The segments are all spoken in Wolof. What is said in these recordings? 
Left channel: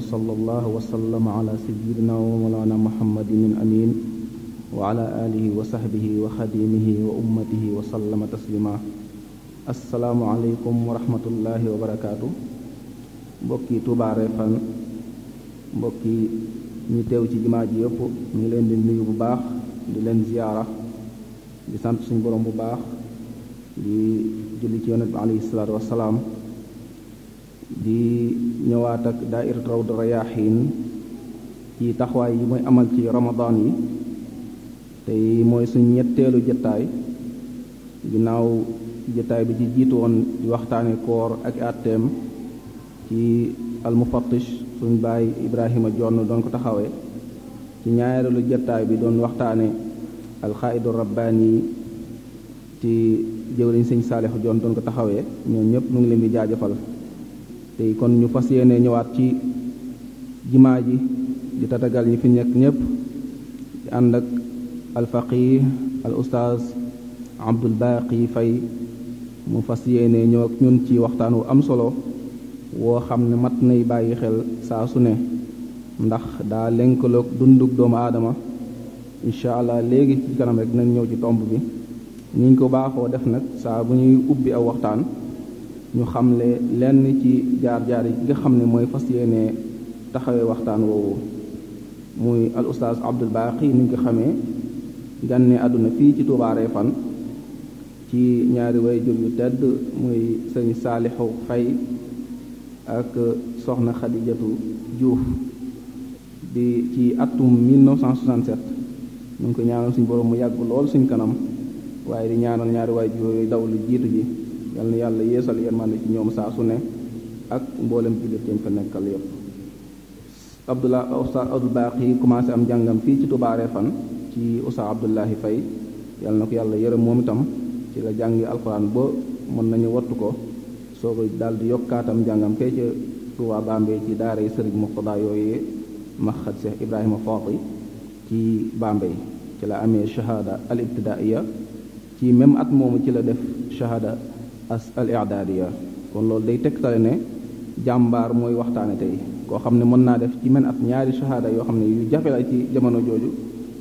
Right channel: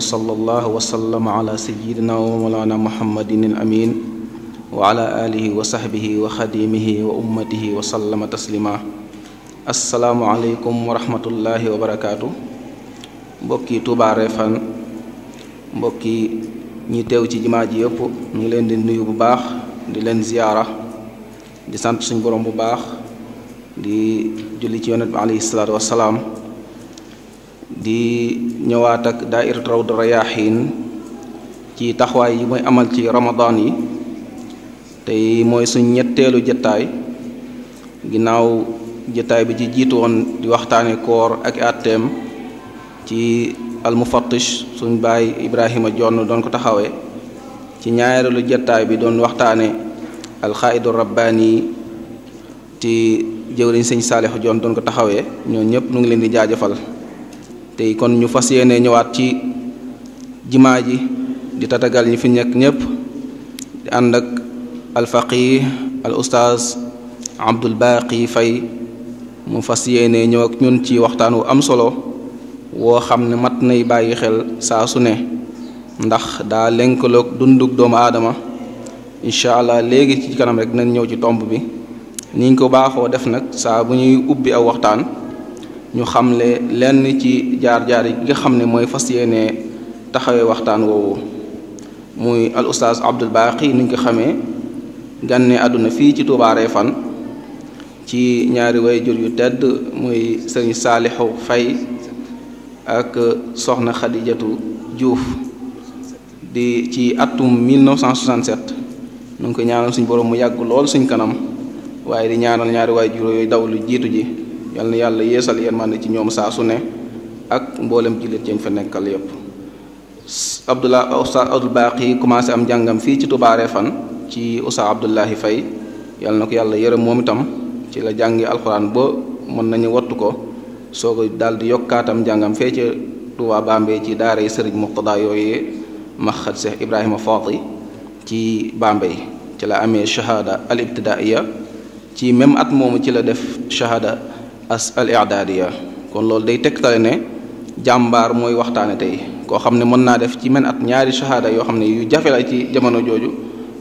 وصلى الله وسلم على سيدنا ومولانا محمد الأمين وعلى آله وصحبه وخديمه وأمته وسلم تسليما. السلام عليكم ورحمة الله وبركاته. mbokki Touba Refane mbokki ñi teew ci jumaa ji yëpp ñu ngi leen di nuyu bu baax di leen ziyaara di sant suñu borom bu baax di julli ci yonent bi alayhi salaatu wassalaam di ñëwaat ak daayira Rawdu Rayaahiin ci taxawaay yi mooy amal ci Ramadan yi tey mooy suñ ñetteelu jataay ginnaaw jataay bi ci jiitu woon di waxtaane koor ak àtteem ci almufattish suñ baay Ibrahima Jonn doon ko taxawee ci ñaareelu jataay bi doon waxtaane alxaaidu rabbaani ci jëwriñ sëñ Saalixu Jonn doon ko taxawee ñoo ñëpp nu ngi leen di jaajëfal tey kon ñu fas yéene ñëwaat ci jimaa ji di tatagal ñi fi nekk ñëpp di ànd ak alfaqih al ustaaz Abdul Baaqi Fay mu fas yéene ñëw ak ñun ci waxtaan wu am solo woo xam ne mat nay bàyyi xel saa su ne ndax daa lënkaloog dundug doomu aadama incha allah léegi ci kanam rek nañ ñëw ci tomb bi niñ ko baaxoo def nag saa bu ñuy ubbi aw waxtaan ñu xamle lenn ci jaar-jaar yi nga xam ne mooy fas yéene taxawee waxtaan woowu muy al ustaaz Abdul Baaqi niñ ko xamee gànne àdduna fii ci Touba Refane ci ñaari waajur yu tedd muy sëriñ Saalixu Fay ak soxna Xadijatu Juuf di ci atum 1967 nu ngi ko ñaanal suñ borom mu yàgg lool suñ kanam waaye di ñaanal ñaari waajur yooyu daw lu jiitu ji yal na yàlla yeesal yërmande ci ñoom saa su ne ak mboolem jullit yañ fa nekkal yépp Ustaaz Abdul Baaqi commencé am njàngam fii ci Touba Refane ci Ustaaz Abdullahi Fay yal na ko yàlla yërëm moom itam ci la jàngi alxuraan ba mën nañu wattu ko soo ko daal di yokkaatam njàngam fee ca Touba Bambey ci daara yi Sëriñ Muqtada yooyee maxat Seex Ibrahima Faati ci Bambey ci la amee shahada al ibtidaaiya ci même at moomu ci la def shahada al i'daadiya kon loolu day tegtale ne jàmbaar mooy waxtaane tey koo xam ne mën naa def ci men at ñaari shahada yoo xam ne yu jafe la ci jamono jooju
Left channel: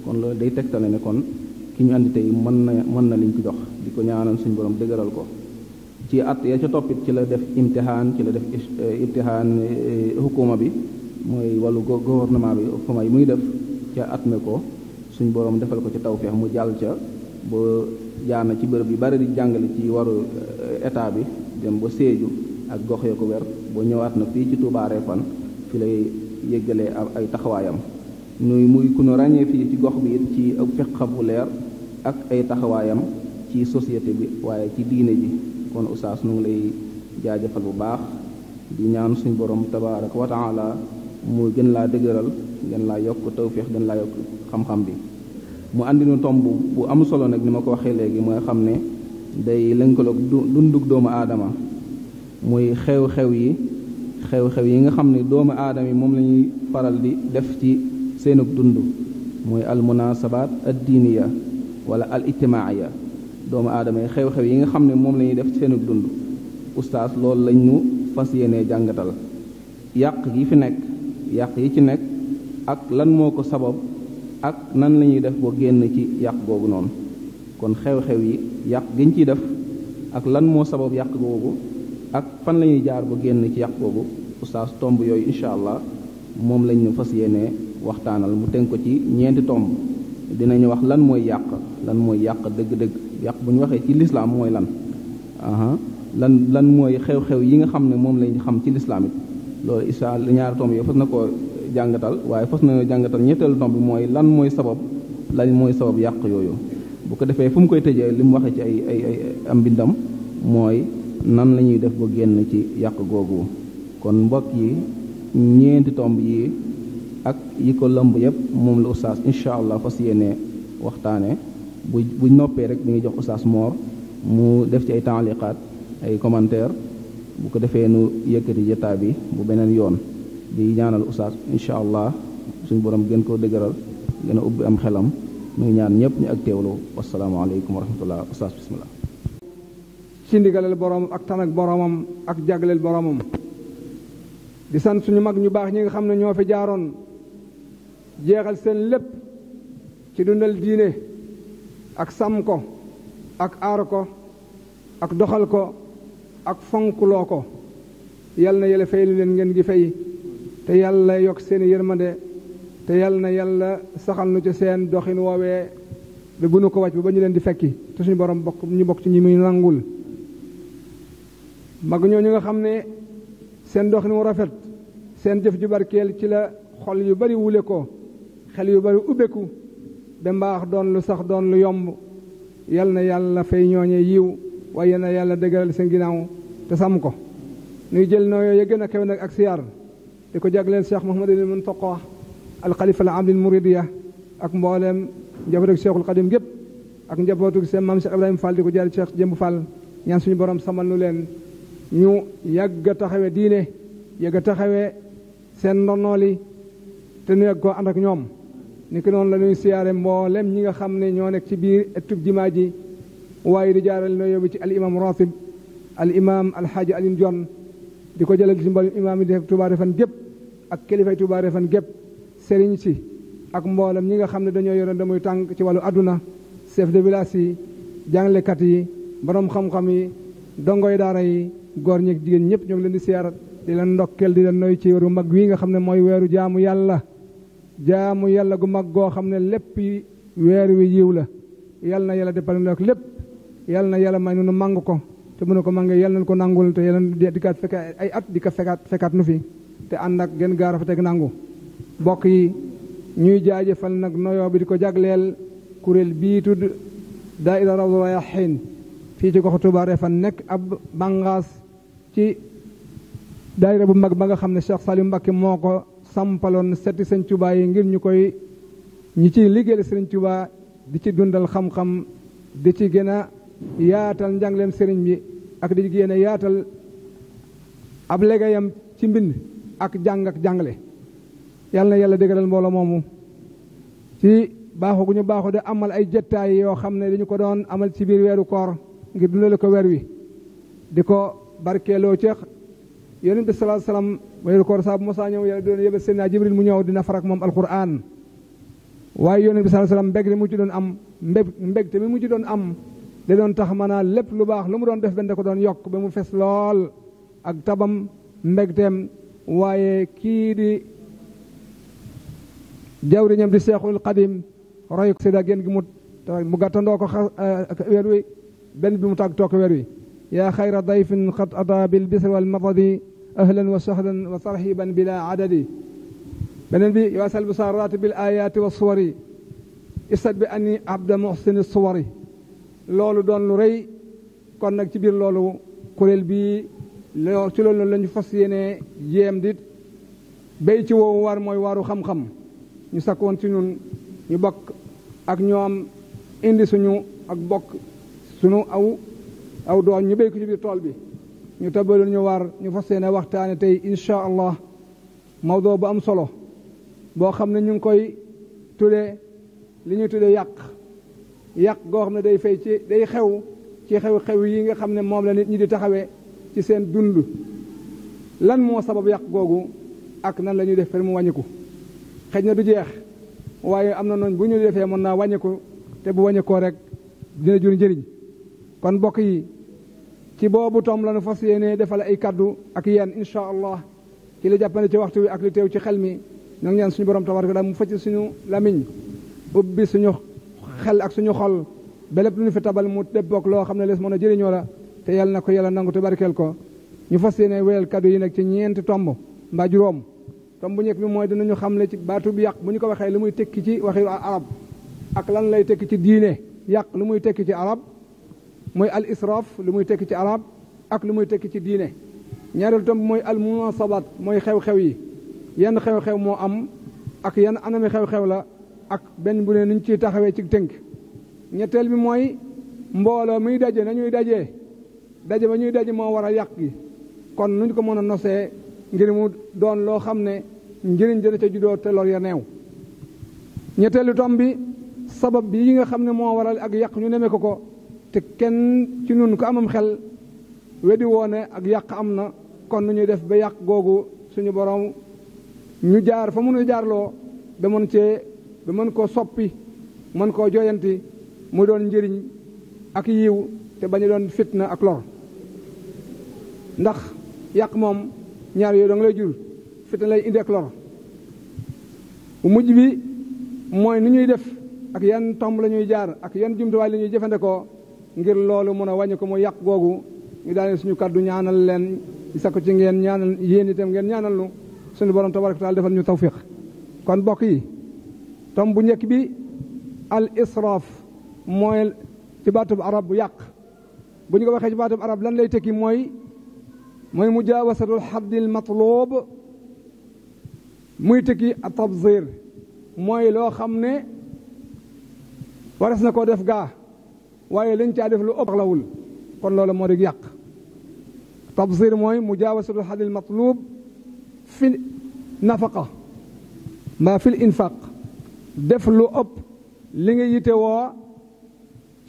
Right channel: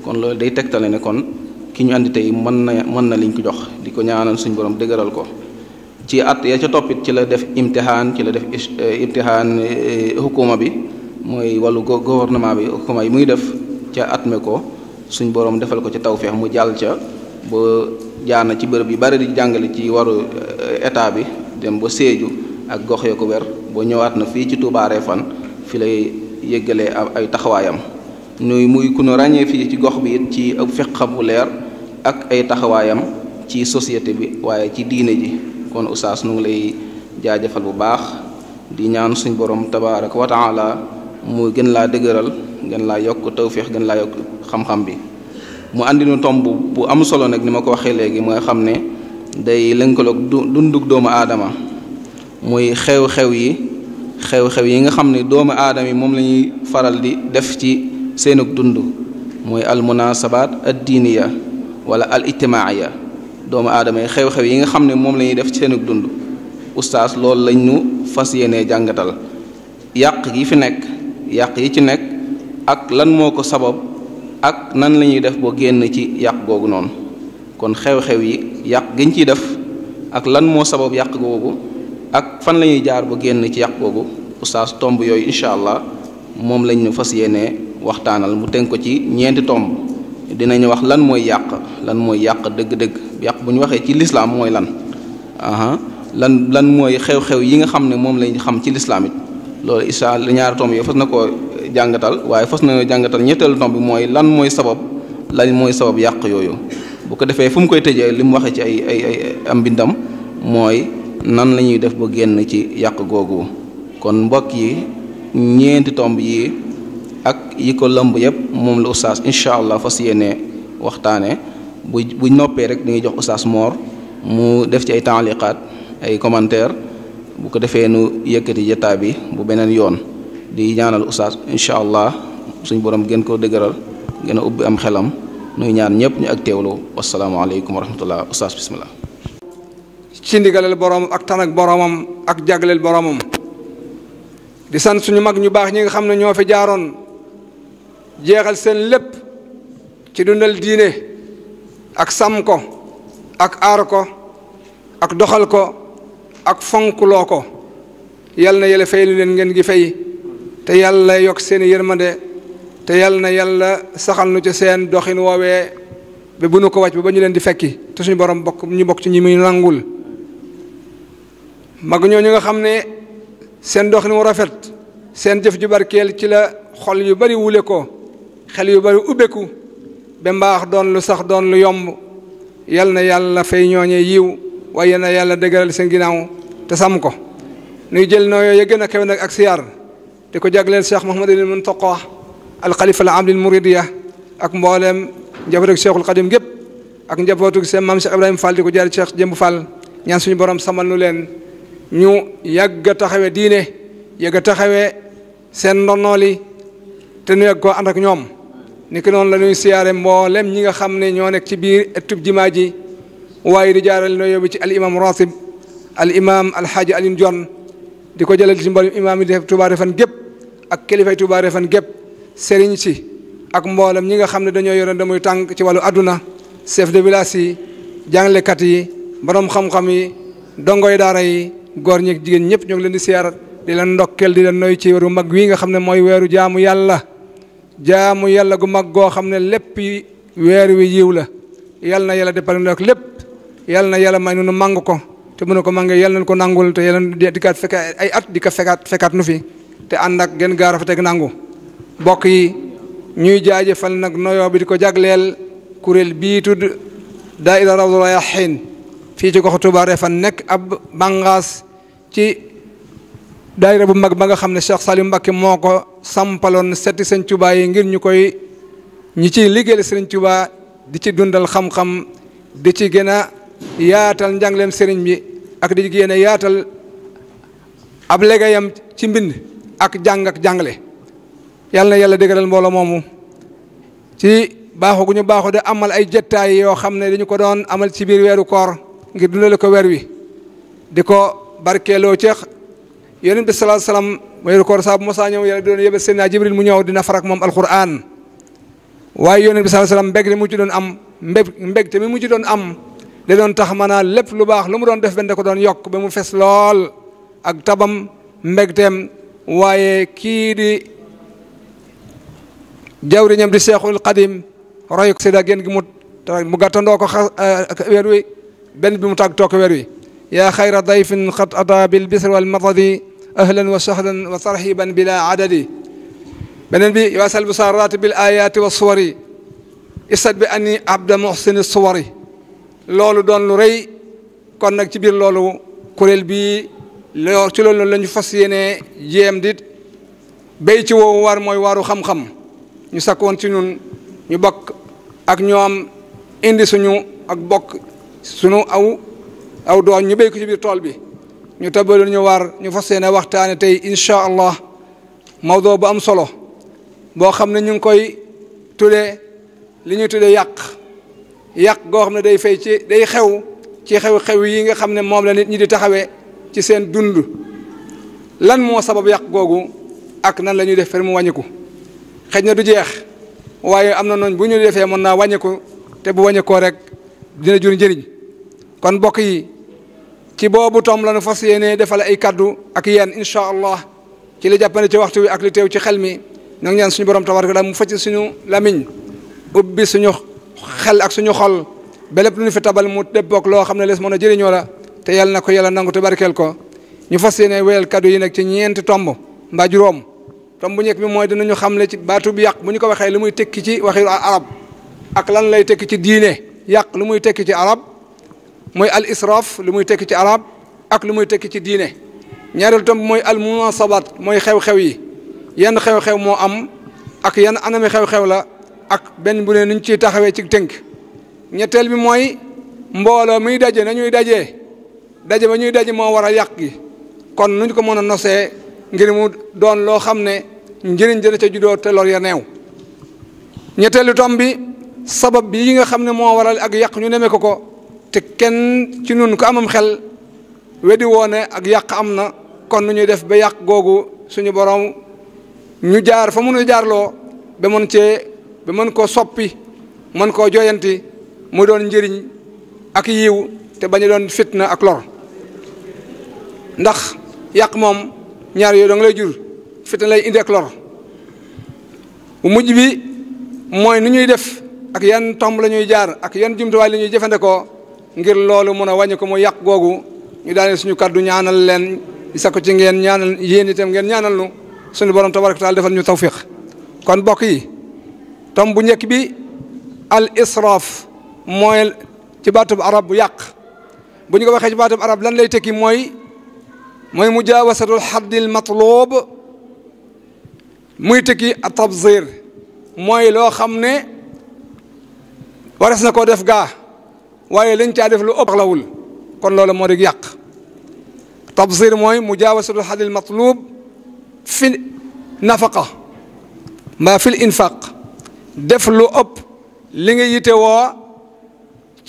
kon loolu day tegtale ne kon ki ñu andi tey mën na liñ ko jox di ko ñaanal suñ borom dëgëral ko ci at ya ca toppit ci la def imtihaan ci la def imtihaan hukuma bi mooy wàllu gouvernement bi hukuma yi muy def ca at me ko suñ borom defal ko ci tawfeex mu jàll ca ba jaar na ci bërëb yu bari di jàngale ci waru état bi dem ba Sédhiou ak gox ya ko wér boo ñëwaat na fii ci Touba Refane fi lay yëggalee ay taxawaayam muy ku nu ràññee fii ci gox bi it ci ak fiqam bu leer ak ay taxawaayam ci société bi waaye ci diine ji kon oustaz nu ngi lay jaajëfal bu baax di ñaan suñ borom tabaaraka wa taala mu gën laa dëgëral gën laa yokk tawféex gën laa yokk xam-xam bi mu andi nu tomb bu am solo nag ni ma ko waxee léegi mooy xam ne day lënkaloog dundug doomu aadama muy xew-xew yi nga xam ne doomu aadama yi moom la ñuy faral di def ci seenug dund mooy al munasabaat ad diiniya wala al ijtimaaiya doomu aadama yi xew-xew yi nga xam ne moom la ñuy def ci seenug dund oustaz loolu lañ ñu fas yéenee jàngatal yàq yi ci nekk ak lan moo ko sabab ak nan la ñuy def boo génn ci yàq googu noonu kon xew-xew yi yàq giñ ciy def ak lan moo sabab yàq googu ak fan la ñuy jaar ba génn ci yàq googu oustaz tomb yooyu incha allah moom lañ ñu fas yéenee waxtaanal mu tënk ko ci ñeenti tomb dinañu wax lan mooy yàq dëgg-dëgg yàq bu ñu waxee ci lislaam mooy lan mooy xew-xew yi nga xam ne moom lañ xam ci lislaam it loolu incha allah ñaari tomb yooyu fas na koo jàngatal waaye fas na jàngatal ñetteelu tomb bi mooy lan mooy sabab yàq yooyu bu ko defee fu mu koy tëjee li mu waxee ci ay am mbindam mooy nan la ñuy def ba génn ci yàq googu kon mbokk yi ñeenti tomb yi ak yi ko lëmb yépp moom la oustaz incha allah fas yéene waxtaane bu noppee rek dañuy jox oustaz Mor mu def ci ay taaliqaat ay commentaire bu ko defee nu yëkkati jotaay bi bu beneen yoon di ñaanal oustaz incha allah suñ borom gën koo dëgëral gën a ubbi am xelam nuy ñaan ñëpp ñu ak teewlu wasalaamaaleykum wa rahmatullah oustaz bismillah ci ndigaleel boroomam ak tan ak boroomam ak jagleel boroomam di sant suñu mag ñu baax ñi nga xam ne ñoo fi jaaroon jeexal seen lépp ci dundal diine ak sàmm ko ak aar ko ak doxal ko ak fonkloo ko yal na yàlla fay lu leen ngeen gi fay te yàlla yokk seen yërmande te yal na yàlla saxal nu ci seen doxin woowee ba bu nu ko wàcc ba ñu leen di fekki te suñu borom ñu bokk ci ñi muy nangul mag ñooñu nga xam ne seen doxin wu rafet seen jëf ju barkeel ci la xol yu bari wule ko xel yu bari ubbeku ba mbaax doon lu sax doon lu yomb yal na yàlla fay ñooñee yiw waaye na yàlla dëgëral seen ginnaaw te sàmm ko nuy jël nooyoo ya gën a kawe nag ak siyaar di ko jagleel Cheikh Mouhamadul Muntaqa al xalifa al aam lil muridiya ak mboolem njabootu Cheikhul Xadim gépp ak njabootu seen maam Cheikh Ibrahima Fall di ko jaar Cheikh Jëmb Fall ñaan suñu borom samal nu leen ñu yàgg a taxawe diine yàgg a taxawe seen ndonnooli te nu yàgg koo ànd ak ñoom ni ki noonu la ñuy siyaare mboolem ñi nga xam ne ñoo nekk ci biir ëttub jimaa ji waaye di jaaral noo yóbbu ci al imam ratib al imam alxaaji Alioune Dione di ko jëlal ci mboolem imaam yi def Touba Refane gépp ak kilifay Touba Refane gépp sëriñ si ak mboolem ñi nga xam ne dañoo yoroon damuy tànk ci wàllu àdduna chef de village yi jàngalekat yi borom xam-xam yi dongoy daara yi góor ñi ak jigéen ñëpp ñoo ngi leen di siyaar di leen ndokkeel di leen noy ci weeru mag wi nga xam ne mooy weeru jaamu yàlla gu mag goo xam ne lépp weer wi yiw la yal na yàlla defal nag lépp yal na yàlla may nu màng ko te mënu ko màngee yal nañ ko nangul te yàlla di kaat fekk ay at di ko fekkaat nu fi te ànd ak gën gaa rafet ak nangu bokk yi ñuy jaajëfal nag noyoo bi di ko jagleel kuréel bii tudd daayira Rawdu Rayaahiin fii ci goxu Touba Refane nekk ab bàngaas ci daayira bu mag ba nga xam ne Cheikh Saliou Mbacké moo ko sampaloon setti Sëñ Touba yi ngir ñi ciy liggéeyal Sëriñ Touba di ci dundal xam-xam di ci gën a yaatal njàngleem sëriñ bi ak di gën a yaatal ab liggéeyam ci mbind ak jàng ak jàngale yàlla na yàlla dëgëral mbooloo moomu ci baaxu gu ñu baaxu de amal ay jettaay yoo xam ne dañu ko doon amal ci biir weeru koor ngir dundale ko weer wi di ko barkeeloo ceex yonent bi sallallahu alayhi wasallam weeru koor saa bu mosaa ñëw yàlla doon yebal Seydina Jibril mu ñëw dina farak moom alquran waaye yonent bi sallallahu alayhi wasallam mbég li mu ci doon am mbég te mi mu ci doon am da doon tax maanaam lépp lu baax lu mu doon def benn da ko doon yokk ba mu fes lool ak tabam mbégteem waaye kii di jawriñam di Seexul Xadim roy ko séda génn gi mu gàttandoo ko weer wi benn bi mu tàgg toog weer wi yaa xayra dayfin xat ata bil bisri wal madadi ahlan wa sahlan wa tarhiban bila adadi beneen bi waasal busaaraati bil ayaati wa suwari isat bi ani abda muhsini suwari loolu doon lu rëy kon nag ci biir loolu kuréel bii ci loolu la ñu fas yéene jéem di béy ci woowu war mooy waaru xam-xam ñu sakkoon ci ñun ñu bokk ak ñoom indi suñu ak bokk suñu aw doon ñu béy ko ci biir tool bi ñu tabaloon ñu war ñu fas yéene waxtaane tey incha allah mawdoo bu am solo boo xam ne ñu ngi koy tuddee li ñuy tuddee yàq goo xam ne day fay ci day xew ci xew-xew yi nga xam ne moom la nit ñi di taxawee ci seen dund lan moo sabab yàq googu ak nan la ñuy def fer mu wàññiku xëj na du jeex waaye am na noonu bu ñu defee mën naa wàññiku te bu wàññikoo rek dina jur njëriñ kon mbokk yi ci boobu tom la nu fas yéene defal ay kaddu ak yéen incha allah ci li jàppane ci waxtu wi ak li teew ci xel mi ñoo ngi ñaan suñu borom tabaraka taala mu facc suñu lamiñ ubbi suñu xel ak suñu xol ba lépp lu ñu fi tabal mu déppoog loo xam ne lees mën a jëriñoo la te yàlla na ko yàlla nangu te barkeel ko ñu fas yéene wéyal kaddu yi nag ci ñeenti tomb mbaa juróom tomb bu njëkk bi mooy dinañu xamle ci baatu bi yàq bu ñu ko waxee lu muy tekki ci waxi arab ak lan lay tekki ci diine yàq lu muy tekki ci arab mooy al israaf lu muy tekki ci arab ak lu muy tekki ci diine ñaareelu tomb mooy al munasabat mooy xew-xew yi yan xew-xew moo am ak yan anami xew-xew la ak benn bu ne nuñ ciy taxawee ci tënk ñetteel bi mooy mbooloo muy daje nañuy daje ba ñuy daje moo war a yàq gi kon nuñ ko mën a nosee ngir mu doon loo xam ne njëriñ dina ca juddoo te lor ya neew ñetteelu tomb bi sabab bi yi nga xam ne moo waral ak yàq ñu neme ko te kenn ci nun ko amam xel weddi woone ak yàq am na kon nu ñuy def ba yàq googu suñu borom ñu jaar fa mënu jaarloo ba mën koo soppi mën koo joyanti mu doon njëriñ ak yiw te bañ a doon fitna ak lor ndax yàq moom ñaar yooyu danga lay jur fitna lay indi ak lor bu mujj bi mooy nu ñuy def ak yan tomb la ñuy jaar ak yan jumtuwaay la ñuy jëfandikoo ngir loolu mën a wàññi ko mu yàq googu ñu daane suñu kaddu ñaanal leen di sakku ci ngeen ñaanal yéen itam ngeen ñaanal nu suñu borom tabaraka taala defal ñu tawfiq kon bokk yi tomb bu njëkk bi al israaf mooy ci baatub arab bu yàq bu ñu ko waxee ci baatub arab lan lay tekki mooy mujaawasatul haddil matlub muy tekki a tabzir mooy loo xam ne wares na koo def gaa waaye lañ caa def lu ëpp lawul kon loolu moo di yàq tabzir mooy mujaawasatul haddil matlub fi nafaqa mbaa fil infaq def lu ëpp li nga yite woo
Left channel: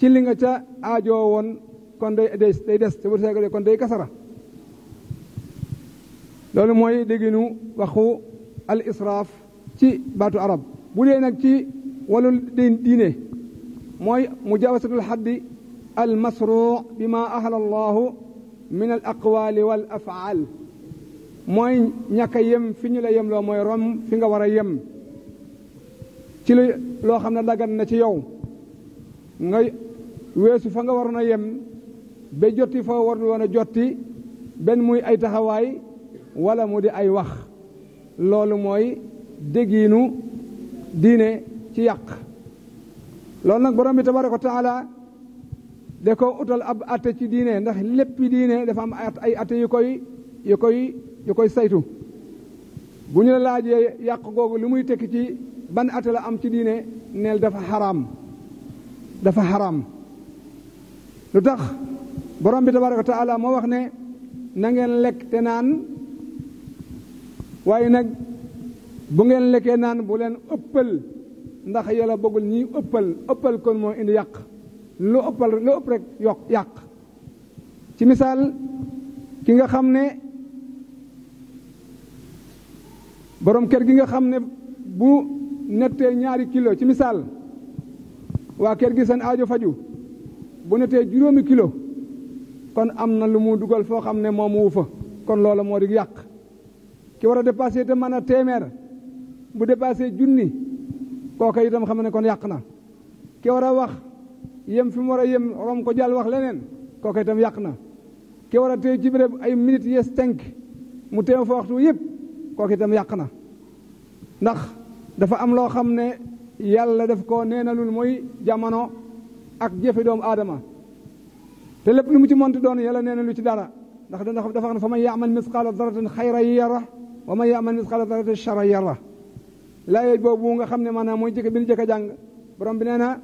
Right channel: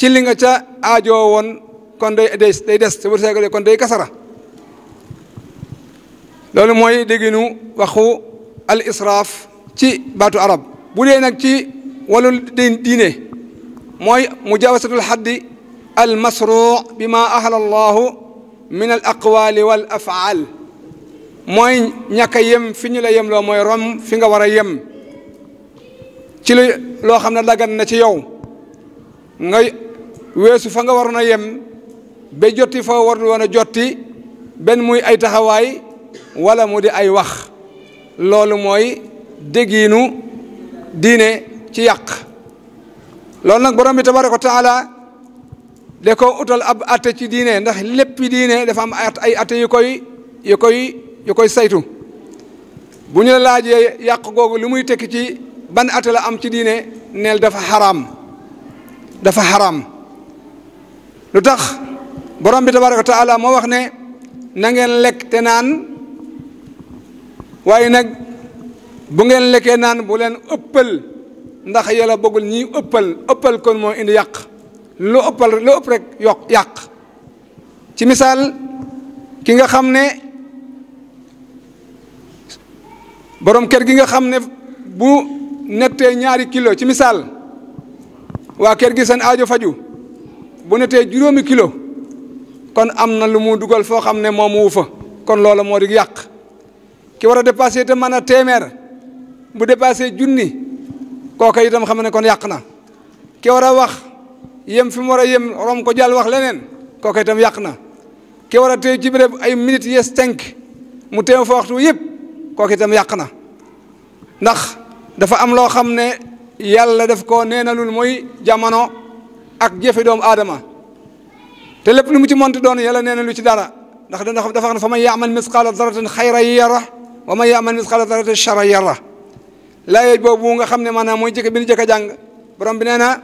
ci li nga ca aajoo woon kon day des te bu seega kon day kasara loolu mooy dégginu waxu al israaf ci baatu arab bu dee nag ci wàllu diine mooy mujaawasatul haddi al masruu bi ma ahla allahu min al aqwaali wal afaal mooy ñàkk a yem fi ñu la yem loo mooy rom fi nga war a yem ci loo xam ne dagan na ci yow nga weesu fa nga waroon a yem ba jotti fa war woon a jotti benn muy ay taxawaay wala mu di ay wax loolu mooy déggiinu diine ci yàq loolu nag borom bi tabaraka wa taala da ko utal ab atte ci diine ndax léppi diine dafa am ay atte yu koy saytu bu ñu la laajee yàq googu lu muy tekki ci ban atte la am ci diine neel dafa xaraam lu tax borom bi tabaraka wa taala moo wax ne na ngeen lekk te naan waaye nag bu ngeen lekkee naan bu leen ëppal ndax yàlla bëggul ñi ëppal kon moo indi yàq lu ëpp rek yàq ci misaal ki nga xam ne borom kër gi nga xam ne bu nettee ñaari kilo ci misaal waa kër gi seen aajo faju bu nettee 5 kilo kon am na lu mu dugal foo xam ne moom wu fa kon loola moo di yàq ki war a dépassé te mën a téeméer bu dépassé 1000 kooka itam xam ne kon yàq na ki war a wax yem fi mu war a yem rom ko jàll wax leneen kooka itam yàq na ki war a téye ci béréb ay minutes yes tenk mu teew fa waxtu yëpp kooka itam yàq na ndax dafa am loo xam ne yàlla daf ko neenalul mooy jamono ak jëfe doomu aadama te lépp lu mu ci monti doon yàlla neenalu ci dara ndax dafa xam ne fa man yaamal misqaala daratin xayran yara wa man yaamal misqaala daratin charran yara laaye boobu nga xam ne maanaam mooy jëkk bi ñu jëkk a jàng borom bi nee na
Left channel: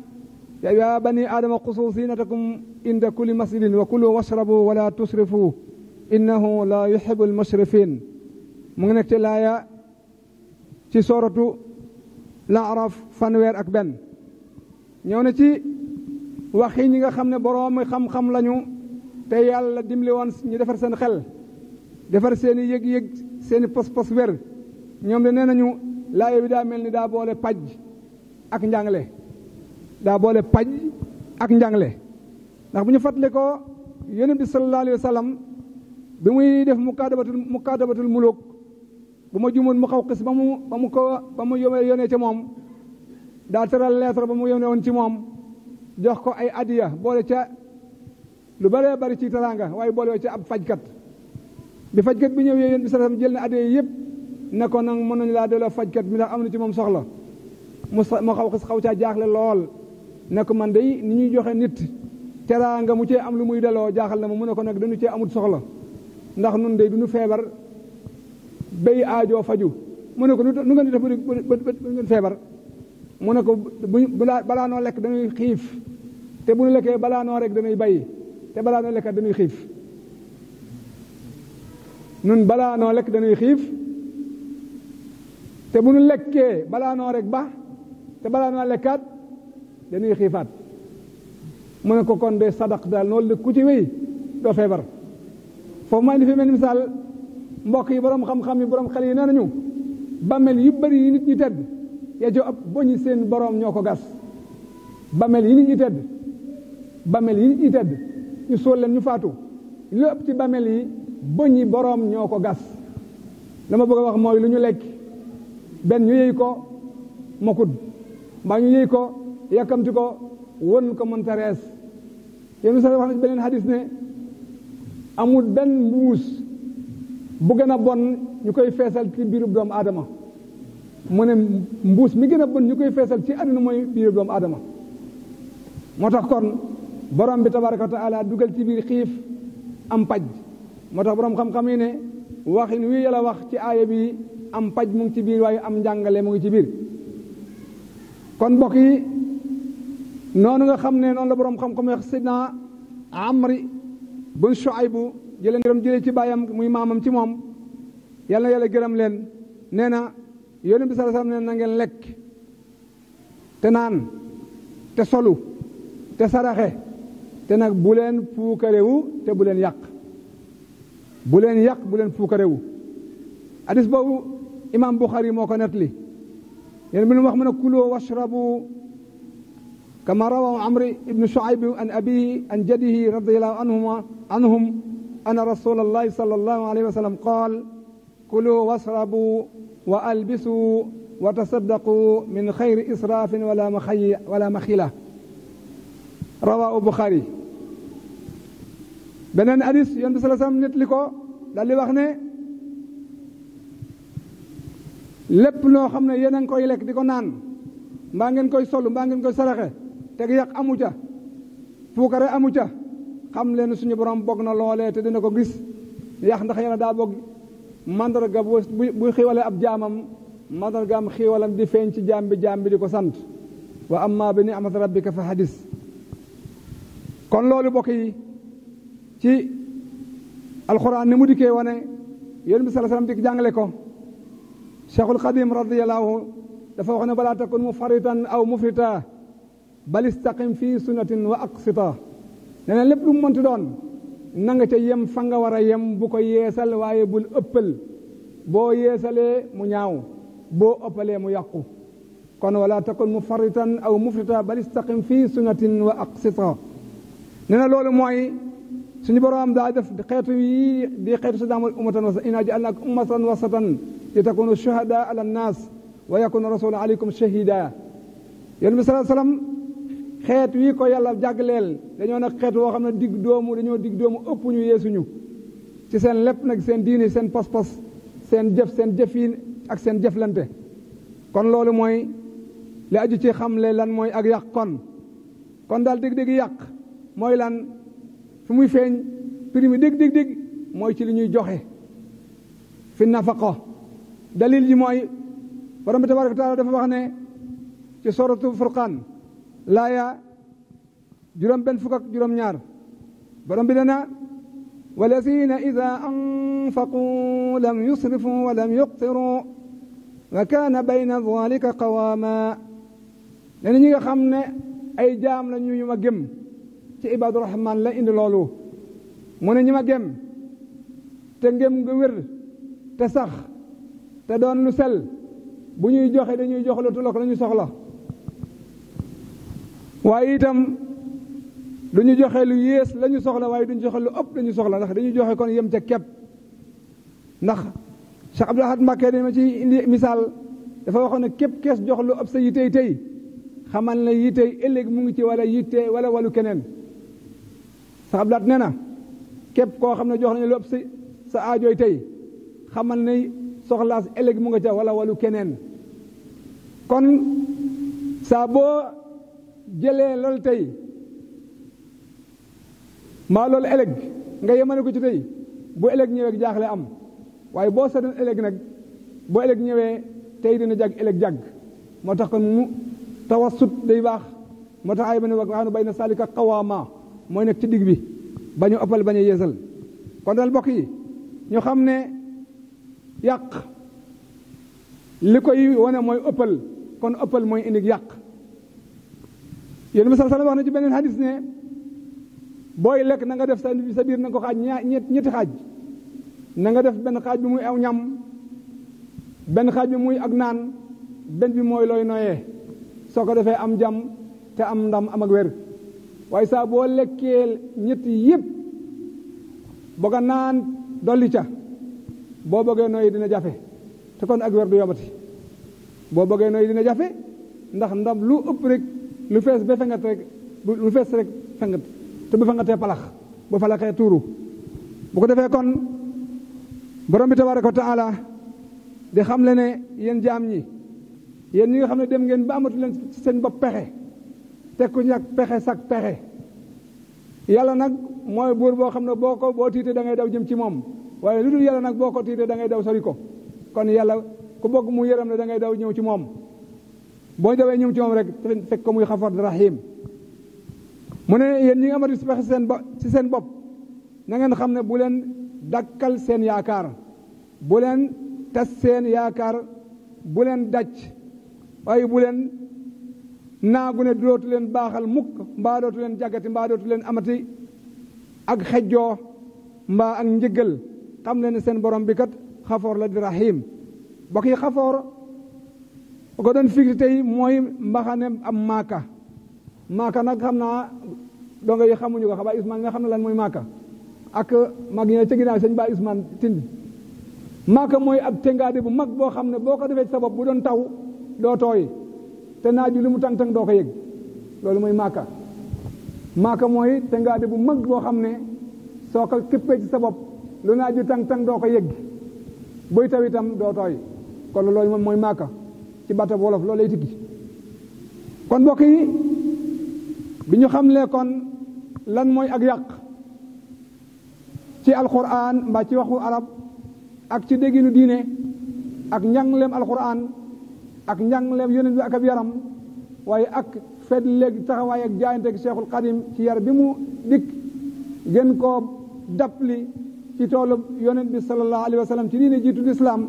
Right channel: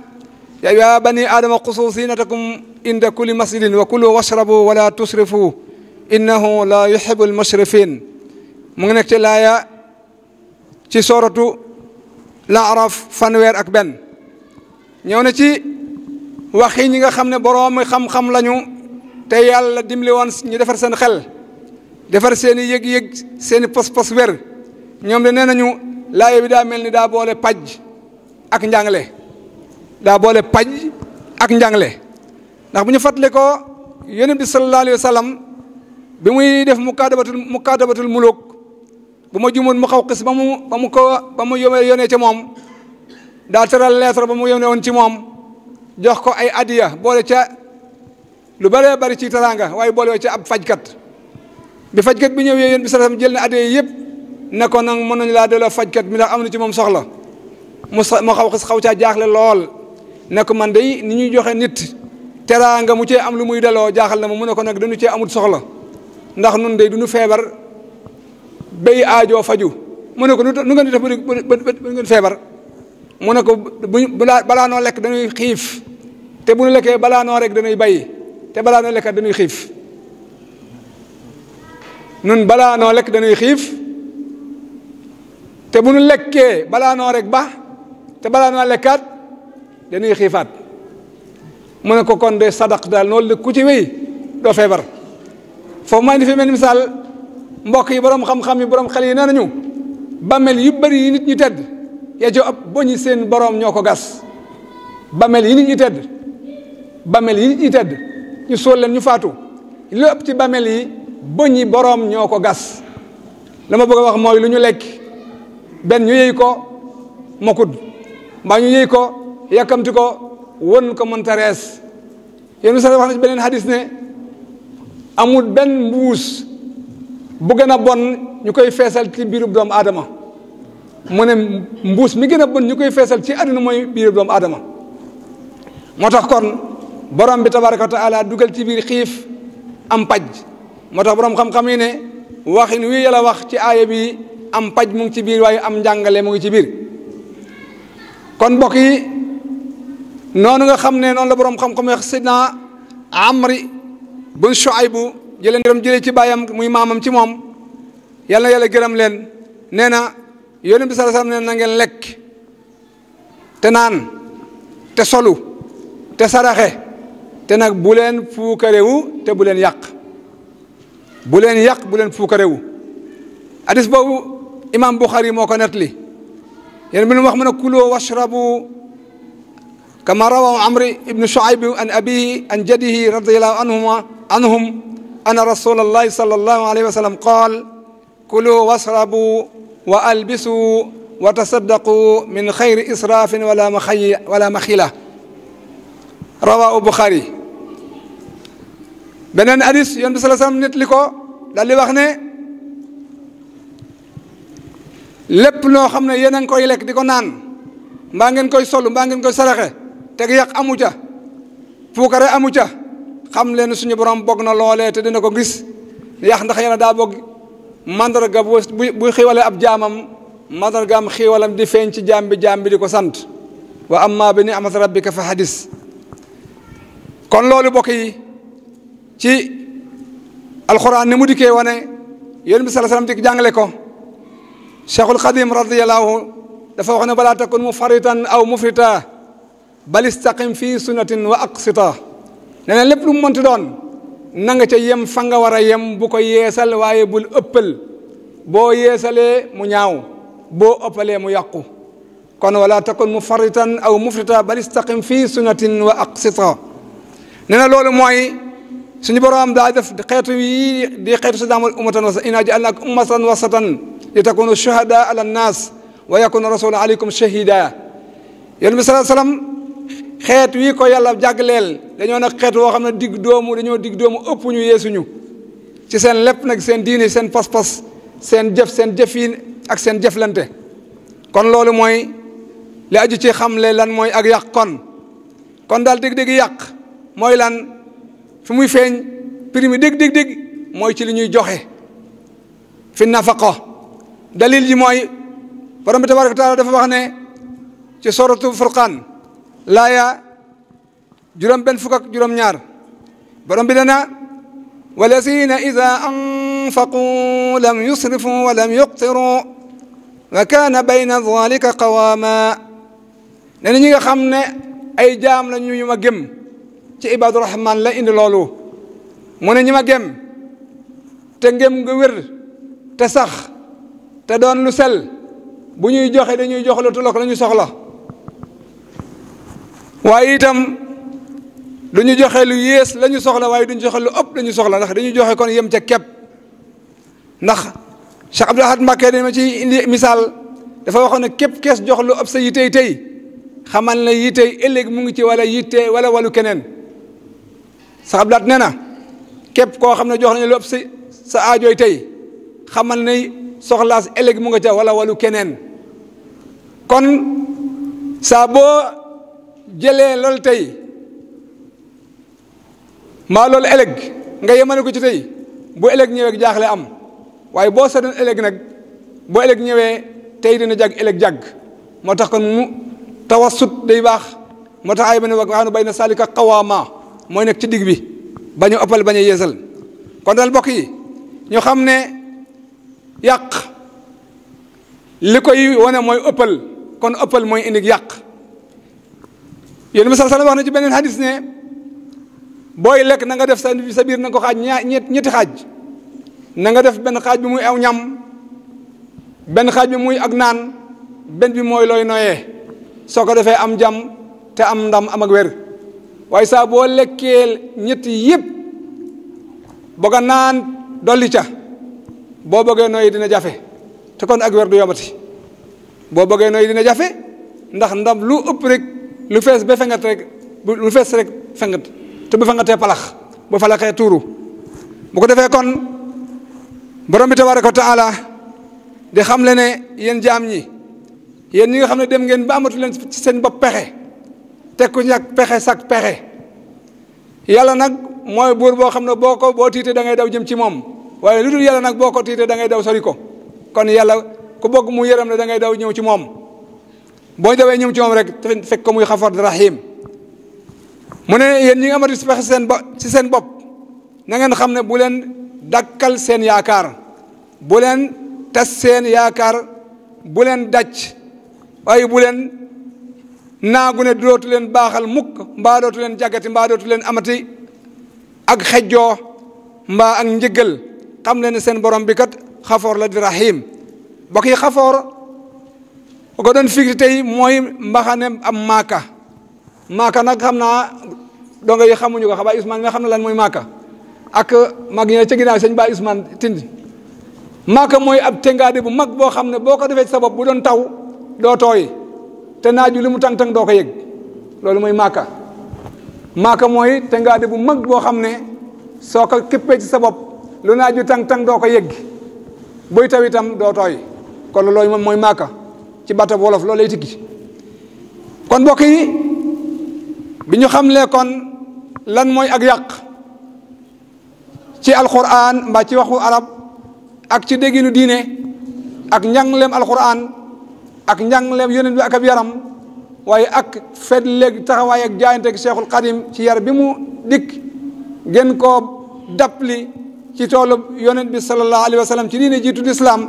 yaa bani aadama xusu zinatakum inda kulli masjidin wa kulu washrabu wala tusrifu innahu la yuhibu almusrifin mu ngi nekk ci laaya ci sooratu Laaraf 1 ñëw na ci waxi ñi nga xam ne borom xam-xam lañu te yàlla dimbali woon ñu defar seen xel defar seen i yëg-yëg seen i pos-pos wér ñoom de nee nañu laaya bi daa mel ni daa boole paj ak njàngale ndax bu ñu fàttali ko yonent bi sallallahu alayhi wa sallam bi muy def mukaadabatul muluk bu ma jumoon mu xaw xis ba mu yónnee ci moom daa tëral lettre ba mu yónnee woon ci moom jox ko ay adiya boole ca lu bëree bëri ci teraanga waaye boole ca ab fajkat bi fajkat bi ñëwee yéen bi sallallahu alayhi wa sallam jël na adiya yëpp ne ko nag mën nañu laa delloo fajkat bi ndax am na ci moom soxla mu xaw xis xaw caa jaaxle lool ne ko man day ni ñuy joxe nit teraanga mu cee am lu muy delloo jaaxal na ma mu ne ko nag dañu cee amul soxla ndax nun day duñu feebar béy aajoo faju mu ne ko nu ngeen di def bu ngeen feebar mu ne ko balaa noo lekk dañuy xiif te bu nu lekkee balaa noo rek dañuy bay te balaa noo lekkat dañuy xiif nun balaa noo lekk dañuy xiif te bu nu lekkee balaa noo rek ba te balaa noo lekkaat dañuy xiifaat mu ne ko kon de sadaq daal noonu ku ci wéy doo feebar foofu maa indi fi mel misaal mbokk yi borom xam-xam yi borom xel yi nee nañu bàmmeel yu bëri yi nit ñi tedd ya jo ab boñi seen borom ñoo ko gas. bàmmeel yi nit ñi tedd bàmmeel yi nit ñi tedd ñu suul leen ñu faatu lu ëpp ci bàmmeel yi boñi borom ñoo ko gas. la ma bëgg a wax mooy lu ñu lekk benn ñu yëy ko mokud mbaa ñu yëy ko yàkkamti ko won ko mënta rees. yéen sa wax na ci beneen hadis ne amul benn mbuus bu gën a bon ñu koy feesal ci biirub doomu aadama mu ne mbuus mi gën a bon ñu koy feesal ci àdduna mooy biirub doomu aadama. moo tax kon borom bi tabaraka wa taala dugal ci biir xiif am paj. moo tax borom xam-xam yi ne waxin wi yàlla wax ci aaya bi am paj mu ngi ci biir waaye am njàngale mu ngi ci biir. kon mbokk yi noonu nga xam ne noonu la borom xam-xam wax sidna Amri bun Shuaybu jëlee ci baayam muy maamam ci moom yàlla na yàlla gërëm leen nee na yonent bi sallallahu alayhi wasallam nee na ngeen lekk te naan te solu te saraxe te nag bu leen fuukarewu te bu leen yàq bu leen yàq bu leen fuukarewu. hadis boobu imam Bukhari moo ko nettali yéen bi nu wax mu ne kulu washrabu kama rawahu Amri ibnu Shuayb an abihi an jaddihi radiyallahu anhum anna rasulallahi sallallahu alayhi wa sallam qaal kulu washrabu wa albisu wa tasaddaqu min xayri israafin wala maxila rawahu Bukhari. beneen hadis yoon bi sallallahu alayhi wa sallam nettali ko daal di wax ne lépp loo xam ne yéen a ngi koy lekk di ko naan mbaa ngeen koy sol mbaa ngeen koy saraxe teg yàq amu ca puukare amu ca xam leen suñu borom bokk na loolee te dina ko gis yàq ndax yéen daa bokk mandarga bu xiiwalee ab jaamam mandargaam xiiwalam di feeñ ci jaam bi di ko sant wa amma bi ni'mati rabbika fa hadis. kon loolu bokk yi ci alxuraan ni mu dikkee wane yonent bi sallallahu alayhi wasallam di jàngale ko Cheikhul Xadim radiyallahu dafa wax ne balaa takun mufaritan aw mufrita bal istaqim fii sunnatin wa aqsita nee na lépp lu mu mënti doon na nga ca yem fa nga war a yem bu ko yeesal waaye bul ëppal boo yeesalee mu ñaaw boo ëppalee mu yàqu kon wala takun mufaritan aw mufrita bal istaqim fii sunnatin wa aqsita nee na loolu mooy suñu borom daa def xeetu yi di xeetu si daamul ummatan wasa inna ja'alnakum ummatan wasatan li takunu shuhada ala nnas wa yakuna rasulu alaykum shahida. yonent bi sallallahu alayhi wasallam xeet wi ko yàlla jàggleel dañoo nag xeet woo xam ne dañoo digg doomu ëpp ñu yeesuñu ci seen lépp nag seen diine seen pas-pas seen jëf ak seen jëflante. kon loolu mooy li aju ci xamle lan mooy ak yàq kon daal dégg-dégg yàq mooy lan fi muy feeñ prix mi dégg mooy ci li ñuy joxe fi nafaqa dalil ji mooy borom bi tabaraka wa taala dafa wax ne ci suratu Furqaan laaya juróom-benn fukk ak juróom-ñaar borom bi dana walazina ida anfaqu lam yusrifu wa lam yuqtiru wa kaana bayna dhalika qawaama ne na ñi nga xam ne ay jaam la ñu ma gëm ci ibaadu rahman la indi loolu mu ne ñi ma gëm te ngëm nga wér te sax te doon lu sel bu ñuy joxe dañuy jox lu tollook la ñu soxla waaye itam du ñu joxe lu yées la ñu soxla waaye duñu joxe lu ëpp la ñu soxla ndax dañuy joxe kon yem ca kepp ndax Cheikh Abdou Ahad Mbacké dama ci indi misaal dafa waxoon ne képp kees jox lu ëpp sa yitey tey xamal ne yitey ëllëg mu ngi ci wala yitte wala walu keneen Cheikh Abdou Ahad nee na képp koo xam ne jox nañu lu ëpp sa aajooy tey xamal ne soxlaas ëllëg mu nga ca wala walu keneen kon saa boo jëlee loolu tey maa loolu ëllëg nga yemale ko ci tey bu ëllëg ñëwee jaaxle am waaye boo seetoon ëllëg nag boo ëllëg ñëwee tey dina jag ëllëg jag moo tax kon mu tawassut day baax moo tax ay ba ne waxaanu bay na salika qawaama mooy nekk ci digg bi bañu ëppal bañ a yeesal kon daal mbokk yi ñu xam ne yàq li koy wane mooy ëppal kon ëppal mooy indi yàq yéen bi sallallahu alayhi wax na ci beneen hadis ne booy lekk na nga def sa biir na nga ko xaaj ñetti xaaj na nga def benn xaaj bi muy aw ñam benn xaaj bi muy ak naan benn bi mooy looy noyee soo ko defee am jàmm te am ndam am ak wér waaye saa boo lekkee ñetti yëpp bëgg a naan dolli ca boo bëggee noyyi dina jafe te kon ak wér du yombati boo bëggee noyyi dina jafe ndax ndam lu ëpp rek lu fees ba fengat rek lu fees rek fengat te bu fengatee palax bu falaxee tuuru bu ko defee kon borom bi tabaaraka wa taala di xam le ne yéen jaam ñi yéen ñi nga xam ne dem ngeen ba amatu leen ci seen bopp pexe teg ku ñàkk pexe sak pexe yàlla nag mooy buur boo xam ne boo tiitee da ngay daw jëm ci moom waaye lu dul yàlla nag boo ko tiitee da ngay daw sori ko kon yàlla ku bëgg mu yërëm ne da ngay daw ñëw ci moom boo dawee ñëw ci moom rek te fekk ko muy xafoor di rahim mu ne yéen ñi nga amatu pexe ci seen bopp na ngeen xam ne bu leen dakkal seen yaakaar bu leen tas seen yaakaar bu leen daj waaye bu leen naagu ne dootu leen baaxal mukk mbaa dootu leen jàggati mbaa dootu leen amati ak xejjoo mbaa ak njëggal xam leen ne seen borom bi kat xafoor la di rahim bokk yi xafoor bu ko doon firi tey mooy mbaxane am maaka nag xam naa donga yi xamuñu ko xabaa Ousmane nga xam ne lan mooy maaka ak mag ñi ca ginnaaw sëñ Ba Ousmane Tindi maaka mooy ab tengaade bu mag boo xam ne boo ko defee ci sa bopp bu doon taw doo tooy te naaju li mu tàng-tàng doo ko yëg loolu mooy maaka mooy tengaade bu mag boo xam ne soo ko képpee ci sa bopp lu naaju tàng-tàng doo ko yëg buy taw itam doo tooy kon loolu moom mooy maaka ci batab wolof loolu lay tikki kon mbokk yi bi ñu xamlee kon lan mooy ak yàq ci alquran mbaa ci waxu arab ak ci dégginu diine ak njàngleem alquran ak njàngleem yonent bi ak ab yaram waaye ak fet léegi taxawaay ak jaayante ak Cheikhul Xadim ci yar bi mu dikk gën koo dappli ci toolu yonent bi sallallahu alayhi wa sallam ci diine jiitu lislaam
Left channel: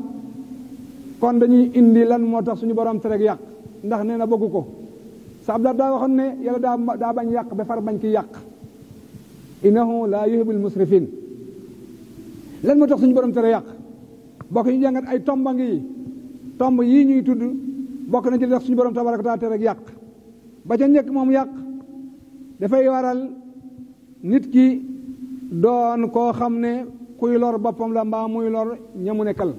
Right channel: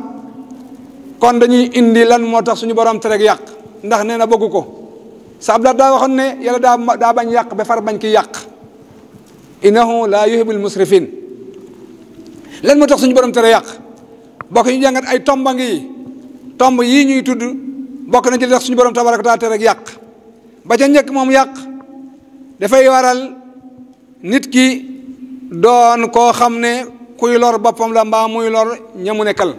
kon dañuy indi lan moo tax suñu borom tereg yàq ndax nee na bëggu ko sa abdal daa waxoon ne yàlla daa bañ yàq ba far bañ ki yàq innahu la yuhibbul musrifin lan moo tax suñu borom tere yàq bokk ñu jàngat ay tomba ngi tomb yii ñuy tudd bokk na ci li tax suñu borom tabaraka taala tere yàq ba ca njëkk moom yàq dafay waral nit ki doon koo xam ne kuy lor boppam la mbaa muy lor ñamu nekkal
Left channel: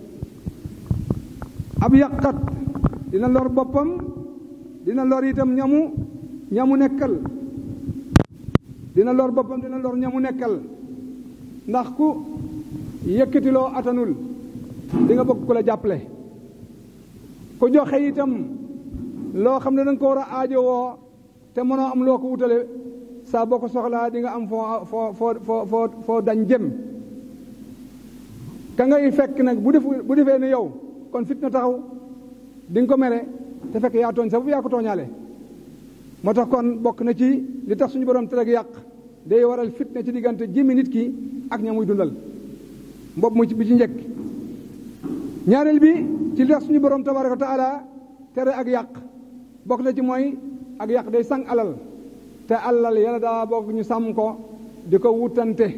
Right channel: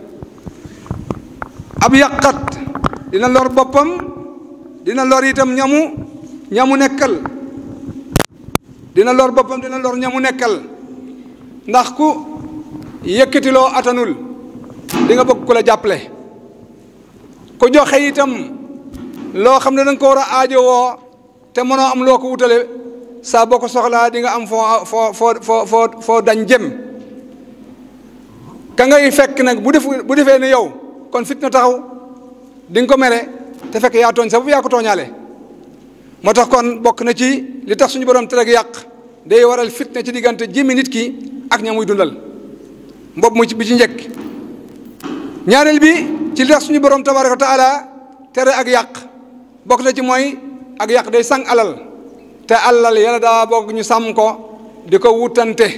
ab yàqat dina lor boppam dina lor itam ñamu nekkal dina lor boppam dina lor ñamu nekkal ndax ku yëkkatiloo atanul di nga bëgg ku la jàppale ku joxe itam loo xam ne da nga ko war a aajowoo te mënoo am loo ko wutale saa boo ko soxlaa di nga am foo dañ jëm ka ngay fekk nag bu defee ne yow kon fitna taxaw di nga ko mere te fekk yaa tooñ sa bopp yaa ko tooñaale moo tax kon bokk na ci li tax suñu borom tere yàq day waral fitna ci diggante jëmmi nit ki ak ña muy dundal mbopp mu bi ci njëkk ñaareel bi ci li tax suñu borom tabaraka wa taala tere ak yàq bokk na ci mooy ak yàq day sang alal te alal yàlla daa bokk ñu sàmm ko di ko wutante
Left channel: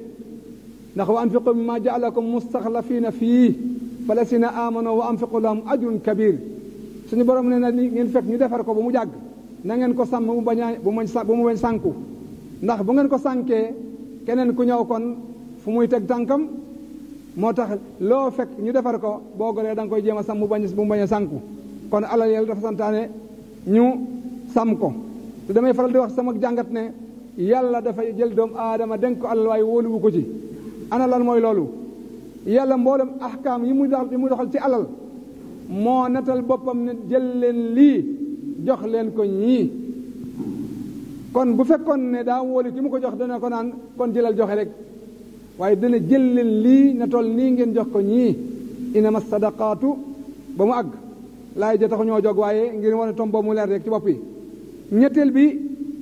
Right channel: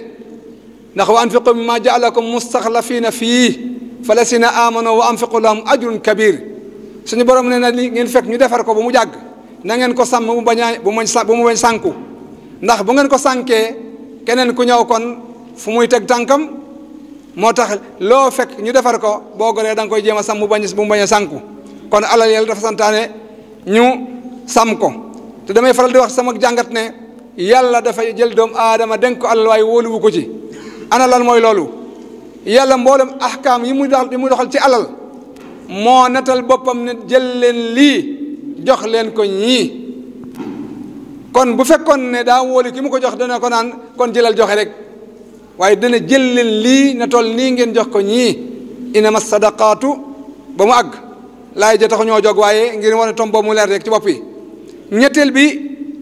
ndax wa anfiqu mimma jaalakum mustaxlafiina fii fa lasina amanu wa anfiqu lahum ajrun kabir suñu borom nee na li ngeen fekk ñu defar ko ba mu jàgg na ngeen ko sàmm bu mu bañ sànku ndax bu ngeen ko sànkee keneen ku ñëw kon fu muy teg tànkam moo tax loo fekk ñu defar ko boo goree da nga koy jéem a sàmm bu mu bañ a sànku kon alal yàlla dafa santaane ñu sàmm ko te damay faral di wax sama jàngat ne yàlla dafa jël doomu aadama dénk ko alal waaye wóoluwu ko ci ana lan mooy loolu yàlla mboolem ahkaam yi muy doxal ci alal moo natal boppam ne jël leen lii jox leen ko ñii kon bu fekkoon ne daa wóolu ki mu ko jox dana ko naan kon jëlal joxe rek waaye dana jël leen lii na toll nii ngeen jox ko ñii inama sadaqaatu ba mu àgg laay ja taxu ñoo jog waaye ngir wane tom boobu mu leer rek ci bopp yi ñetteel bi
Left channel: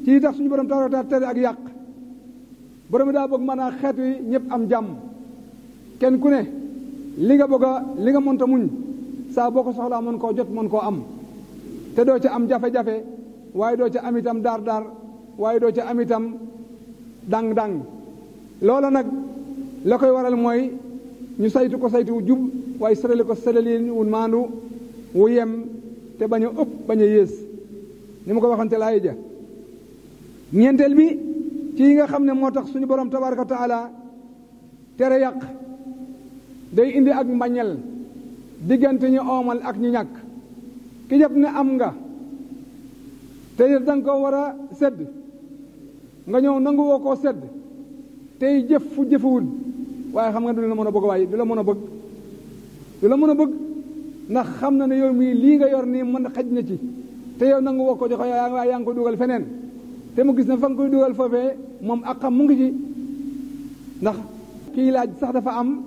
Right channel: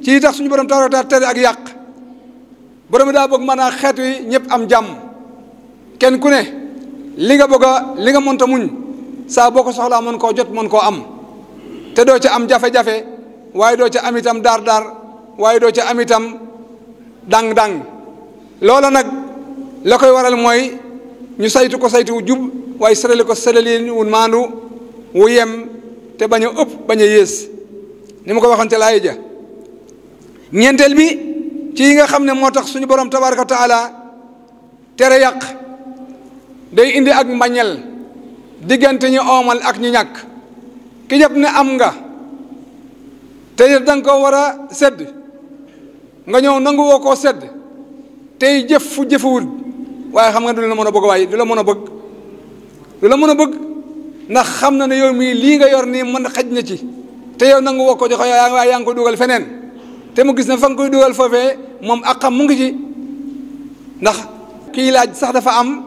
ci tax suñu borom tabaraka tere ak yàq borom daa bëgg mën a xeet wi ñëpp am jàmm kenn ku ne li nga bëgg a li nga mënta muñ saa boo ko soxlaa mën koo jot mën koo am te doo ca am jafe-jafe waaye doo ca am itam daar waaye doo ca am itam dang-dang loola nag la koy waral mooy ñu saytu ko saytu wu jub waaye sërale ko sëralin wu maandu wu yem te bañ a ëpp bañ a yées ni ma ko waxoon ca laay ja ñeenteel bi ci yi nga xam ne moo tax suñu borom tabaraka wa taala tere yàq day indi ak mbañel diggante ñi oomal ak ñi ñàkk ki jàpp ne am nga te danga ko war a sedd nga ñëw nangu woo koo sedd tey jëf fu jëfewul waaye xam nga du la mën a bëgg waaye du la mën a bëgg du la mën a bëgg ndax xam na ne yow mii lii nga yor nii mën xaj na ci te yow nangu woo ko joxe waaye yaa ngi ko dugal feneen te mu gis ne fa nga koy dugal foofee moom ak xam mu ngi ci ndax kii laaj sax dafa am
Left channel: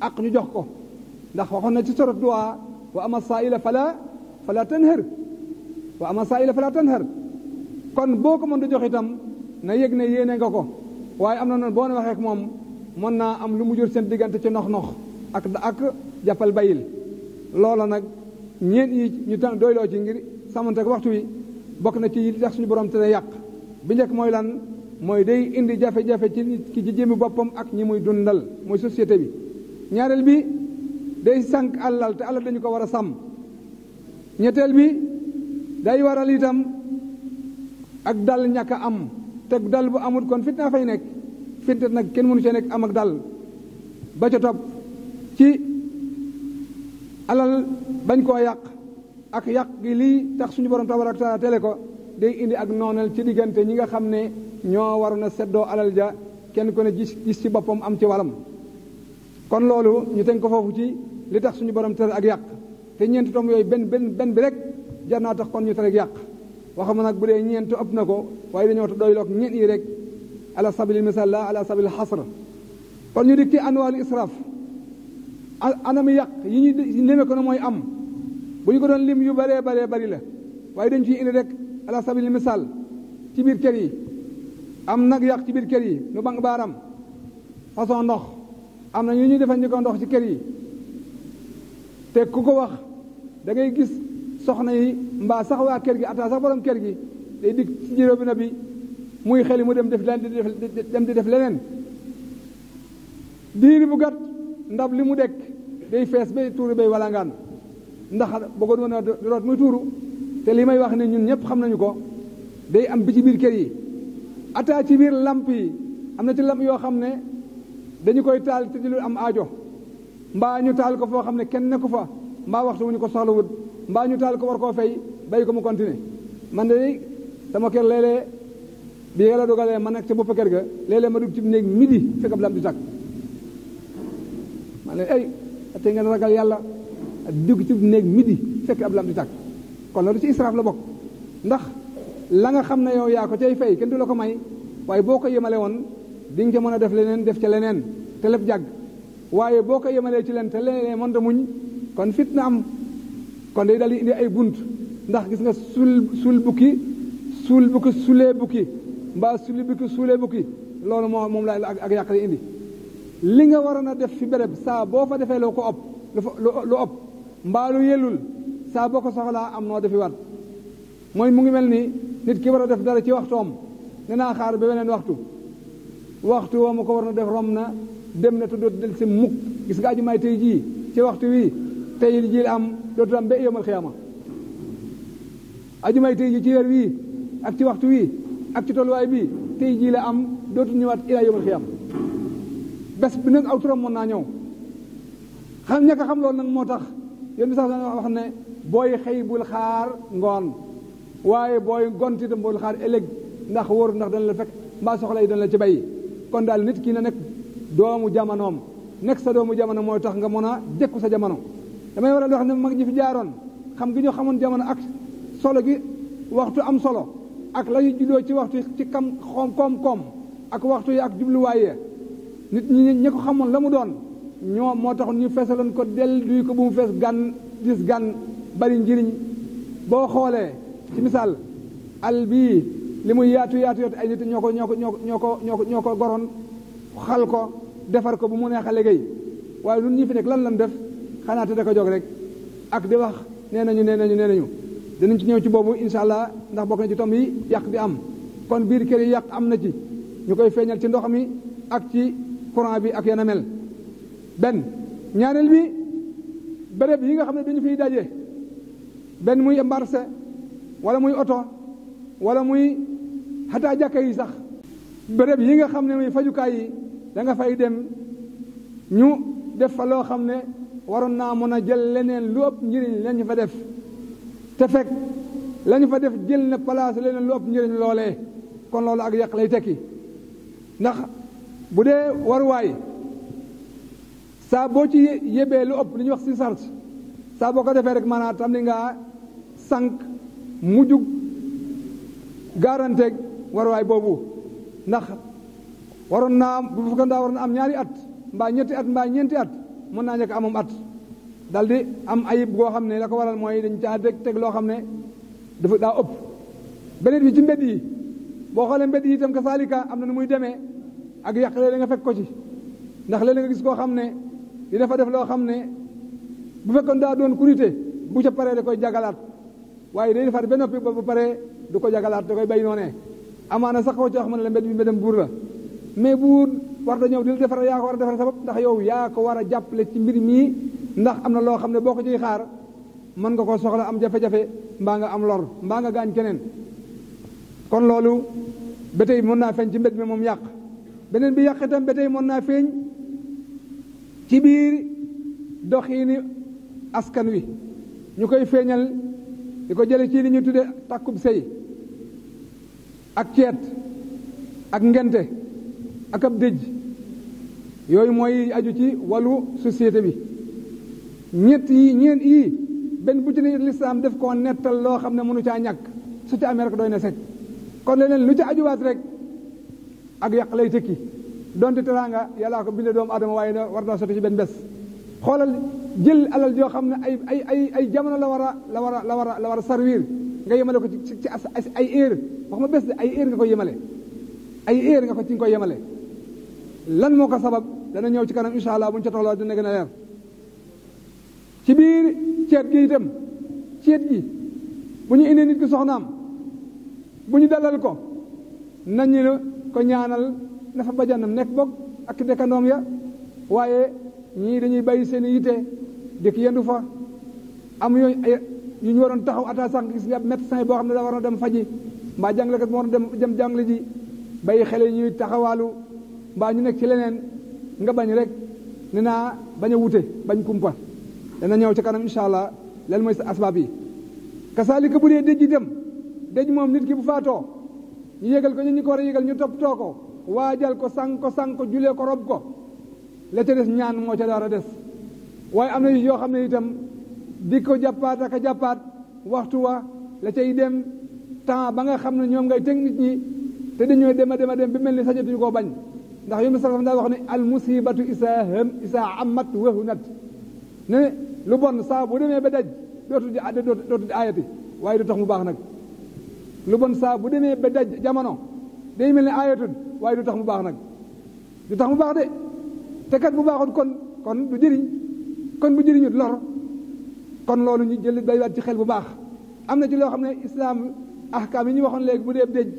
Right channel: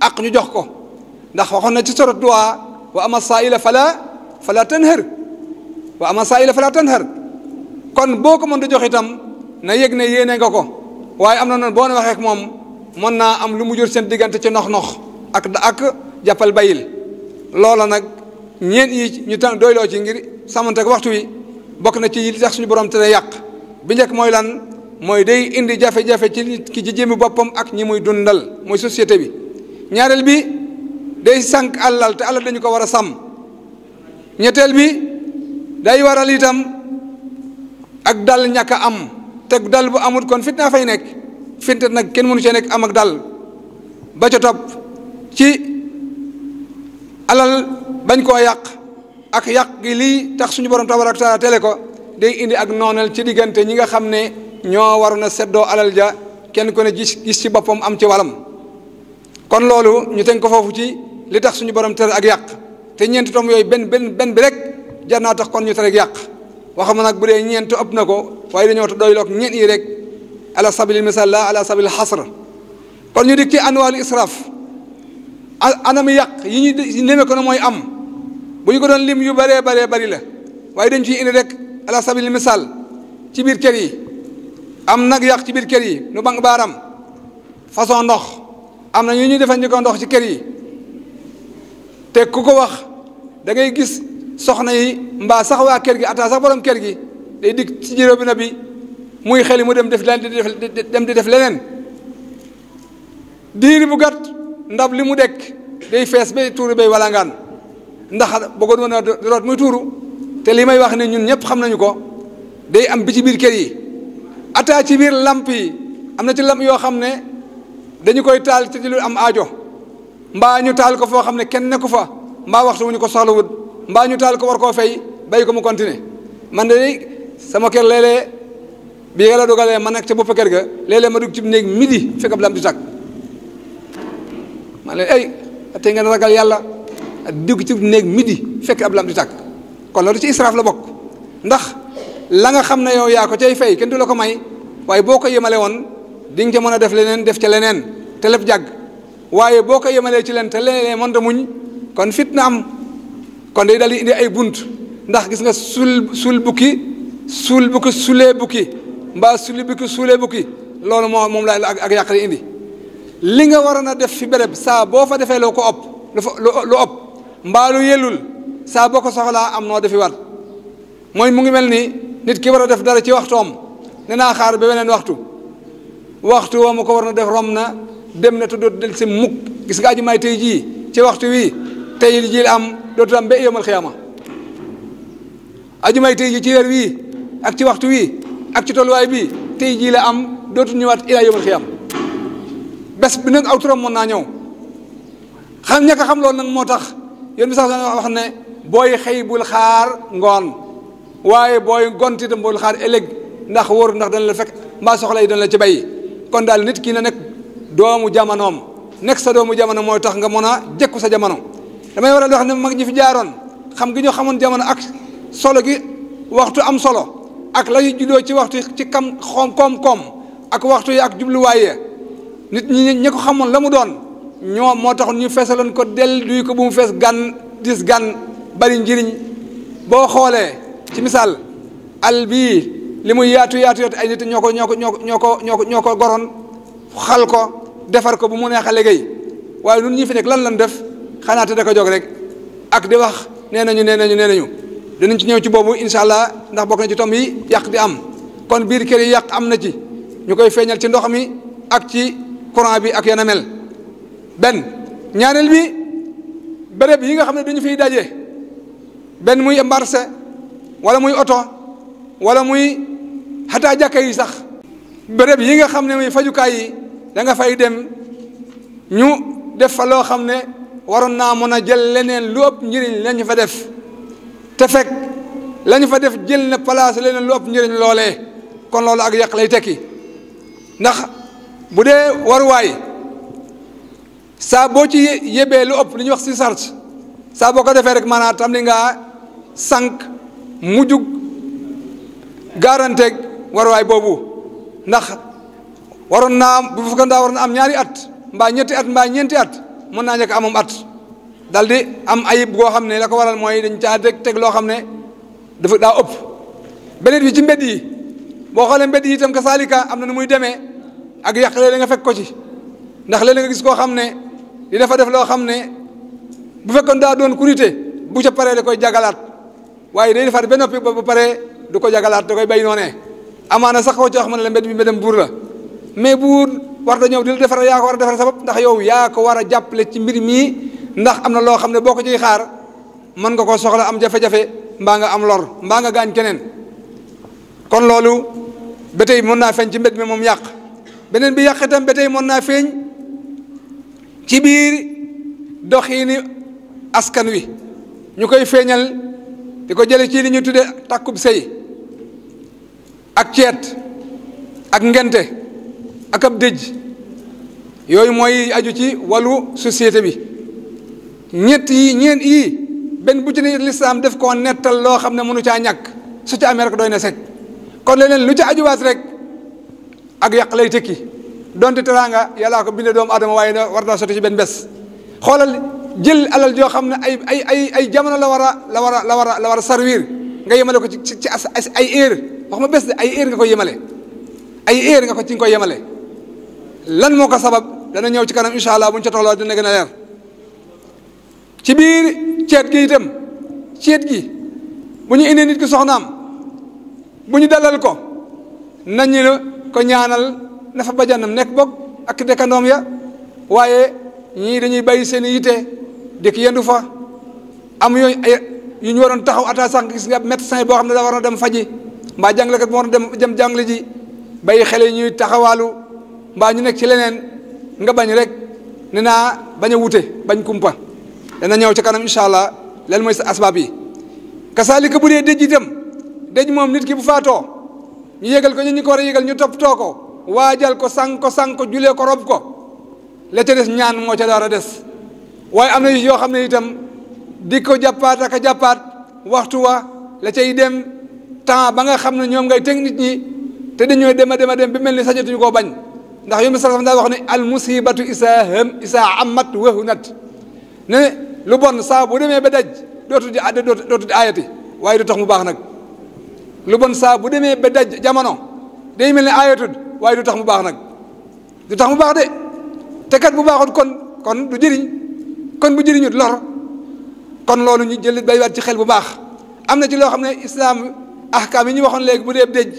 ak ñu jox ko ndax waxoon na ci sorat duwaa wa ama saa'ila fala tanhar wa ama saa'ila fala tanhar kon boo ko mën di jox itam na yëg ne yéene nga ko waaye am na noonu boo ne waxee ak moom mën naa am lu mu jur seen diggante ci nox-nox ak jàppal bayil loola nag ñeent yi ñu tan doyloo ci ngir sàmmante ak waxtu wi bokk na ci li tax suñu borom tere yàq bi njëkk mooy lan mooy day indi jafe-jafe ci nit ki ci jëmmi boppam ak ñi muy dundal mooy société bi ñaareel bi day sànq alal te alal dañu ko war a sàmm ñetteel bi day waral itam ak dal ñàkk a am te dal bu amut kon fitna fay nekk finte nag kenn mënu cee nekk am ak dal ba ca topp ci alal bañ koo yàq ak yàq gi lii tax suñu borom tabaraka taala tele ko day indi ak noonal ci diggante ñi nga xam ne ñoo waroon a seddoo alal ja kenn ku ne gis ci boppam am ci walam kon loolu ñu teg ko foofu ci li tax suñu borom tere ak yàq te ñeenti tom yooyu benn bi rek jar naa tax kon ñu tere ak yàq waxama nag bu dee ñeent ëpp na ko waaye dañoo doyloog ñeent yi rek ala sabilil misal la ala sabilil xasr kon ñu dik ci anwaalu israaf anami yàq yi ñu lime ko ne mooy am bu ñu ko doon lim yu bëree bari la waaye dañ ciy indi rek ala sabilil misal ci biir kër yi am nag yàq ci biir kër yi nu bank baaram façon ndox am na ñu ñuy defandikoo ndox ci kër yi te ku ko wax da ngay gis soxna yi mbaa sax waa kër gi ataa sax borom kër gi day dig ci jëró bi na bi muy xeli mu dem di def leneen diiri bu gàtt ndab li mu dekk day fees bay tuuru bay walangaan ndax bëggoon woon a root muy tuuru te li may wax ne ñun ñëpp xam nañu ko day am bi ci biir kër yi ataa ci biir lamp yi am na ci lamp yoo xam ne dañu koy taal te di lu am aajo mbaa ñu taal ko foo xam ne kenn nekku fa mbaa waxtu wu ñu ko soxlawut mbaa ñu taal ko war koo fay bay ko mu continuer man de sama kër léeg-léeg bi yàlla dogalee ma nekk ca bopp kër ga léeg-léeg ma dugg ci néeg midi fekk ab lamp di tàkk man leen ay tey ngeen ragal yàlla dugg ci néeg midi fekk ab lamp di tàkk kon loolu ci israaf la bokk ndax la nga xam ne yow yaa ko cay fay kenn du la ko may waaye boo ko yemale woon di nga ca mën a def leneen def ca leneen te lépp jàgg waaye boo ko yemalee ci leen te leneen mënta muñ kon fitna am kon day dal di indi ay bunt ndax gis nga suul bukki sulee bukki mbaa suli bukki suulee bukki loolu moom la ak yàq di indi li nga waroon a def fi béréb saa boo fa defee loo ko ëpp lu ëpp mbaa lu yellul saa boo ko soxlaa am noo defi wat mooy mu ngi mel ni nit ki war a def dara ci waxtoom ne naa xaar ba beneen waxtu woo ma ko war na def rom na dem na te dootu del si mukk gis nga ajumaay tey jii ci waxtu wii tey ji la am dootu am ba yawmal xiyaama ajumaay tey jii ci weer wii ak ci waxtu wii ak ci tolluwaay bii tey jii la am dootu ñëwaat ilaa yawmal xiyaama bés bi nag aw turam mën naa ñëw xam ñàkk a xam loolu nag moo tax yéen bi sax wax ne booy xëy bul xaar ngoon waaye booy gont itam bul xaar ëllëg ndax wóor ndax dana la fekk mbaa soxla yi dana la ci bay kon daal nit ki na nekk doomu jamonoom nekk sa doomu jamono mooy tax nga mën a jekku sa jamono damay waral wax ne mag ñi fi jaaroon xam gi ñu xamoon jamono ak solo gi waxtu am solo ak la juddoo ci waxtu ci koom-koom ak waxtu yi ak jubluwaaye nit ñi ko xamoon la mu doon ñoo moo tax ñu feesaloon ko del duy ko bu mu fees gan dis gan bari njëriñ boo xoolee ci misaal al bii li muy yaatu ay nit ñoo ko goroon xal ko defar ko bu mu neex a liggéey waaye nun ñi fi nekk lan def xanaa te da ko jóg rek ak di wax nee nañu dinañ ci ñëw ci boobu incha allah ndax bokk na ci tom yi yàq di am kon biir kër yi yàq am na ci ñu koy feeñal ci ndox mi ak ci courant bi ak yana mel benn ñaareel bi béréb yi nga xam ne dañu fiy daje benn muy marché wala muy oto wala muy xataa jàkka yi sax béréb yi nga xam ne muy fajukaay yi da nga fay dem ñu def fa loo xam ne waroon naa mën a jël leneen lu ëpp njëriñ lañu fa def te fekk lañu fa def jël na place leneen lu ëpp njëriñ loolee kon loolu ak yàq lay tekki ndax bu dee waruwaay saa boo ci yebee lu ëpp li ñuy wax si charge saa boo ko defee rek maanaam tam li ngaa sànq mujjug garanteeg waruwaay boobu ndax waroon naa bu fekkoon daa waroon na am ñaari at mbaa ñetti at mbaa ñeenti at mën naa njëkk amum at dal di am ayib goo xam ne la ko waral mooy dañ caa teg loo xam ne dafa daa ëpp beneen bi ci mbedd yi boo xoolee mbedd yi itam ka saalika am na nu muy demee ak yàq léeg nga fekk ko ci ndax léeg nga gis koo xam ne di dafa def loo xam ne bu fekkoon daa doon kurité bu ca paree da koy jagalaat waaye day defaat ba noppi ba paree du ko jagalaat da koy bay noonee amaana sax koo ci wax ma ne la mbedd bi mbeddam buur la mais buur war da ñëw di la defar yaa ko war a defar sa bopp ndax yow yaa ko war a jàppale ci mbir mii ndax am na loo xam ne boo ko ciy xaar mën nga ko soxla am jafe-jafe mbaa nga am lor mbaa nga gaañ keneen kon loolu ba tey mën naa feeñ ci mbedd mi moom yàq beneen bi yàq itam ba tey mën naa feeñ ci biir doxiini askan wi ñu koy feeñal di ko jële ci li ñu tudde takkub sëy ak ceet ak ngente ak ab dëj yooyu mooy aju ci wàllu société bi ñeent yii benn bu ci ne lislaam def koo nettal loo xam ne mënu caa ñàkk su ca amee rek doy na sekk kon leneen lu ca ajuwaat rek ak yàq lay tekki donte teraanga yàllaa ko binde doomu adama waaye war naa sotti ci benn bés xoolal jël alal joo xam ne ay jamono la war a servir nga yemale ko ci ay heure wax ma bés de ay heure nga koy yemale ay heure nga ko ci nga koy yemale lan moo ko sabab dana ñëw ci kanam incha allah bu ñu ca tolloo dina gën a leer ci biir ceet gi itam ceet gi bu ñu indee nit ki soxnaam bu ñu dalal ko nañu ko ñaanal na fa bajanam nekk bokk ak dëkkandoom ya waaye ñii dañuy bàyyi seen i yitte dëkk yendu fa am yooyu yu ñu waroon taxaw ata sax gis nga médecin boo xam ne da war na dem faji mbaa jàngalekat boo war na dem jàngale ji bàyyi xale yi ñuy taxawaalu mbaa ñu nekk ci leneen nga bañ rek ne naa bañ a wute bañ kumpa dana ñëw ci kanam incha allah lan mooy sa asbaab yi kasaalika bu dee dëj itam dëj moom nit ki bu faatoo ñu yégal ko ñu ko war a yégal ñu toppatoo ko waajal ko sang ko julee ko rob ko la ca des ñaan moo ca war a des waaye am na yoo xam ne itam di ko jàppaat ak a jàppaat waxtu wa la cay dem temps ba nga xam ne ñoom ngay teg nit ñi te dañooy dem a dem bi mel ni sañatuñu koo bañ ndax yom bi sax daa wax ne al musibatu isaa amat wahunat ne lu bon saa bu demee ba daj dootu di aayati waaye du tax mu baax nag lu bon saa bu demee ba daj jamono day mel ni aayatud waaye du tax mu baax nag du tax mu baax de te kat bu baaxut kon du jëriñ kon bu jëriñut lor kon loolu ñu jël baywaat ci xel bu baax am na ci loo xam ne islaam ahkaam yi ñu waxoon léegi bu dee dëj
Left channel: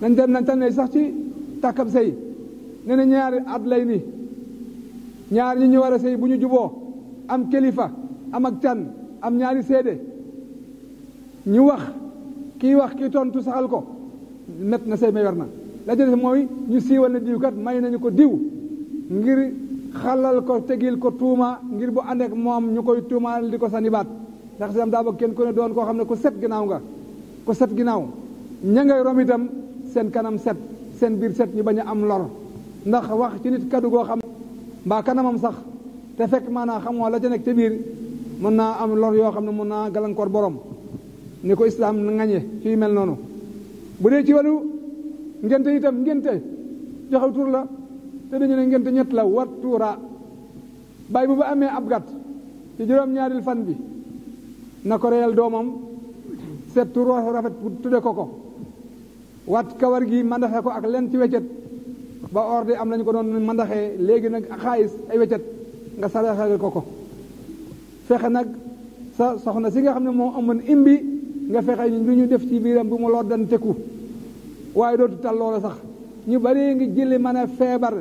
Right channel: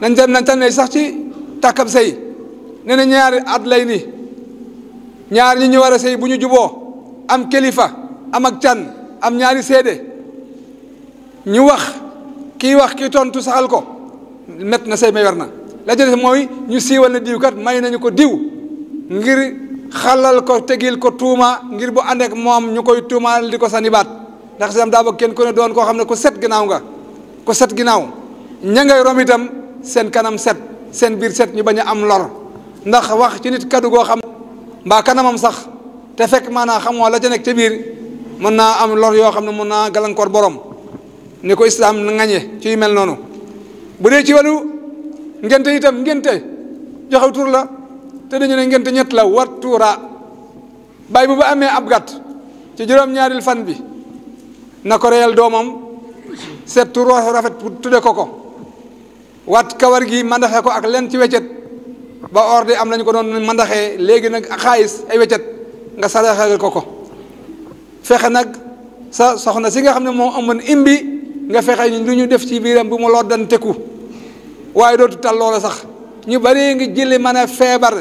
nañ tànnee sax ci tàkkab sëy nee na ñaari at lay ni ñaar ñi ñu war a sëy bu ñu juboo am kilifa am ak can am ñaari seede ñu wax kii tontu saxal ko met na sëy may war na la ca des mooy ñu siiwal na diw kat may nañu ko diw ngir xalal ko tegil ko tuuma ngir bu ànd ak moom ñu koy tuumaal di ko sànni baat ndax sam daa bëgg kenn ku ne doon koo xam ne ku set ginnaaw nga ku set ginnaaw ña ngay rom itam seen kanam set seen biir set ñu bañ a am lor ndax wax ci nit kaddu goo xam mbaa kanamam sax te fekk maanaam xamoo la ca nekk ca biir mën naa am lor yoo xam ne mën naa gàllankoor borom ni ko islaam na ŋañe ci yu mel noonu bu dee ci wàllu ngente itam ngente joxe tur la te dañu ne ngente ñett la wat tuura bàyyi bu ba amee ab gàtt ci juróom-ñaaril fan bi na ko reyal doomam seet tur rafet tudde ko wat kawar gi mandaxe ko ak len ci weccet ba orde am nañu ko doon mandaxee léegi nag xaalis ay weccet nga saraxel ko fexe nag sa soxna si nga xam ne moo amoon imbi nga fexe ni lu ñu def ci biiram bu mu loddanteku waaye dootu tal loola sax ñu bari ngi jëli mën a feebar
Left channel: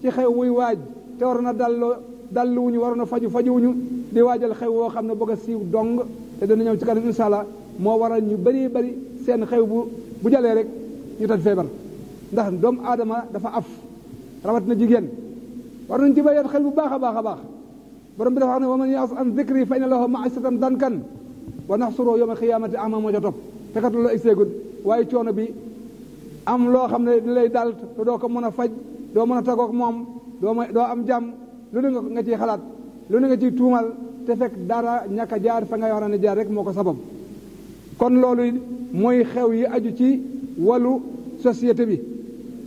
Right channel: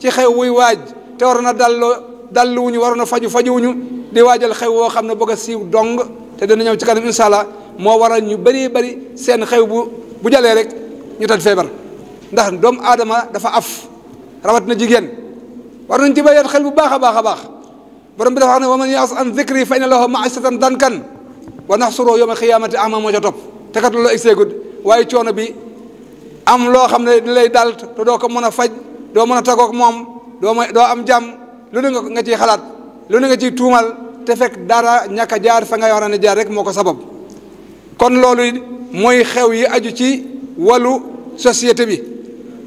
ci xew wuy waaj te war na dalloo dalluwuñu waroon a fajuwuñu di waajal xew woo xam ne bëgg a siiw dong te dana ñëw ci kanam incha allah moo waral ñu bari seen xew bu jalee rek ñu tëdd feebar ndax doomu aadama dafa af rawat na jigéen war nañ ci bàyyi xel bu baax a baax borom bi dafa wax ne wa man yaas an dhikri fa inna lahu ma'isatan dankan wa nahshuruhu yawma al-qiyamati a'ma moo ca topp te kat loolu egseegul waaye coono bi am loo xam ne ni lay dal te doo ko mën a faj doo mën a tagoog moom doo am jàmm lu ne nga ciy xalaat lu ne nga ciy tuumal te fekk dara ñàkk a jaar fa nga war a jaar rek moo ko sabab kon loolu mooy xew yi aju ci wàllu société bi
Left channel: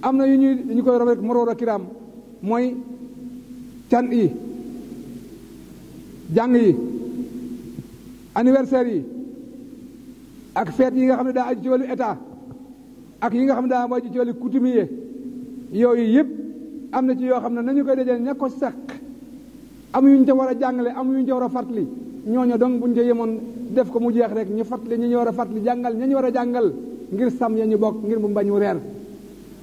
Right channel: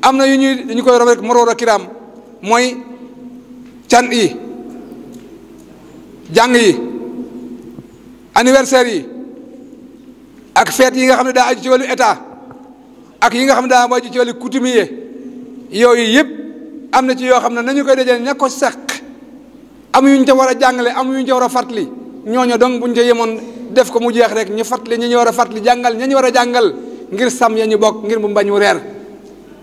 am na yu dañu koy rob rek moroor a kiraam mooy can yi jàng yi anniversaire yi ak fête yi nga xam ne daa aju ci wàllu état ak yi nga xam ne daa aju ci wàllu coutumier yooyu yëpp am na ci yoo xam ne nañu koy dajale ña ko seq am yu ñu ca war a jàngale am yu ñu ca war a fàttali ñooñu donc buñ ca yemoon def ko mu jeex rek ñu fàttali ñi ñu war a fàttali jàngal ña ñu war a jàngal ngir sàmm ya ñu bokk ngir mu bañ mu reer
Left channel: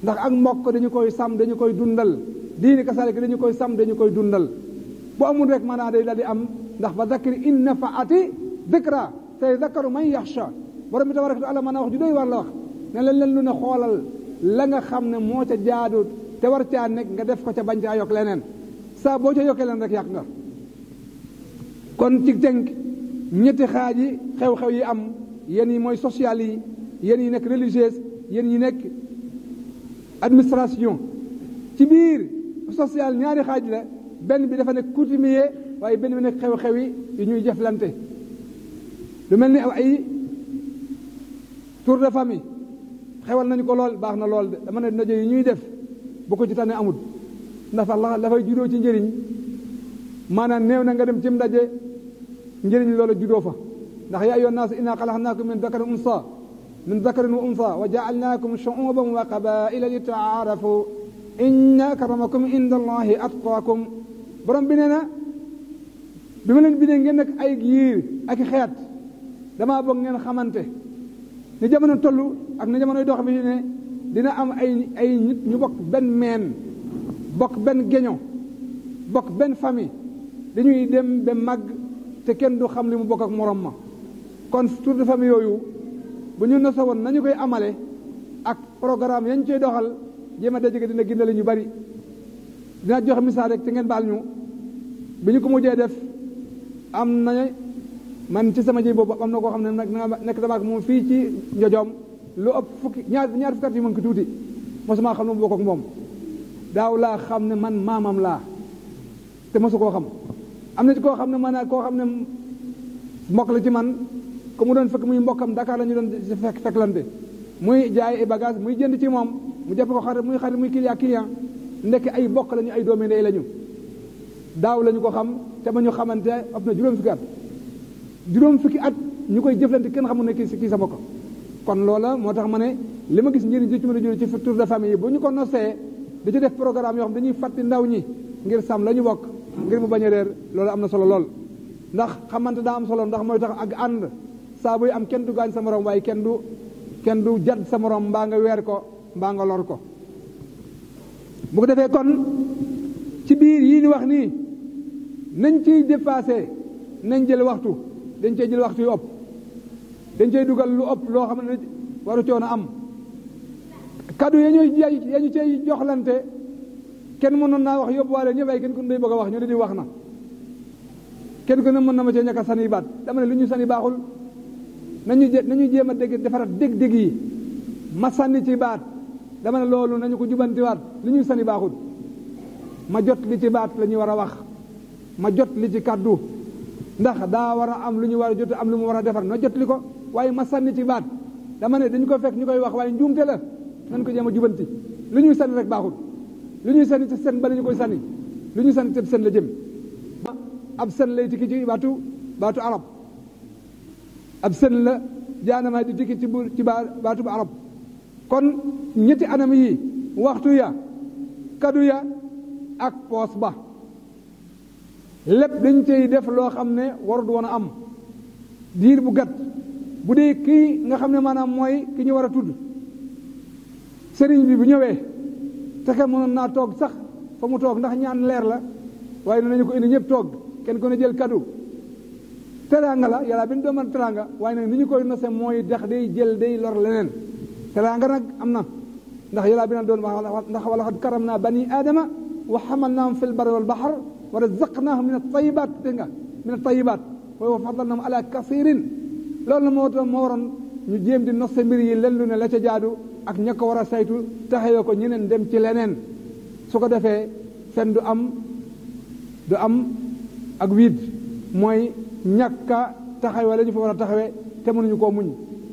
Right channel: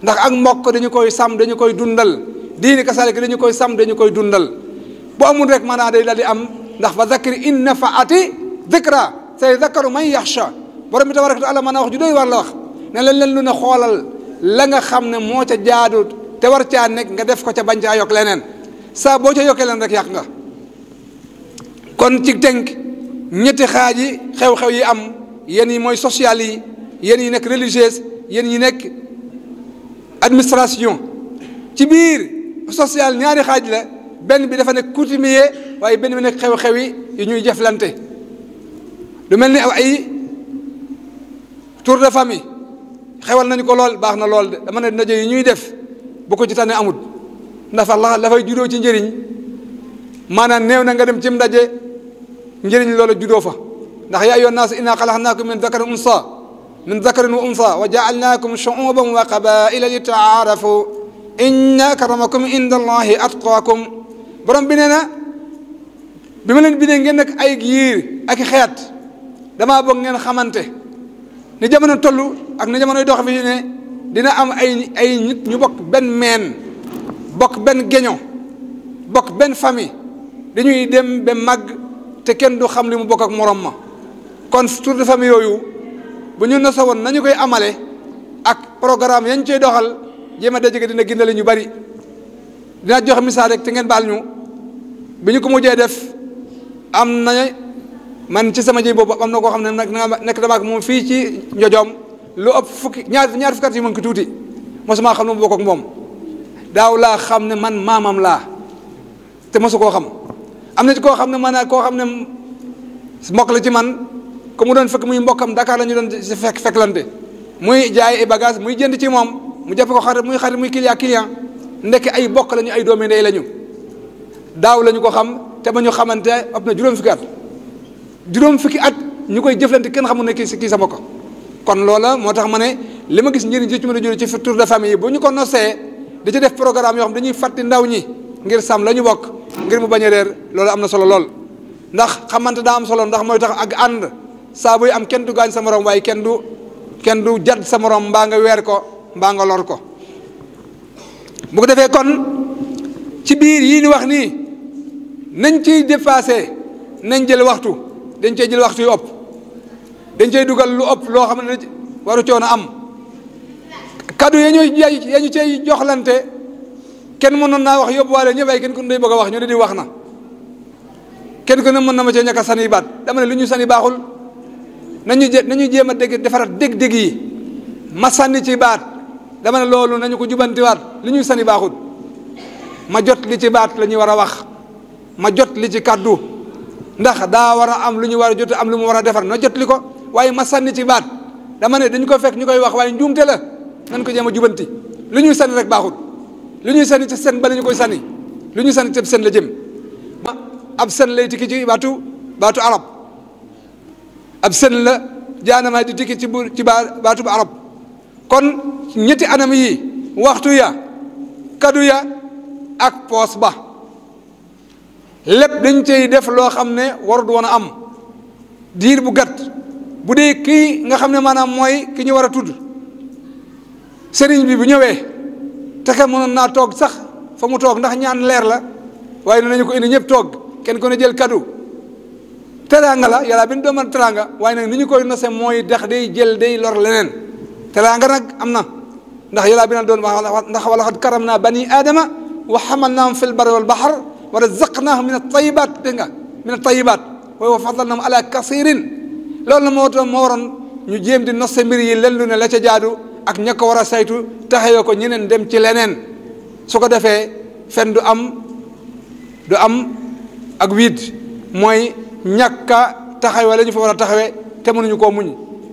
ndax ak mbokk dañu koy sàmm dañu koy dundal diini kasaalika dañu koy sàmm dañu koy dundal bu amul rek maanaam day daal di am ndax fa zakkir in nafaati dhikra say zakkaru man yaxsha borom bi tabaraka taala maanaam wax ju doy war la wax ne leen lu ne xoolal la nga xam ne moo ca jaadu te war caa nekk nga def ko ca bañ caa yokk leneen saa boo ca yokkee leen rek yàq nga kon ci tënk ñetti xaaj yi xew-xew yi am yéen yi mooy social yi yéen yi nekk religieuse yéen yi nekk administration ci biir social ñaari xaaj la benn bi dafa nekk coutumier waaye benn bi nekk xew-xew yi ñuy jëflante lu mel ni ay tour de famille xewal nañu ko lool baax na lool de dama ne ndaje yi ñuy def bu ko ci tane amul ndax la fay juddoo ci njëriñ maanaam néew na nga dem ci ndaje njëriñ loola juddoo fa ndax yaa ayyuhan naas innaa xalaqnaakum min dakarin wa unsa wa jaalnaakum shuuban wa qabaila li taarafu inna akramakum inda allahi atqaakum borom bi nee na bi ma leen bindee ngeen nekk ay giir ak xeet damaa bëgg ngeen xamante ni jamono toll ak ni jamonoy dox fi ne dina am ay nit ñu bokk benn meen bokk benn geño bokk benn famille dañuy dem ba màgg te kenn du xam li mu bokk ak morom ma kon tour de famille yooyu bu ñu nasa woon nañu koy amale ak programme yañ cey doxal jéem a dajege dina gindale ñu bari dina joxe misaal rek te ngeen baal ñu bi ñu ko mujjee def am na man ci sama ji boobu am na koo xam ne nekk dama ak moom fii ci njojoom lu ëpp ñaar fukki at yi mën ko tuuti mosuma xam ne mu bokk ak moom daaw laa xam ne man maamam laa te mosu koo xam am na ci koo xam ne maanaam koo xam ne mbokk la ci man ko mu doon fekk muy mbokkam Dakar la ñu doon si fekklante muy jaay ay bagage muy jënd ci moom mu jàpp ko xarit muy client ndekk ay bokk lañu ay doomi ndey lañu daaw lañu ko xam te ba ñu xamante ëpp na juróom fukki at ñu koy jëflante kenn xamul ne kii sa mbokk kon loola moo tax ma ne li ma gis njëriñ ci mën a jëlee ci tour de famille yi bu ñu ko nosee di ci def programme yoo xam dañuy fàtti ndaw ñi ngir sàmm la ñu bokk ngir mu bañ a réer loolu am na solo lool ndax xamante daa am solo ndax mooy tax ak ànd saa buy am kenn du gaañ sa morom waaye kenn du jadd sa morom mbaa nga weer ko mbaa nga lor ko bu ko defee kon ci biir yii ni wax nii nañ ciy dépassé nañ jël waxtu dañ cey jël waxtu yu ëpp dañ cey dugal lu ëpp loo xam ne waru coono am kaddu ya ñu cey joxlante kenn mënoon naa wax yóbbuwaale ñëpp ay kenn ku ne day bëgg a wax ñu ne di wax na kenn ku ne mën na ma cee ñàkk a sani baat dama ne lu ñu sani baaxul nañu jéem a dégg defaraat dégg-dégg yi ma sànni ci baat dama ne loolu nañu ko jubantiwaat li ñuy sani baaxul ma jot li ci baat la ñuy war a wax ma jot li ci kaddu ndax daa war a am lu ñu war a jot am lu mu war a defar na jot li ko waaye ma sànni ci baat dama ne dañu ko fekk ñu koy wax waaye njuumte la nañ ko jéem a jubanti lu ñuy sànni rek baaxul lu ñuy sànni ci seen ba la ñu koy sànni lu ñuy sànni ci seen la jëm ab seen lay tikki ci baatu arab ab seen la jaanamaay di tikki ci baatu arab kon ñetti anam yi waxtu ya kadu ya ak poos ba lépp dañ cey def loo xam ne warut woon a am diir bu gàtt bu dee kii nga xam ne maanaam mooy ki ñu war a tudd sëriñ bi bu ñëwee te ka mënoon naa toog sax fa mu toog ndax ñaan leer la waaye nañu ko indi ñëpp toog kenn ko ne jël kaddu teraanga la yàlla bi ñu doomal teraanga waaye nag ni ñu koy nose mooy dax day jël day lor leneen teraanga nag am na ndax yàlla bi na doon wax ndax wa laqad karamna bani aadama wa hamalnaahum fil barri wal bahr wa razaqnaahum min at-tayyibaat dégg nga min at-tayyibaat wa faddalnaahum ala kasiirin loolu la moo tax moo waroon ñu jéem di nose mbir yi len lu ne la ca jaadu ak ña ko war a saytu taxawee ko ñeneen dem ci leneen su ko defee fen du am ak wiid mooy ñàkk a taxawee la ñu fa war a taxawee te mënuñu koo muñ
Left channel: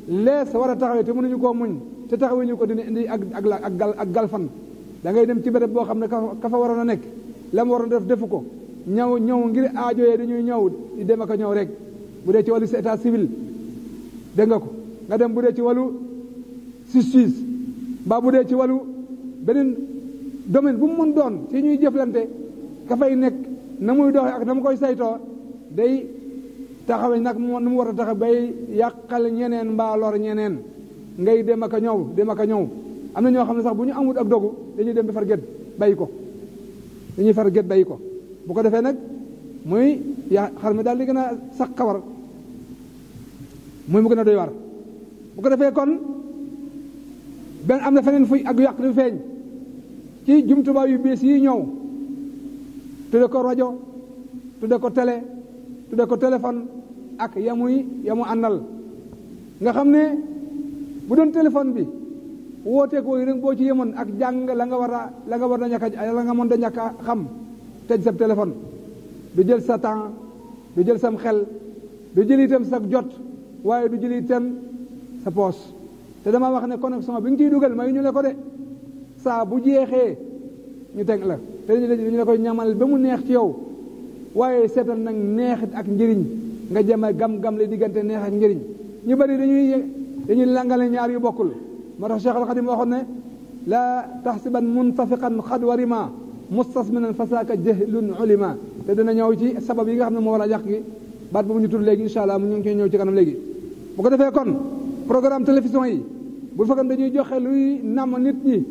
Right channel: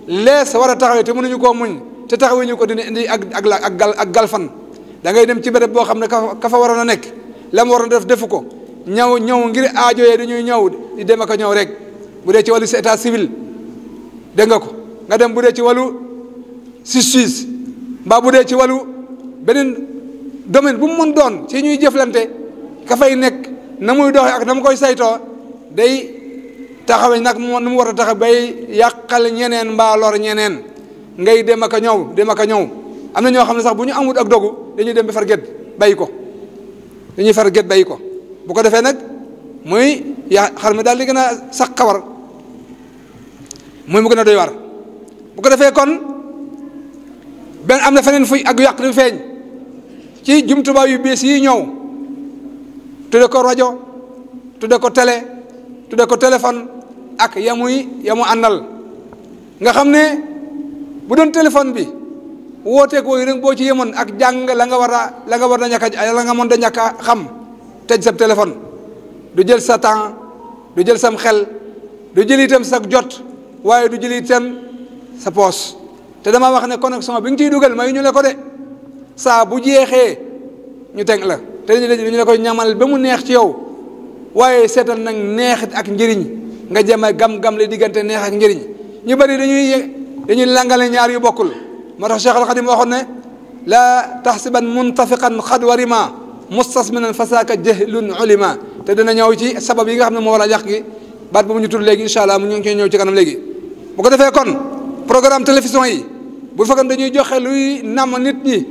lees war a taxawee te mënuñu koo muñ te taxawee ñu ko dina indi ak galfan da ngay dem ci béréb boo xam ne ka fa waroon a nekk la mu waroon def defu ko ñëw ngir aajo yee dañuy ñëw di dem ak a ñëw rek bu dee ci wàllu état civil dégg nga ko nga dem bu dee ci wàllu justice mbaa bu dee ci wàllu beneen domaine bu mu mën doon ci ñuy jëflante ka fay nekk na muy doxee ak na mu koy saytoo day taxawee nag nu mu war a taxaw bay yàqal ñeneen mbaa lor ñeneen ngay dem ak a ñëw am na ñoo xam ne sax bu ñu amut ak dogu dañuy dem ba far gét bàyyi ko bu ko defee nag muy xar mi daal di gën a sax xawar muy mu gën a doy war bu ko defee kon benn am na feneen fuy ak yàq di feeñ ci jumtuwaay yu bees yi ñëw tudde ko rajo tudde ko télé tudde ko téléphone ak yamu àndal nga xam ne bu doon téléphone bi wooteek wooyu rek boo ci yemoon ak jàng la nga war a ñàkk a xam tëj sa téléphone du jël sa temps du jël sam xel du jël itam sa jot waaye du jël itam sa poos te dama wax ne connexion bi nga ciy dugal may ñu le ko de saa bu jeexee ñu teg la te dañu la koy ñamal ba mu neex ci yow waaye seetal nag neexit ak njëriñ nga jëm a gam-gam le diggante neex ak njëriñ ñu bëri dañuy langale ñaar yu bokkul moo tax Cheikh Al Khadim waxoon ne laa taxsiban muntafiqan xad warima mustasminan fasaka jahlun ulima te dina ñëw ci sabab yi nga xam ne moo war a yàq gi baat bu mu ñu tudd léegi incha allah mu ñu ngi koy ñëw ci kanam léegi bu ko defee kon programme télévision yi bu fekkoon dañuy joxe luy nam nit ñi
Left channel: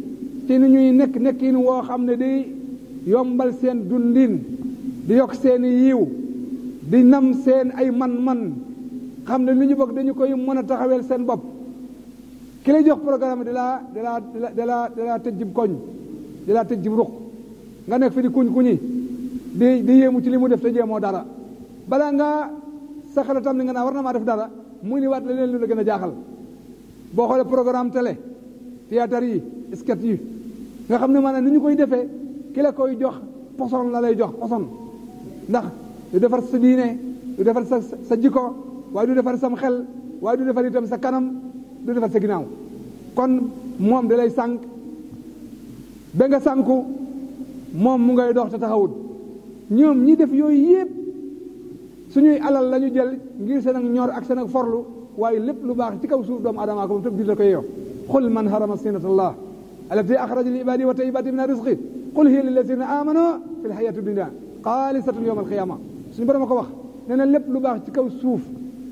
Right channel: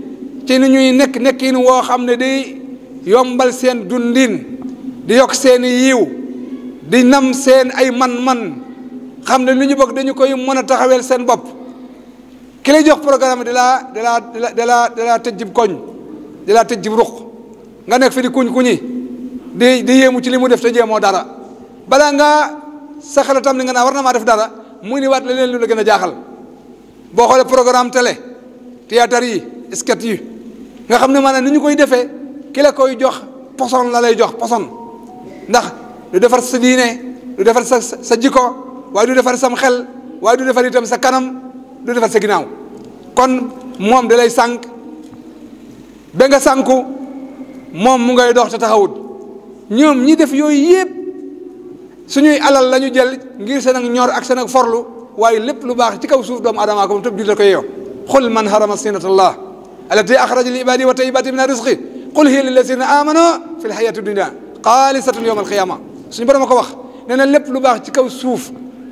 ci ni ñuy nekkin woo xam ne day yombal seen dundin di yokk seen yiw di nam seen ay man-man xam ne lu ñu bëgg dañu koy mën a taxaweel seen bopp ki lay jox programme di laa tëj jib koñ di laa tëj jib ruq nga nekk fi di kuñ-kuñi di yéemu ci li mu def te jéemoo dara balaa ngaa sa xel tam ni nga naa war na maa def dara mu ni waat leneen lu la gën a jaaxal boo xoolee programme télé théâtre yi sketch yi nga xam ne maanaam ni ñu koy defee ki la koy jox poson la lay jox poson ndax du defar sa diine du defar sa jikko waaye du defar sam xel waaye du defar itam sa kanam du defar sa ginnaaw kon moom da lay sànq ba nga sànku moom mu ngay dox te taxawut ñoom ñi def yooyu yëpp suñuy alal la ñu jël ngir seen ak ñor ak seen ak forlu waaye lépp lu baax ci kaw suuf doomu aadama ko moom tëb jullit ko yeeyo xul man harama zinatallaah allati axraja li ibaadi wa tayyibati min rizqi qul hiya lillazina amanu fi lxayati dunia xaalisatun yowma alqiyama suñu borom a ko wax nee na lépp lu baax ci kaw suuf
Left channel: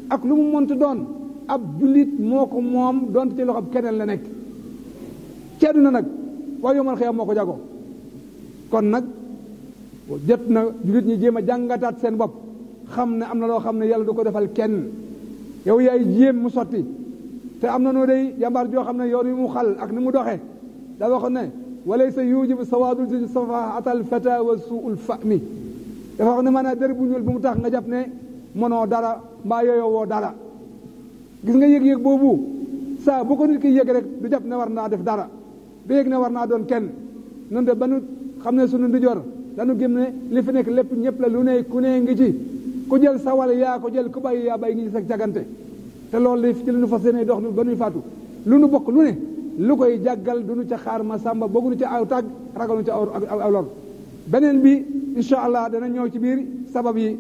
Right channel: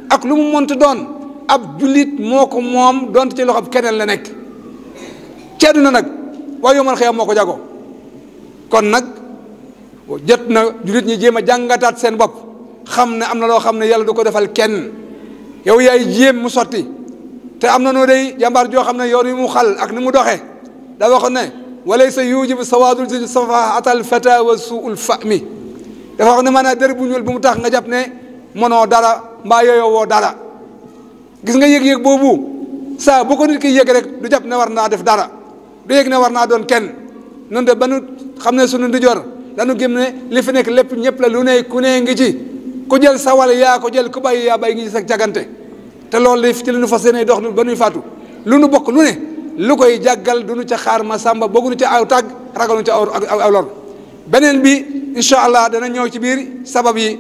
ak lu mu monti doon ab jullit moo ko moom doonte ci loxob keneen la nekk ci àdduna nag waaye yowmal xiyaam moo ko jago kon nag jot na jullit ñi jéem a jàngataat seen bopp xam ne am na loo xam ne yàlla du ko defal kenn yow yaay jéem mu sotti te am na noo day jàmbaar joo xam ne yoon wi mu xal ak ni mu doxee daa waxoon ne walaysa yujibu sawaadul si safaatal fata wa suul fahmi dafa wax ne maanaam dër bu ñuul bu mu tax nga jàpp ne mënoo dara mbaa yooyoo woo dara gis nga yëg-yëg boobu saa bu ko nit ki yëg rek du jàpp ne war naa def dara du yëg ne war naa doon kenn nun de ba nu xam ne sunu ndijoor dañu gëm ne li fi nekk lépp ñëpp la lu ne ku ne ngi ci ku jël sa wàll yaa ko jël ku bàyyi yaa bàyyi ngi ci sa cagante te loolu li ci li nu fas yéene dox ba nuy faatu lu nu bokk lu ne lu koy jàggal du nu ca xaar ma sàmba bëgguñu ca aw tàgg ragaluñu ca aw lor beneen bi incha allah dana ñëw ci biir sabab yi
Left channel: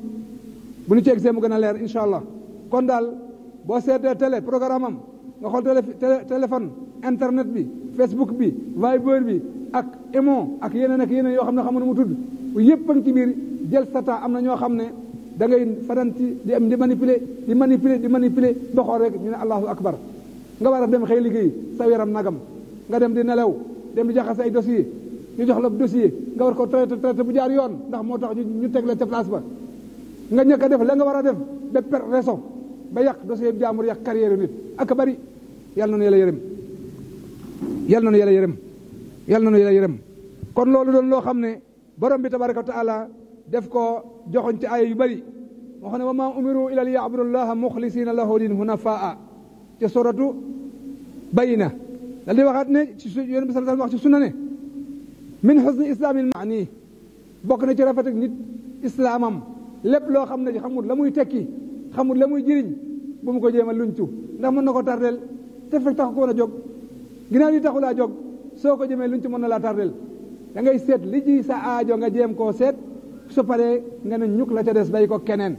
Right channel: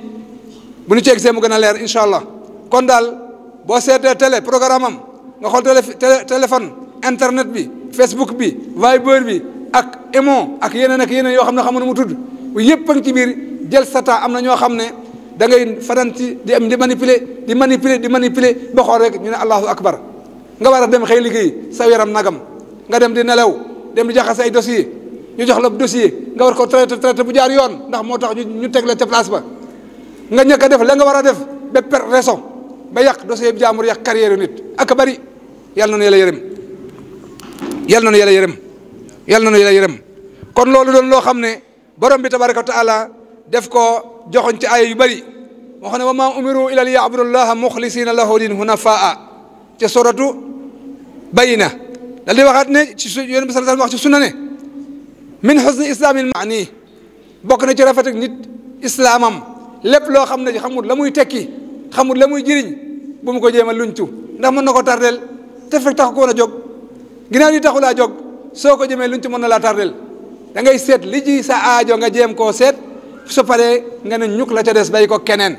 bu ñu ci egsee mu gën a leer incha allah kon daal boo seetee télé programme am nga xool téléphone internet bi Facebook bi Viber bi ak Imo ak yeneen yoo xam ne xamu nu mu tudd yëpp a ngi ci biir jël sa temps am na ñoo xam ne da ngay fadan ci di manipuler ba xool rek ñu ne allahu akbar nga war a dem xëy liggéey sa yaram nagam nga dem di nelaw dem di jaxase ay dossier ñu jox la dossier nga war ko traité bu jaar yoon ndax moo tax ñu teg la ca place ba nga ñëkk a def la nga war a def ba per raison ba yàq dossier bi jaamur yàq carrière nit ak bari yàlla na nu yàlla yërëm yàlla na nu yàlla yërëm yàlla na nu yàlla yërëm kon loolu doon loo xam ne borom bi tabaraka wa taala def ko joxoñ ci aaya yu bari moo xam ne wa maa umiru ila li ya'budullaha muxlisina lahu din hunafaa ca suratu bayina dal di waxaat ne ci yonent bi sallallahu alayhi wasallam wax ci sunna ne min husni islamil maani bokk na ci rafet ak nit islaamam lépp loo xam ne xamul la muy tekki xamul la muy jëriñ bu mu ko jéem a luñtu ndax mën na ko tardel te fekk tax ko woon a jóg ginnaaw li taxulaa jóg soo ko jëmee luñtu mën na laa tardel da ngay seet li ji sa aajo nga jéem koo seet su paree nga ne ñuk la ca des bay ko keneen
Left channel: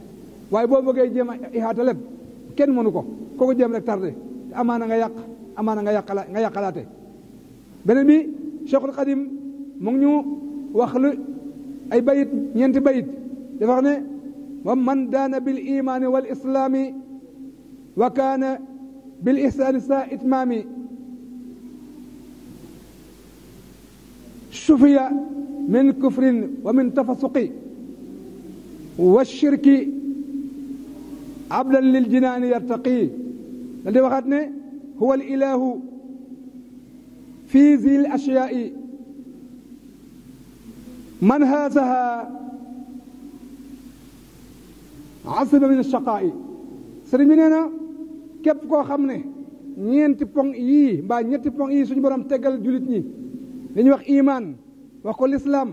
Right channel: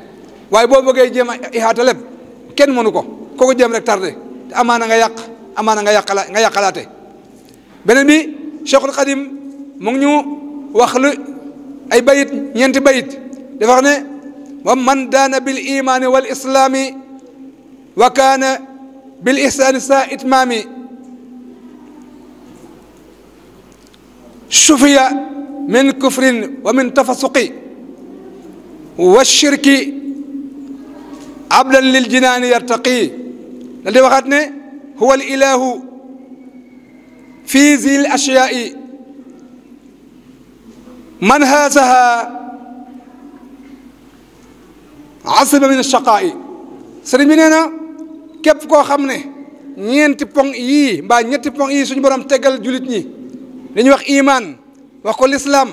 waaye boo bëggee jéem a ihaata lépp kenn mënu ko kooku jéem rek tardé te amaana nga yàq amaana nga yàqalaate beneen bi Cheikhul Xadim mu ngi ñu wax lu ay bayit ñeenti bayit dafa wax ne wa man daana bil imaani wal islaami wa kaana bil ihsaani saa itmaami sufiya min kufrin wa min tafasuqi wa shirki abdan lil jinaani yartaqi dal di waxaat ne huwa al ilahu fi zil ashyaai man haasaha asiba min ashaqaa'i sëriñ bi nee na képp koo xam ne ñeenti pong yii mbaa ñetti pong yii suñu borom tegal julit ñi li ñuy wax iman wax ko lislaam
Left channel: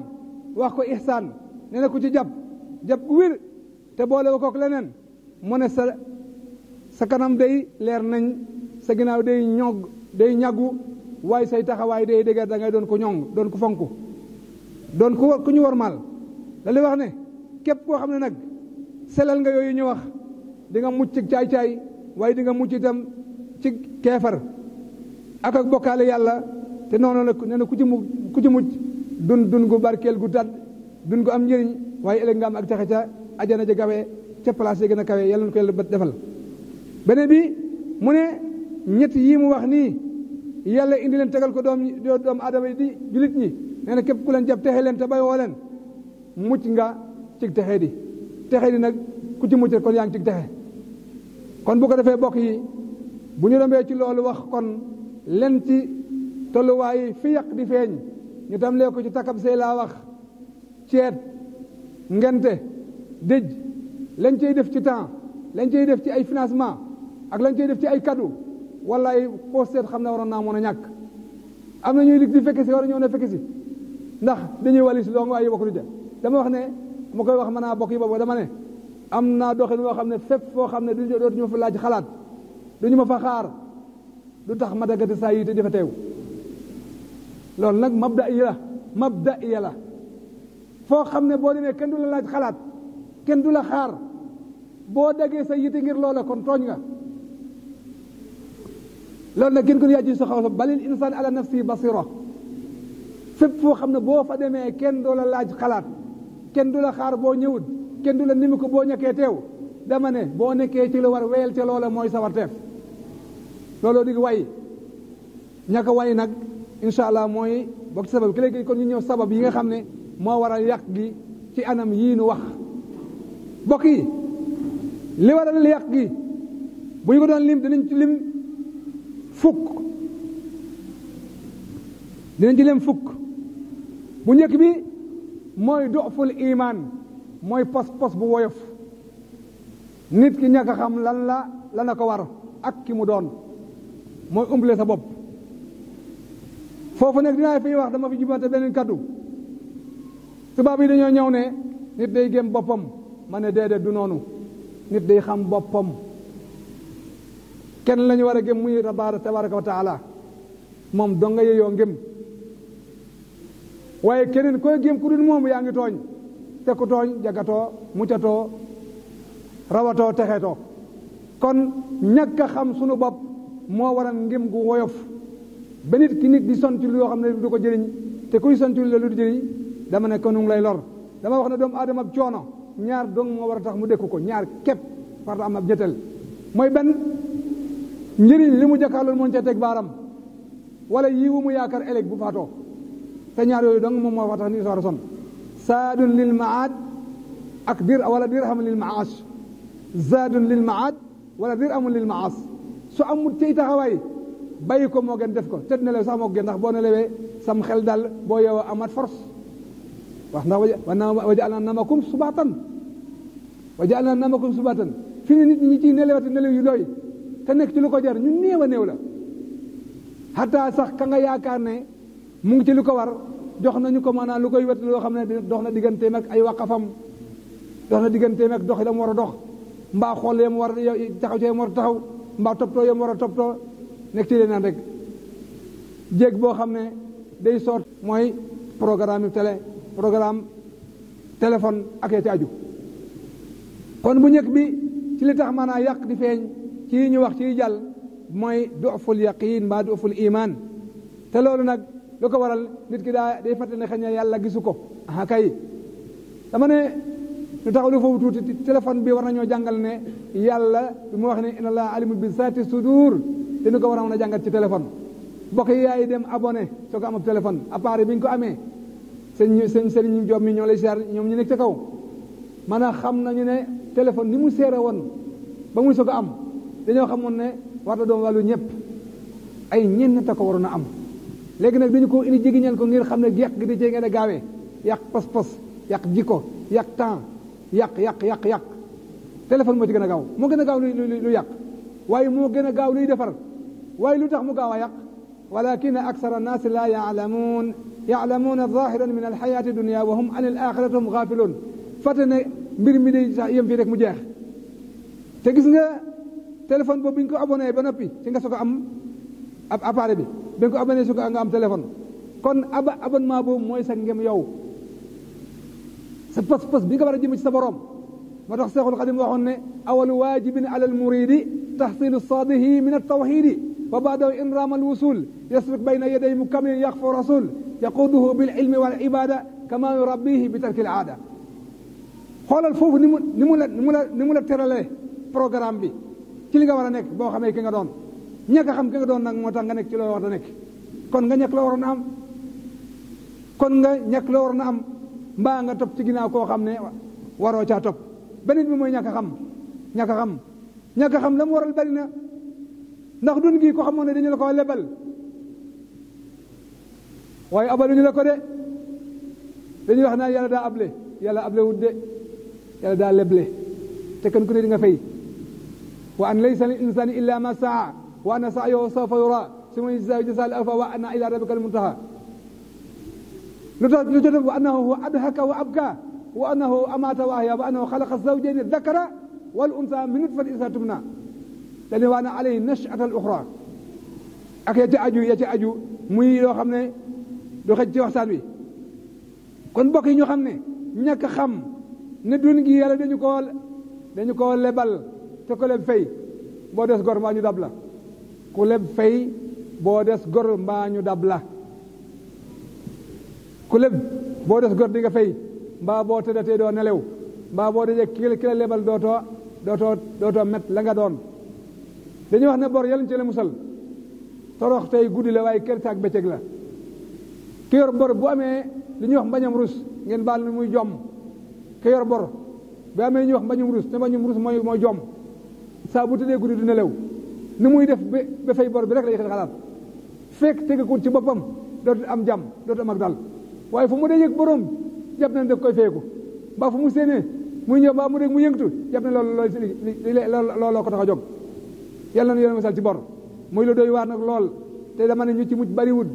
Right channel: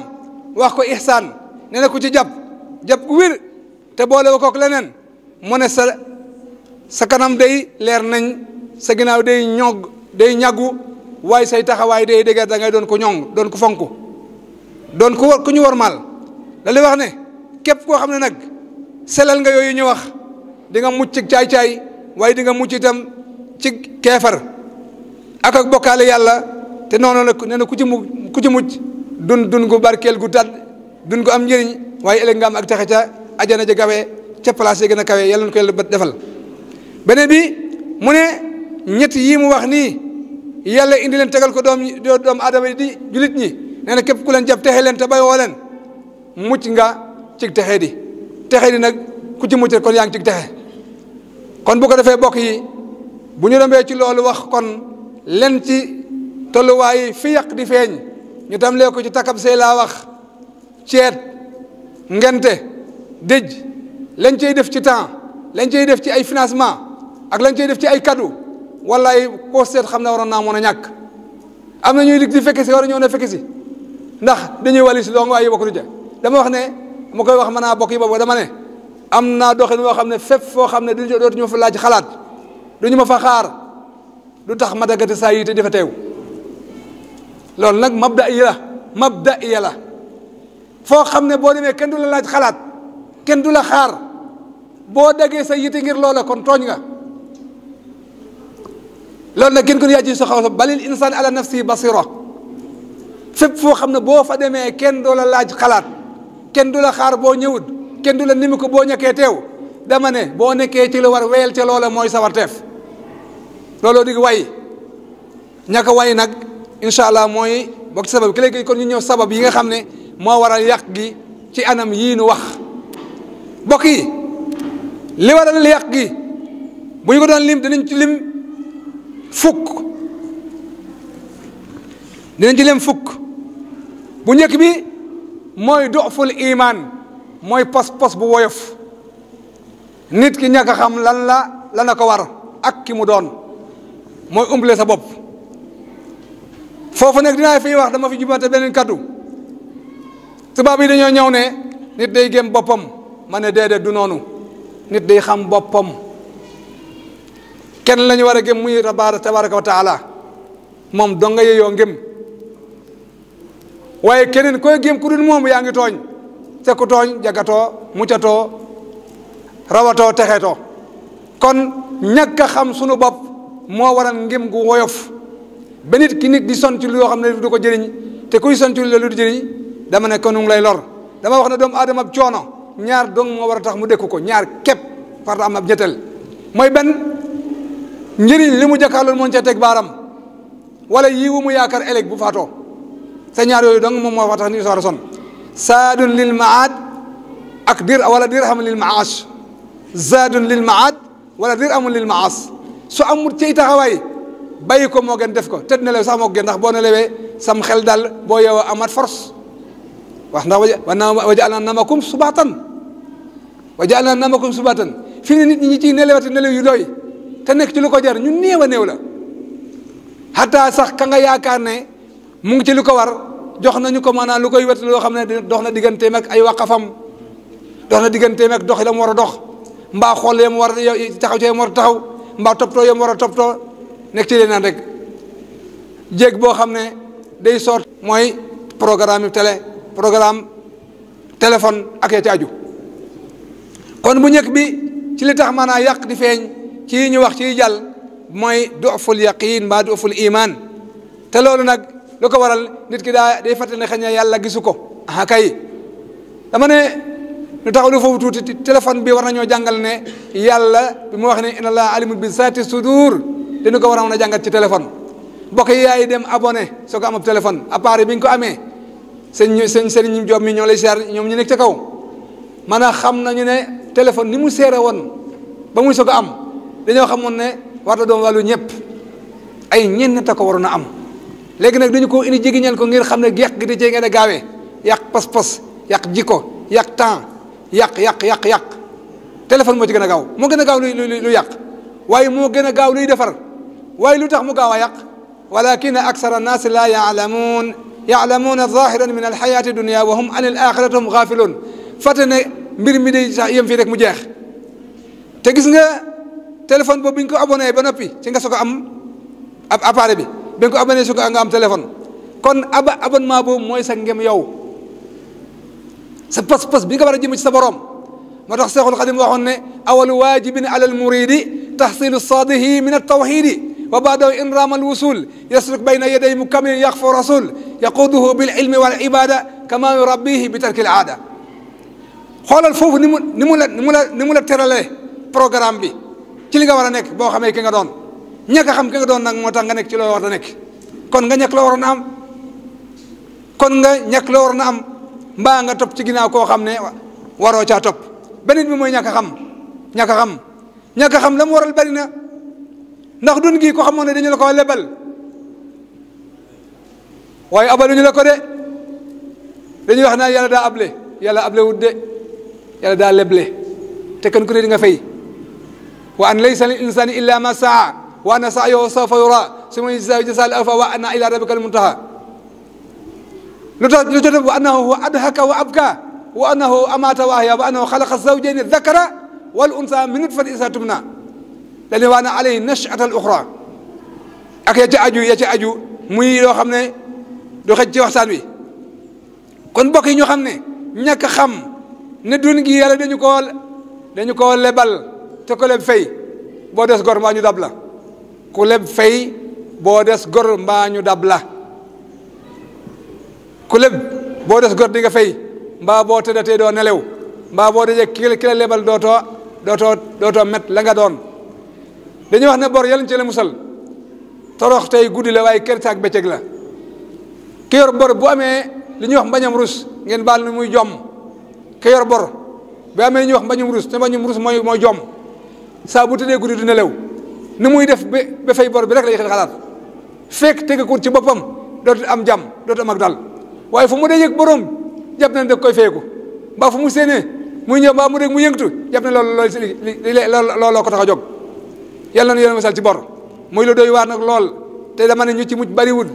wax ko ihsaan nee na ku ci jàpp gu wér te boole wa kook leneen mu ne sa kanam day leer nañ sa ginnaaw day day ñaggu waaye say taxawaay day dëgër da ngay doon ko ñoŋ doon ko fonk doon ko ku ñu wormaal da li wax ne képp koo xam ne nag selal nga yooyu ñu wax di nga mucc ci caay-caay waaye di nga mucc itam ci keefar ak bokkaale yàlla te noonu la nee na ku ci mucc dun gu barkeel gu tàdd dun gu am njëriñ waaye ëllëg nga am ak texe ca ajana ja gawe ca place yi gën a kawe yàlla na ko yàlla defal beneen bi mu ne ñett yii mu wax nii yàlla indi leen tegal ko doomu aadama yi di julit ñi nee na képp ku leen jàpp texe leen te bay woo leen mucc nga cig texe di nag ku ci mucc rek kon yaa ngi cig texe kon bu ko defee bokk yi bu ñu rombee ci loolu wax kon len ci tolluwaay fi yàq di feeñ ñu tam lee ko ci takab sey laa wax ceet ngente dëj lañ cey def ci temps lañ cey def ci ay financement ak lañ cey def ci ay cadeau wallaay koo seet xam ne waroon naa mën a ñàkk am na ñuy dig di fekke si war a ñëw ne fekke si ndax dañuy wali si doong waaye bokk du ja dama wax ne ma koy wax mën naa bokk yi boobu dama ne am naa doxin woo xam ne fépp foo xam ne dootuñu ma fa laaj xalaat duñu ma fa xaar du tax ma daggate saa yi te di fa teew loolu nag mabda iya la foo xam ne boo demee kenn du la laaj xalaat kenn du la xaar boo daggee sa yite ngir loola kon tooñ nga loolu nag kenn ko yaa ci sa xaw sa balil insaan ala nafsi basira fépp foo xam ne boo fa demee kenn du la laaj xalaat kenn du la xaar boo ñëwut kenn du la nimi ko boo ñàkkee teew dama ne boo nekkee ci la war weyel ca loola mooy sawarteef looloo dig way ñàkk way nag incha allah mooy bokk ci sabab ki léegi kon ñu ñëw sabab yi nga xam ne moo waral yàq gi ci anam yii nu wax bokk yi li waral yàq gi bu ñu ko doon lim dinañ ci lim fukk bu njëkk bi mooy doful iman mooy pos bu woyof nit ki ñàkk a xam lan la ko war ak ki mu doon mooy umbale sa bopp foofu nag dinaa fiy wax dama fi jubante beneen kaddu tubaab yi dañoo ñëw ne nit day gëm boppam ma ne déedéet du noonu nit day xam boppam kenn la ñu war a gëm muy tabaraka wa taala moom dong nga yeyoo ngëm waaye keneen koy gëm ku dul moom yaa ngi tooñ te ku tooñ jagatoo muccatoo rawatoo texetoo kon ñàkk a xam sunu bopp moo waral ngëm gu woyof ba nit ki nit di son ci lu yoo xam ne du ko jëriñ te kuy son ci lu du jëriñ dama ne ko nu ngi lay lor dama wax ne doomu aadama ab coono ñaar dong moo war a tax mu dékku ko ñaar képp farta am ab ñetteel mooy benn njëriñ li mu jàkkaarloon moon ca teg baaram wala yiwu mu yaakaar ëllëg bu faatoo te ñaar yooyu dong moom moo fa tax ni soor a son saadun lil maad ak wala dirham lil maash zaadun lil maad wala dirhamun lil maas su amul ci taxawaay bàyyi ko moo gën def ko tëdd nelew sax moo gën ndax boo nelewee sam xel dal boo yeewoo amat force wax ndax waja'alnaa nawmakum subaatan waja'alnaa nawmakum subaatan fi ne nit ñi ciy nelewati nelew yu doy te nekk ci lu ko jar ñu néew a néew la xataa sax ka nga yaakaar ne mu ngi ci lu ko war jox nañu ko maanaam lu koy wet loo xam ne dox na digganteem ak ay waqafam dox na digganteem ak dox yi la mu war a dox mbaa xool yam war a taxaw ci yam war a taxaw mbaa toppatoo yam war a toppatoo nekk ci leen naan rek jéeg boo xam ne day soot mooy programme téléphone ak ya ci aju kon bu njëkk bi ci li tax maanaam yàq di feeñ ci ñu wax ci jàll mooy duful yaqin mbaa duful iman te loolu nag lu ko waral nit ki day fàttali ne xëy na yàlla gisu ko ah kay dama ne lu taxaw lu foofu tuuti téléphone bi war nañoo jàngal ne yàlla bi mu wax ne inna allaha alimun bi zaati sudur dañu ko war a mën a jàngat ci téléphone mbokk yi yaay dem abonné soo ko am ab téléphone appareil bi nga ko amee sëñ Serigne Diop mi ñoo lay seer ñoom ñu nekk ca kaw man a xam nañu ne téléphone ni mu seere woon ba muy soog a am dañoo xamoon ne war na doon wàllu ñëpp ay ñenn ta ko waroon a am léegi nag dañu ko indi jegiñal ko ngir xam ne yàq gi di cee ngeen a gaawee yàq pas-pas yàq jikko yàq temps yàq téléphone moo ci gën a gaaw moo gën a gaaw lu yàq waaye moo gën a gaaw luy defar waaye lu tax mu gaaw a yàq walakina aksara annaasi laa yaalamuuna zahiran min alxayaati dunia wa hum an al axirati hum gaafiluun fàtte ne mbir mi day sax yem fii rek mu jeex te gis nga téléphone boobu bi ñu ko abonné ba noppi ci nga soog a am ab appareil bi nga ko abonné su ko nga am téléphone kon abonnement boobu mooy sa ngem yow sa pas-pas bi nga war a jëm ci sa borom moo tax Seexul Xadim waxoon ne awalu waajibin ala al muridi taxsilu saadihi min altawxidi wa baadahu in raama alwusul yasluk bayna yaday mukamilin yaxfu rasul yaquduhu bil ilmi wal ibada kama yurabbihi bi tarki al aada xoolal foofu ni mu la teralee programme bi ci li nga war a nekk boo xamee ki nga doon ñàkk a xam ki nga doon nag moo tax nga nekk ci loo war a nekk kon nga ñàkk loo waroon a am mbaa nga topp ci ginnaaw koo xam ne waroo caa topp beneen bi mooy ñàkk a xam la mu waral bari na ndax dun gi ko xamoon ne dañu la ko lebal waaye abaluñu la ko de dañuy wax naan yàlla daa able yàlla able wut de yàlla daa leble te kenn ku ne di nga fay wa an laysa lil insani illa ma saa wa anna sa'yahu sawfa yura summa yujzaahu jazaa'al awfaa wa anna ila rabbika al muntaha lu tax wa annahu huwa adhaka wa abka wa annahu amata wa ahya wa annahu xalaqa zawjayni dhakara wal unsa min nutfatin idha tumna dañu waa na alayhi nachata al uxra ak ya ca aju muy loo xam ne du xëj ci waxtaan wi kon mbokk yi ñu xam ne ñàkk xam ne dun gi yàlla dañu koo lebal te ko leb fay boo des gor mbaa ñu dab la ku leb fay boo des gor mbaa ñu dab la ku leb boo des gor di nga fay mbaa boo tëddatee doo nelew mbaa boo dajee ki la lebal dootoo met la nga doon dañuy wax ne bor yàlla ñu ci la musal torox tey guddi la waaye kër saak bëccëg la ki yor bor bu amee li ñuy wax mbañam rus ngeen baal ni muy jomm ki yor bor bu amee li ñuy wax mbañum rus te mbañum rus mooy jomm saa bu tëddee guddi du nelew ni muy def ba fay bor bi rek lay xalaat fekk tegakut ci boppam dootu am jàmm dootu am ak dal waaye fu mu dee yëg borom jàpp na da koy feeku mbaa fu mu séenee muy ñëw mbaa mu dégg mu yëngatu jàpp ne looloo ko tax a jóg yàlla na yéen misal ci bor muy lu doy waar nag lool te dama ne ñu ci mucc bariwul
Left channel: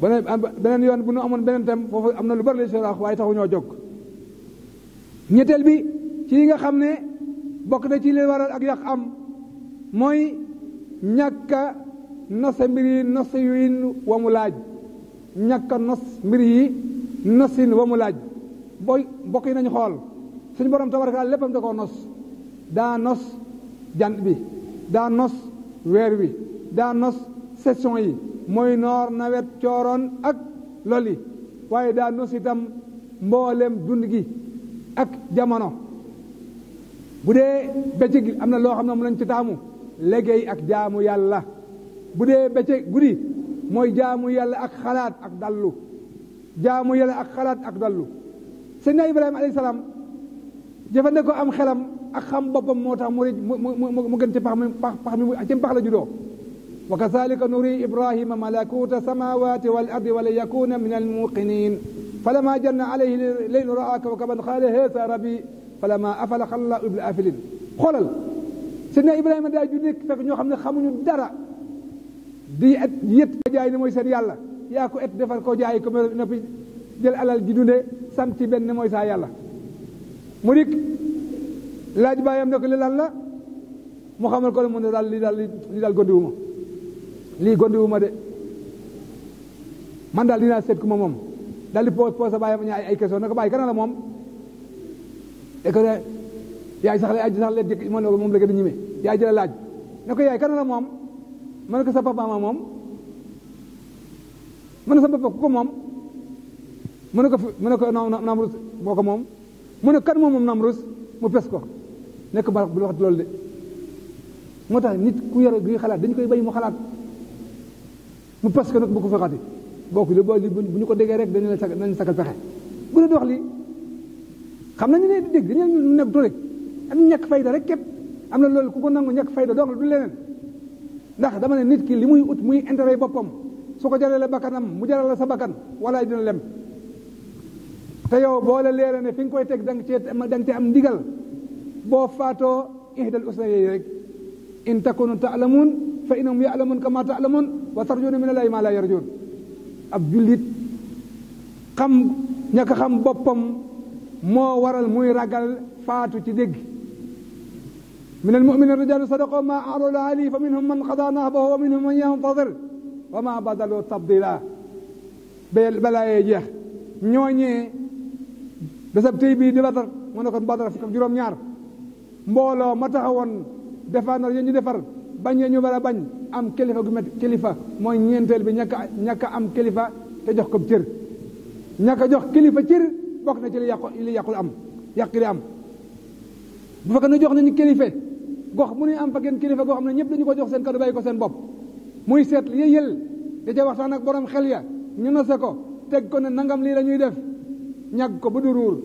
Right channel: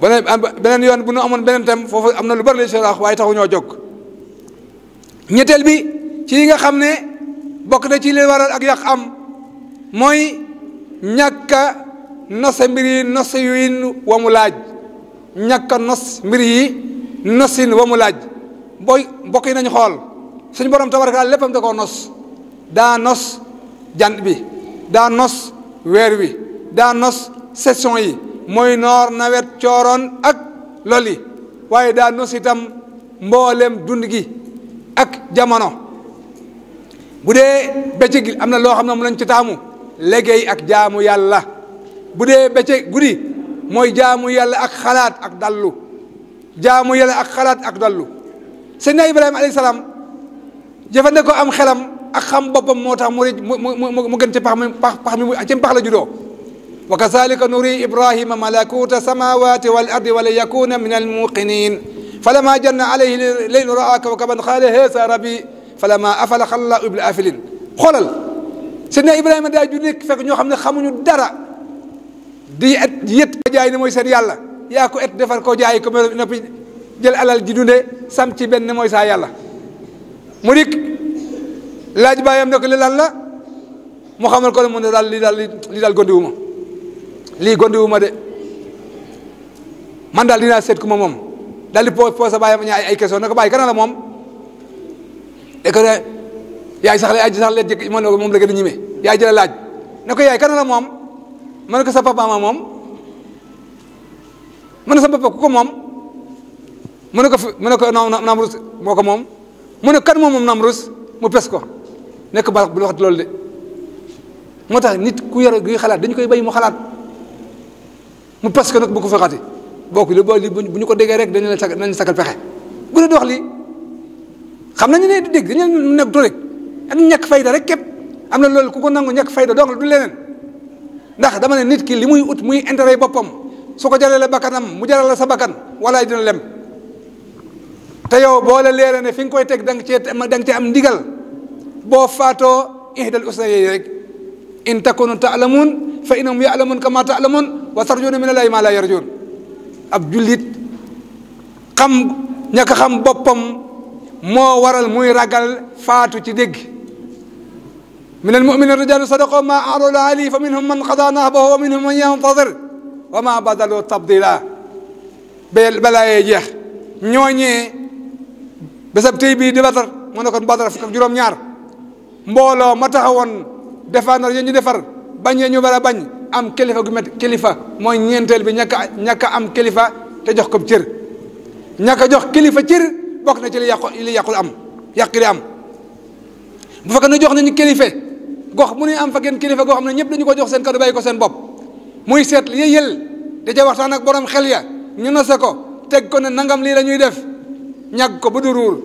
beneen yoon bu nu amoon beneen tam foofu am na lu bari la ci wax waaye taxu ñoo jóg ñetteel bi ci yi nga xam ne bokk na ci li waral ak yàq am mooy ñàkk a nose mbir yi nosin wa mu laaj ñàkk a nos mbir yi nosin wa mu laaj booy mbokk yi nañu xool suñu borom tabaraka léppam da koo nos daa nos jant bi daa nos weer wi daa nos saison yi mooy noor nawet cooroon ak loli waaye daa nos itam mboolem dund gi ak jamono bu dee bëccëg gi am na loo xam ne mu lañ ci taamu liggéey ak jaamu yàlla bu dee bëccëg guddi mooy jaamu yàlla ak xalaat ak dallu jaamu yàlla ak xalaat ak dallu Seydina Ibrahima alayhi salaam jëfandikoo am xelam ak xam boppam moo tax mu gën ci pax mi ci pax la juddoo wa kazalika nuri Ibrahima malakuta samawati wal ardi wa la yakuna min al muqinin falamma janna alayhi laylu raa kawkaban qaala haza rabbi falamma afala xalla ibl afilin xoolal Seydina Ibrahima daa ju nekk fekk ñoo xam ne xamuñu dara di yët ko jaay ne mooy seen yàlla yaa ko et defar ko jaay ko noppi jël alal ji dunde sam ci benn mooy saa yàlla mu dikk laaj baayam ne ko li lan la mu xamal ko ne mu ne daal lii daal gondiwuma lii gondiwuma de man daal dinaa seet ku ma moom daal di posé baayam ay question ne ko bàyyi kana la moom de ko ne yaay sax leen jëkk moom la gën a ñime yaay jëla laaj ne ko yaay kana la moom ma ne ko sa papa ma moom mu ne sa papa ku ko moom mu ne ko Namrus moo ko moom mu ne kan moom Namrus mu pes ko nekk baax bu waxati loolu de moo tax nit ku yor guy xalaat dañu koy bay mu xalaat mu pes ko nag bu ko fexati bokk li bu ñu ko déggee rek dañu leen sakal pexe bu ne di wax lii xam nañu ne du dégg dañu nekk du rek ak ñàkk fayda rek képp am na loolu ku ko nangu ñàkk fayda dong du leneen ndax dama ne nit ki li muy ut muy intérêt boppam su ko jaralee bakkanam mu jarale sa bakkan walaay dina lem te yow boo la leeree ne fi nga koy teg da nga cee am ndigal boo faatoo ihdal usnayayni rek in takunu taalamuun fa innahum yaalamuun kama taalamuun wa tarjuuna min allahi ma la yarjuun ab jullit ñàkk xam boppam moo waral muy ragal faatu ci dégg min almuminina rijaalun sadaqu ma ahadu alayhi fa minhum man qada nahbahu wa minhum man yantadir wa ma badalu tabdila balaa yee jeex ñooñee bésab tey bii di Badar mu ne kon Badar fukk ak juróom-ñaar mbooloo ma taxawoon défendre ñu defar bañ ñu bara bañ am kilifa gu met kilifa mooy ñeenteel bi ñàkk am kilifa te jox ko cër ñàkk jox kilifa cër bokk na ci li yàqul am yàq li am bu fekkee ne jox nañu kilifa gox mu ne am fa genn kilifa goo xam ne ñëpp dañu ko jox seen kàddu bàyyi ko seen bopp muy seet li yël da ca waxtaan ak borom xel ya ñu nose ko teg ko ne nangam lii la ñuy def ñag ko ba du ruur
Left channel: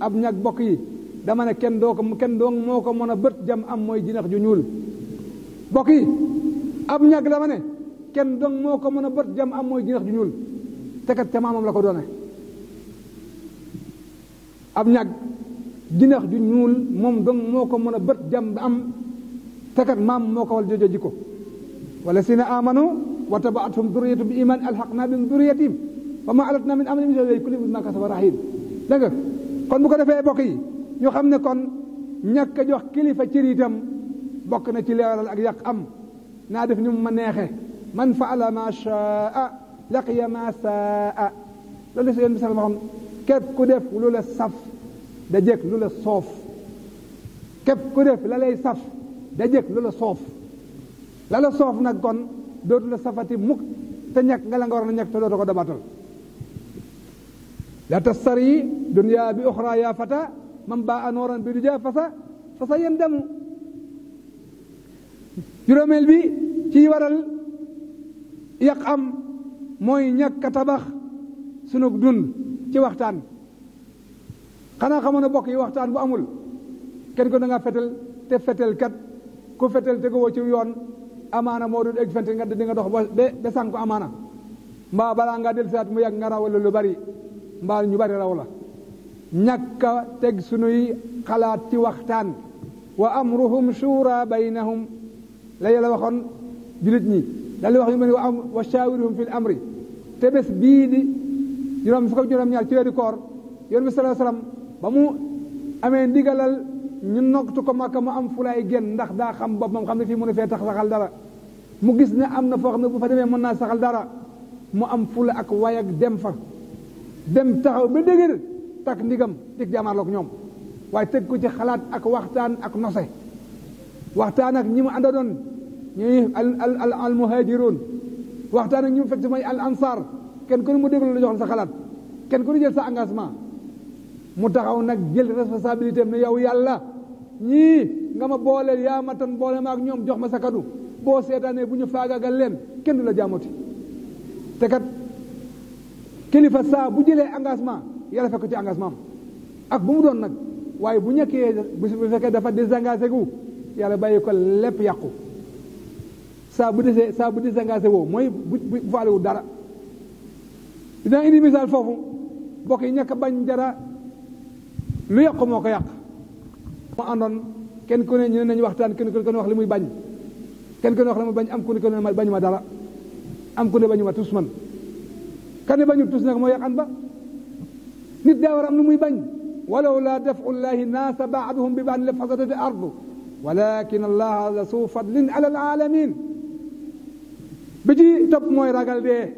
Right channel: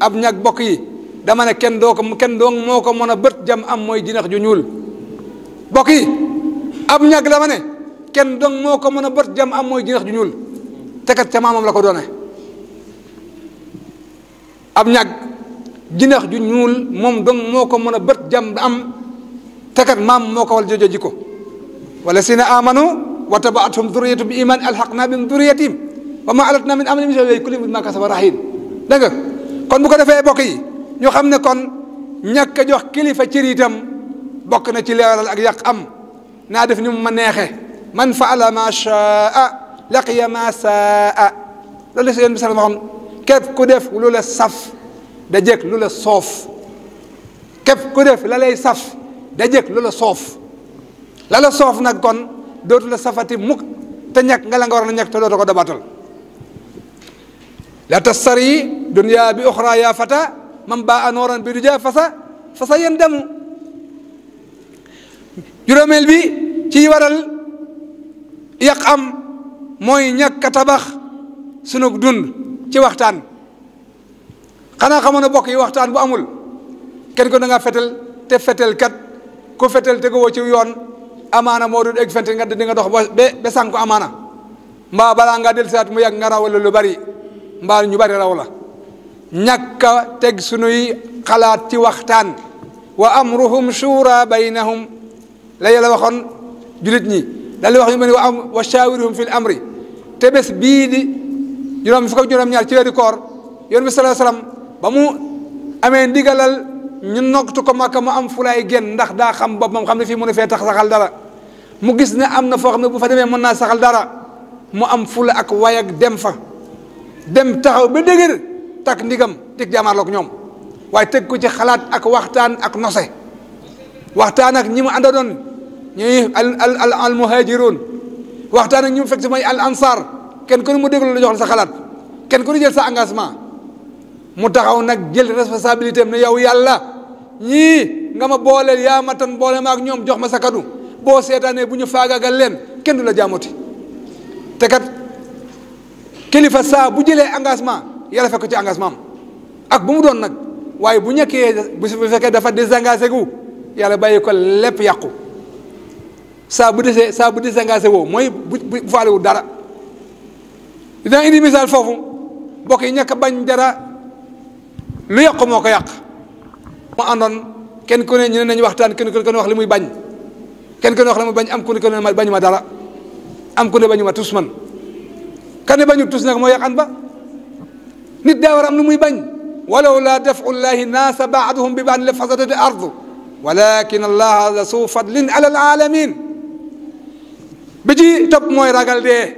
ab ñag bokk yi dama ne kenn doo moo ko mën a bët jam am mooy jinax ju ñuul bokk yi ab ñag dama ne kenn dong moo ko mën a bët jam am mooy jinax ju ñuul te kat ca maamam la ko doone ab ñag jinax ju ñuul moom dong moo ko mën a bët jam am te kat maam moo ko wal jojo jikko wala sina amanu wa tabaathum duriyatu bi iman alhaqna bihim duriyatihim wa ma alatna min amalihim min shay'in kullu bima kasaba rahin dégg nga kon bu ko defee bokk yi ñu xam ne kon ñàkk a jox kilifa cër itam bokk na ci leeral ak yàq am naa def ni mu ma neexe man faala ma shaa laqiya ma saa loolu la si yéen bi sax waxoon képp ku def lu la saf da jëkk lu la soof képp ku def la lay saf da jëkk lu la soof la la soof nag kon dootu la safati mukk te ñàkk nga la nga war a ñàkk te dootu ko dabatal la tastari dunya bi uxra ya fata man baa nooran bi du ja fasa yen demu juróomeel bi ci waral yàq am mooy ñàkk a tabax sunu dund ci waxtaan xanaa xamoon na bokk yi waxtaan bu amul kenn ko da nga fetel te fetel kat ku fetel te ko ci yoon amaana moo dul egg fente nga di nga dox ba sànku amaana mbaa balaa nga del saat mu yàgg nga raw lu bari mbaa ñu bari raw la ñàkk a teg sunuy xalaat ci waxtaan wa amruhum shura baynahum la yàlla waxoon julit ñi daal di wax ñu mel ni wa shawirhum fil amri te bés bii di juróom fukk ak juróom-ñaar ci weeru koor yoon bi sallallahu alayhi wasallam ba mu amee ndigalal ñu nogtu ko Makka mu am fulaay génn ndax daa xam boppam xam ne fii mu ne fee tax saxal dara mu gis ne am na foo xam ne bu fa demee mën naa saxal dara mu am fula ak way ak dem fa dem taxaw ba dëgër takk ndigam tig jaamaarloog ñoom waaye teg ko ci xalaat ak waxtaan ak nose waxtaan ak ñi mu ànda doon ñuy al muhajirun waxtaan ak ñi mu fekk si mooy al ansar kenn ku ne mu déglu la jox la sa xalaat kenn ku ne jël sa engagement mu taxaw nag jël responsabilité am ne yow yàlla ñii nga ma booleel yaa ma tan boole ma ak ñoom jox ma sa kadu boo seetaanee bu ñu faagaagal leen kenn du la jaamoti te kat kilifa saa bu jëlee engagement yàlla fekk ci engagement am ak bu mu doon nag waaye bu ñàkkee bu fekkee dafa désengagé gu yàlla bàyyi ko lépp yàqu saa bu désengagé woo mooy bu faalewu dara. dina indi misaal foofu bokk yi ñàkk bañ dara lu yàqu moo ko yàq. moo àndoon kenn ku ne ñu ne nañu waxtaan kenn ku ne wax li muy bañ kenn ku ne wax li muy bañ am ku ne bañu ma dara am ku ne bañu ma tus man kan ne bañu tus nag moo yàqan ba nit daa war am lu muy bañ walaw laa dafu llahi naasa baaduhum bi baad la fasadati ardu walakin allaha la su fadlin ala alaalamin bi ci topp mooy ragal dee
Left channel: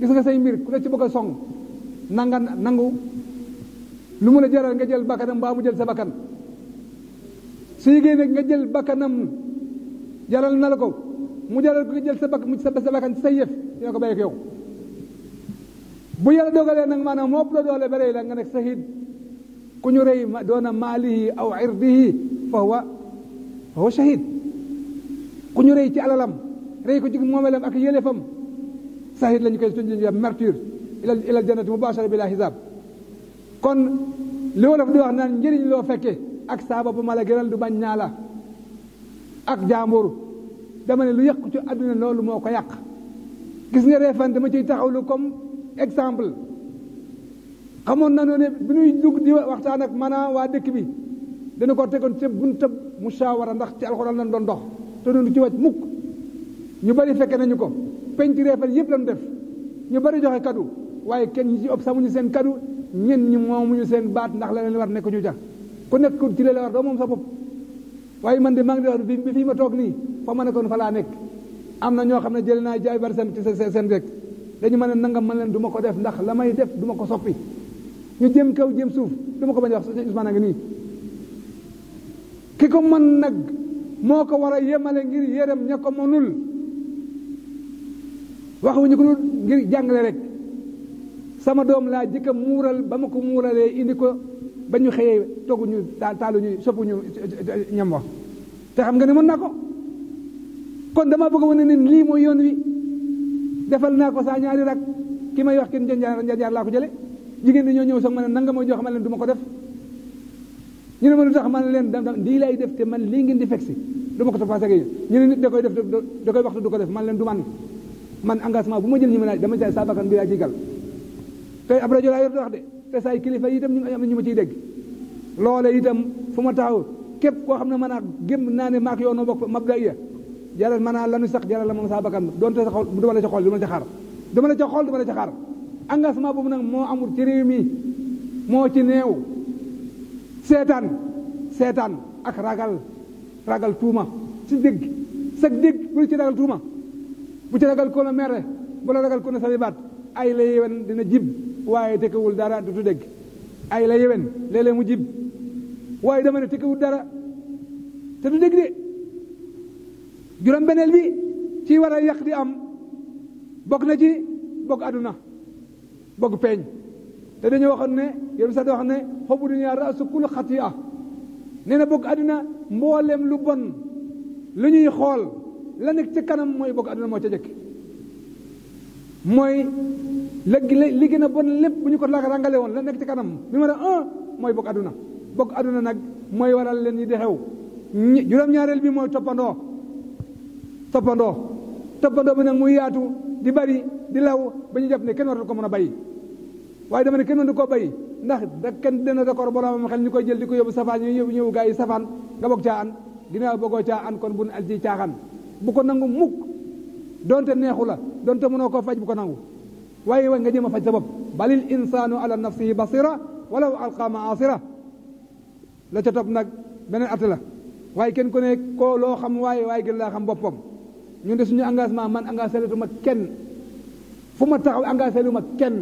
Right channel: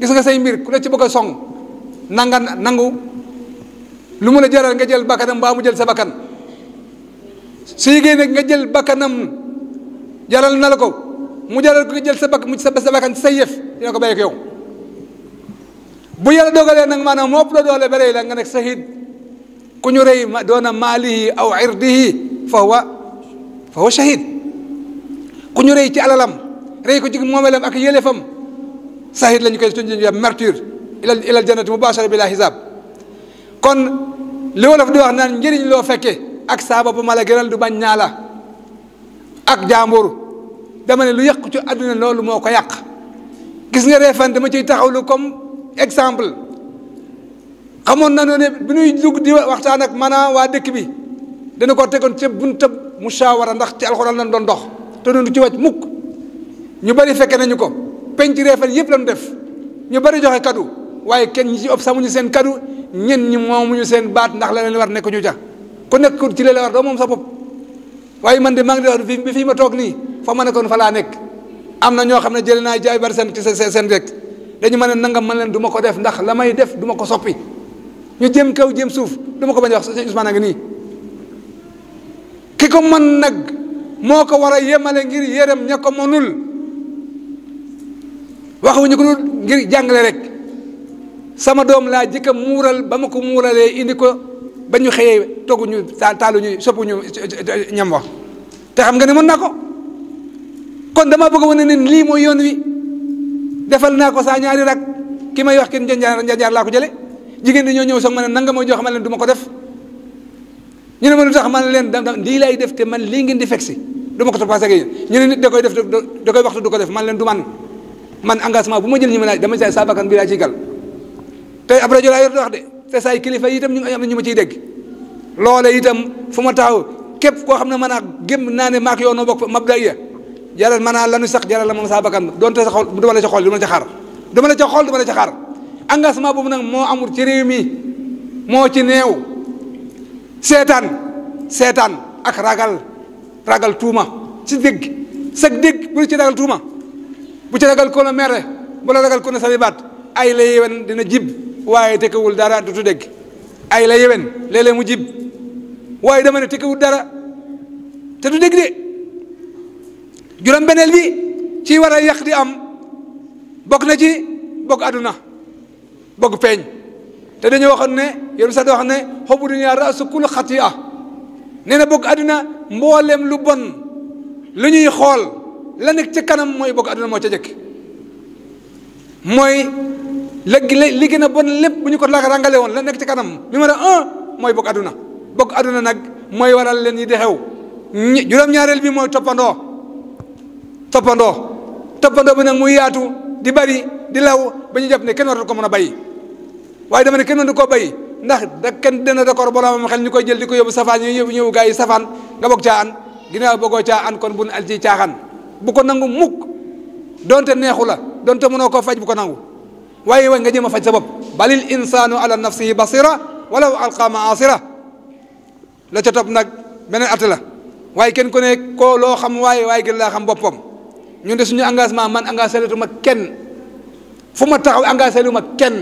gis nga say mbir ku la ci bëgg a song nangu lu mu la jaral nga jël bakkanam mbaa mu jël sa bakkan su yégée nag nga jël bakkanam jaral na la ko mu jaral ko nga jël sa bakkan ci say yëf dina ko bàyyi ko yow bu yàlla dogalee nag maanaam moo ëpp la doole ba rey la nga nekk sahid ku ñu rey doona maalihi aw irdihi fa huwa shahid ku ñu rey ci alalam rey ko ci moomelam ak yëlefam sahid lañu koy tuddee martyr ilal jannati mubashara bila hisab kon li wolof di wax naan njëriñ loo fekke ak saaba bu ma la gënal du bañ ñaa la ak jàmbur dama ne lu yàqu ci àdduna loolu moo ko yàq gis nga Refane dama ciy taxawlu comme exemple xamoon na ne bi ñuy dugg di waxtaan ak maanaam waa dëkk bi dana ko tegoon ca buntab mushawara ndax ci alxuraan lañ doon dox te doon du ci wàcc mukk ñu bari fekke nañu ko penc Refane yëpp lañu def ñu bari joxe kadu waaye kenn ñi ci ëpp samuñu seen kadu ñen ñi moomuñu seen baat ndax la leen war nekk ñu ca ku nekk ci la war doo moom sa bopp waaye man de maa ngi di wax bi fii ma toog nii fa ma nekkoon fa laa nekk am na ñoo xam ne jëlee naa jaay bari seen rek dañu mën a nangam man leen du ma ko def ndax la may def du ma ko soppi ñu jëm kaw jëm suuf du ma ko bañ a wax sëñ Ousmane a ngi nii ki ko mën nag moo ko war a yemale ngir yërëm ña ko mënul waxuñu ko ngir jàngale rek sama doom laa jëkka muural ba ma ko muuralee indi ko ba ñu xëyee togguñu taaluñu soppuñu ñam wax te xam nga ne mën naa ko kon dama bëgg a wane ne lii mooy yoon wi defal naa ko saa ñaari rak ki may wax kenn njanjaar laa ko jële jigéen di ñoo ñëw soog ma ne nanga ma jox ma leen du ma ko def ñu ne ma lu tax ma ne leen lii lay def te man lii ngeen di fekk si du ma ko toppatoo ak yéen ñu ne nit da koy def da koy waxtu du ko def man leen du man engagement bu ma jël ñu ma dama say saa bakkan bi laa ciy gal te ab rajo laa yor di wax de te say kilifa yi itam ñu am na ñu ma ciy dégg loole itam fu ma taxaw képp koo xam ne mën a gém naa ne maak yow noo bokk mabda iya jaral mën naa lanu sax jaral la moom saa bakkan doonte sa xol du ma la ca xool du ma la ca xaar du ma la ca xool du ma la ca xaar engagement boobu nag moo amul ci réew mi moo ci neew seetaan ak ragal tuuma ci dégg sag dégg bu ci ragal tuuma bu ci ragal ko la mere bu la ragal ko ne sami baat ay la yéwen dina jib waaye tekkewul dara du dégg ay la yéwen léeg-léeg mu jib waaye dama ne tekkewul dara te du dégg de juróom beneel bi ci war a yàq di am bokk na ci bokk àdduna bokk peeñ te dañoo waxoon ne yoonu sax di wax ne xobu dunya raasu kulli xatiya nee na bokk àdduna mboolem lu bon lu ñuy xool la nekk ca kanam mooy bokk àdduna moo ca jëkk mooy li gën a bon lépp bu ñu ko rangale woon la nekk ci kanam numéro 1 mooy bokk àdduna nag mooy waral leen yi di xew juróom-ñaareel bi mooy toppandoo bi nag muy yaatu di bari di law ba ñu jàpp ne kenn waratu ko mën a bàyyi waaye dama ne kenn mënu koo bàyyi ndax da kenn dina d'accord boromam xel ñu koy jël di ko yóbbu safaan ñu ñëw gaa yi safaan nga bokk caa an ginnaaw bëggoo caa an kon bu nu al ci caaxaan bu ko nangu mukk donte neexu la donte mënoo koo faj bu ko nangu waaye nga jéem a faj sa bopp balil insaanu ala nafsihi basira walaw alqa maasira la ca topp nag beneen at la waaye kenn ku ne koo loo xam waaye gën laa xam boppam ñun de suñu engagement man engagé lu ma kenn fu ma taxaw engagé lu ma kenn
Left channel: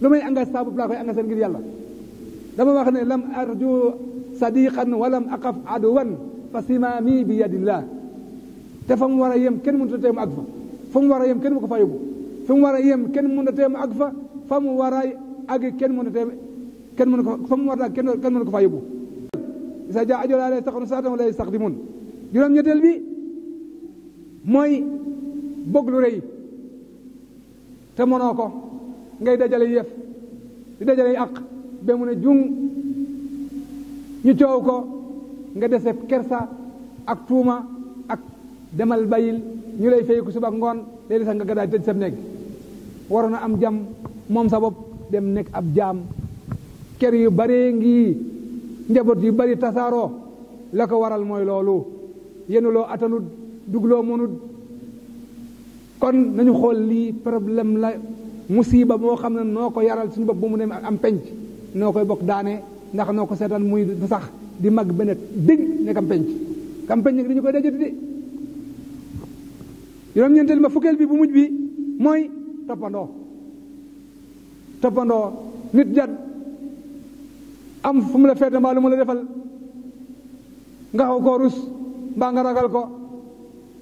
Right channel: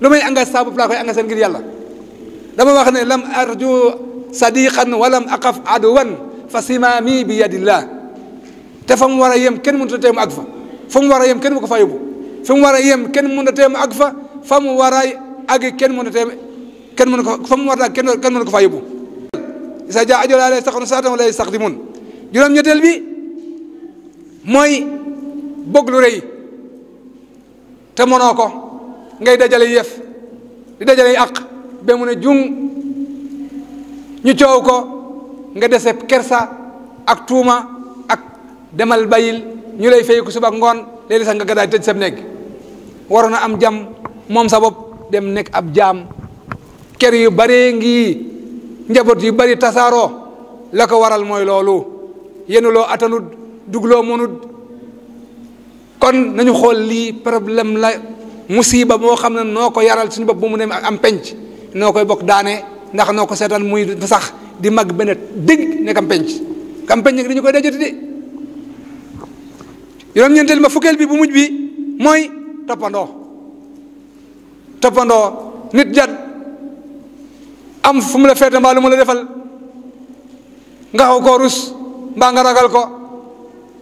lu may engagé saa bopp laa koy engagé ngir yàlla dama wax ne lam arju sadiqan walam aqaf aduwan fa simaami bi yadillah te fa mu war a yem kenn mënut a teemu ak fa mu war a yem kenn mu ko fa yóbbu fa mu war a yem kenn mënut a teemu ak fa mu war a àgg kenn mënut a teem kenn mënu ko fa mu war a àgg kenn mënu ko fa yóbbu isa jaa ajalaa laa yastaxiruuna saa'atan wa laa yastaqdimuun juróom-ñetteel bi mooy bëgg lu rëy te mënoo ko ngay dajale yëf di dajale àq ba mu ne jung ñu coow ko nga dese kersa ak tuuma ak demal bayil ñu lay fay ko suba ak ngoon léegi sax nga gadaay tëj sa néeg waroon a am jàmm moom sa bopp dem nekk ab jaam kër yu baree ngi njaboot yu bari tasaaroo la ko waral mooy loolu yenuloo atanut dugloo mënut kon nañu xool lii problème la musiba moo xam ne noo ko yaral suñu bopp bu mu ne am penc noo koy bokk daane ndax noo ko seetaan muy sax di mag benn dëgg nekk am penc nag dañu koy dajati de juróom-ñeenteel ma fukkeel bi bu mujj bi mooy toppandoo nit jat am fu mu la feete mbaa lu mu la defal nga xaw koo rus mbaa nga ragal ko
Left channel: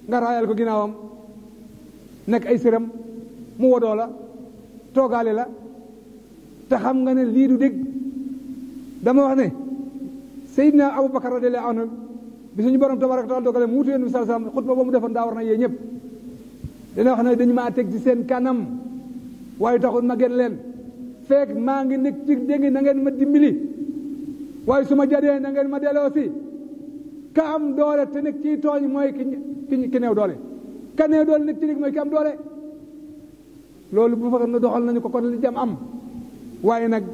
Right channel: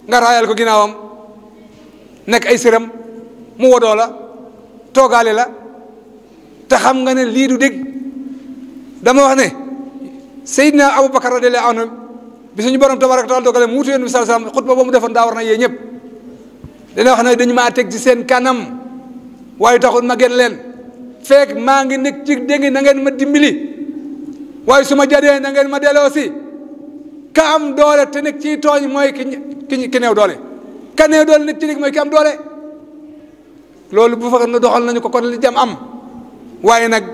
nga raayal ko ginnaawam nekk ay siram mu wodoo la toogaale la te xam nga ne lii du dégg dama wax ne Seydina Aboubacar radiyallahu anhu bi suñu borom tabaraka taala dogale mu wutu yonent bi sallallahu alayhi wasallam xutba ba mu defoon daa war na yee ñëpp dana wax ne dañu maa teg ci seen kanam waaye taxul ma gën leen fekk maa ngi nekk ci dégg na ngeen ma dimbali waaye su ma jadee na ngeen ma delloo si ka am doole te nekk ci tooñ mooy ki néew doole ka néew doole nekk ci dégg mooy ki am doole loolu bu fa doxal nañu ko kon li jam am waaye nag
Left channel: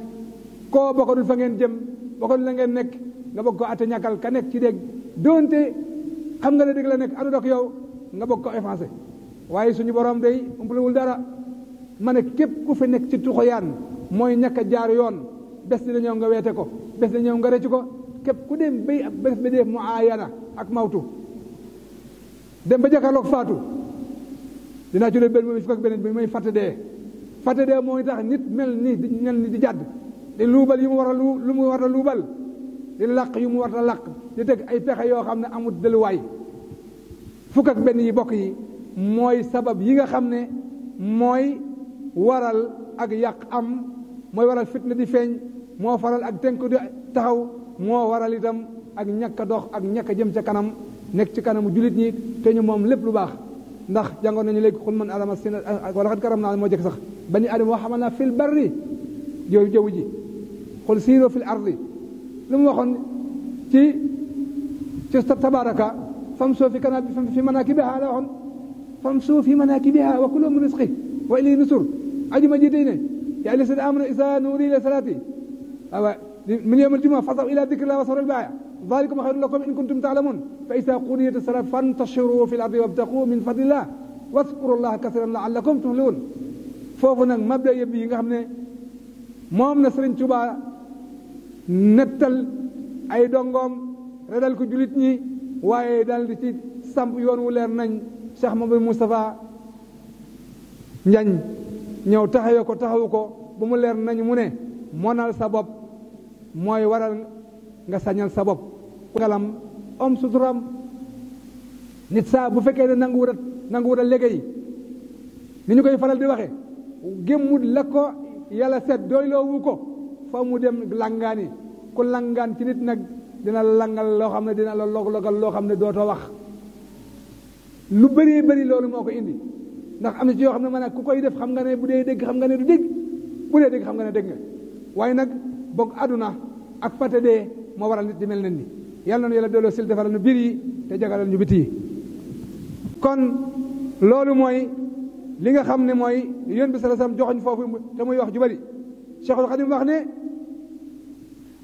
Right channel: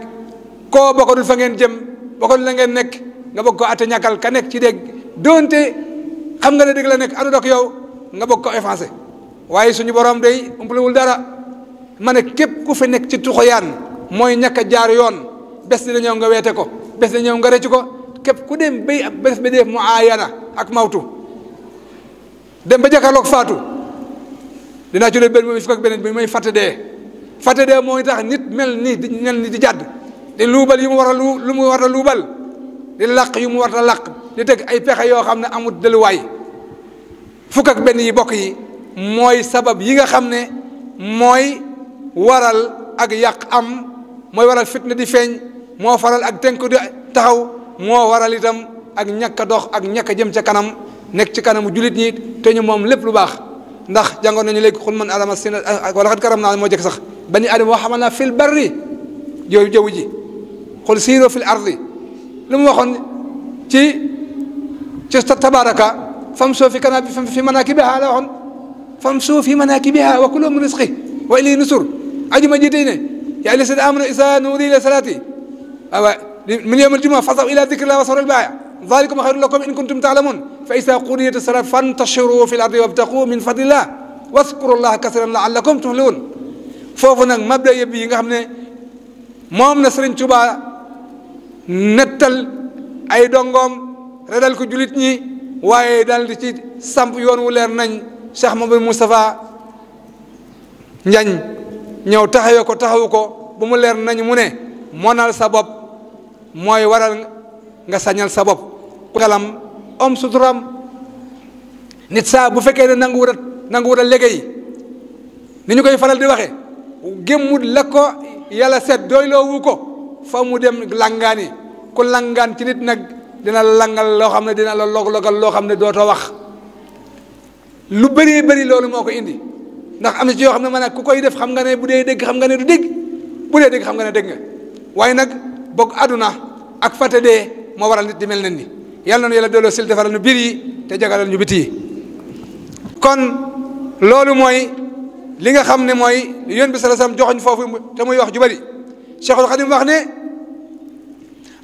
koo bokkadul fa ngeen jëm bokkadul la ngeen nekk nga bëgg ko atte ñàkkal ka nekk ci dégg doonte xam nga ne dégg la nekk adu dok yow nga bëgg ko effacé waaye suñu borom day umpalewul dara ma ne képp ku fi nekk ci tuxoyaan mooy ñàkk a jaar yoon bés dina ñëw nga weete ko bés dina ñëw nga rëcc ko képp ku dem bay bés ba def mu aayana ak mawtu dem ba jàkkaarloog faatu dinaa ci doon benn mooy fukk ak beneen bi mooy fàtte dee mooy tax nit mel ni di jàdd di luubal yu mu war a lu mu war a luubal di làq yu mu war a làq di teg ay pexe yoo xam ne amul delluwaay fukk ak benn yi bokk yi mooy sabab yi nga xam ne mooy waral ak yàq am mooy waral fitna di feeñ moo faral ak tënk di taxaw moo waral itam ak ñàkk a dox ak ñàkk a jëm ca kanam nekk ci kanamu jullit ñi te ñu moom lépp lu baax ndax jàngoon nañu léegi xul man adama sin wala xat karam naa moo jëkk sax bani adama wa xamal naa fil barri jaww ji xul siiroo fil ardi lu mu waxoon ci tabaraka fam soo fi kana fi manakibiha la waxoon fam soo fi manakibiha wa kulu min rizqi wa ilayhi nusur ajuma ji tey ne yaa ayyuha llazina amanu izaa nuudiya ila salaati min yawmil jumu'a fasaw ila dhikrillahi wa zarul bay'a dhalikum khayrun lakum in kuntum ta'lamun fa idha qudiyat as-salat fantashiru fil ardi wabtaghu min fadlillah wadhkuru llaha kathiran la'allakum tuflihun foofu nag mabda yëpp yi nga xam ne moom na Sëriñ Tuubaa nettal ay dongoom redal ko julit ñi waaye daal di ci samp yoon wu leer nañ Cheikh Mamadou Moustapha Njañ ñëw taxawu ko bu mu leer nañ mu ne monal sa bopp mooy waral nga sañal sa bopp xelam om suturam nit saa bu fekkee ne nangu wut a liggéey ni ñu koy faral di waxe gémmut la ko yàlla seet doyloo wu ko fa mu dem langaani ku langaan ci nit nag dina la langal loo xam ne dina la log-logal loo xam ne dootoo wax lu bëri loolu moo ko indi ndax am na ci yoo xam ne man ku koy def xam nga ne bu dee dégg xam nga ne du dégg bu dee dégg xam nga ne dégg nga waaye nag bokk aduna ak fàtte dee moo waral nit di mel nen ni yàlla na yàlla delloo sil defaral ñu biir yi te jagalal ñu biti yi kon loolu mooy li nga xam ne mooy yonent bi sallallahu alayhi wasallam joxoñ foofu te muy wax ju bari Cheikhul Khadim wax ne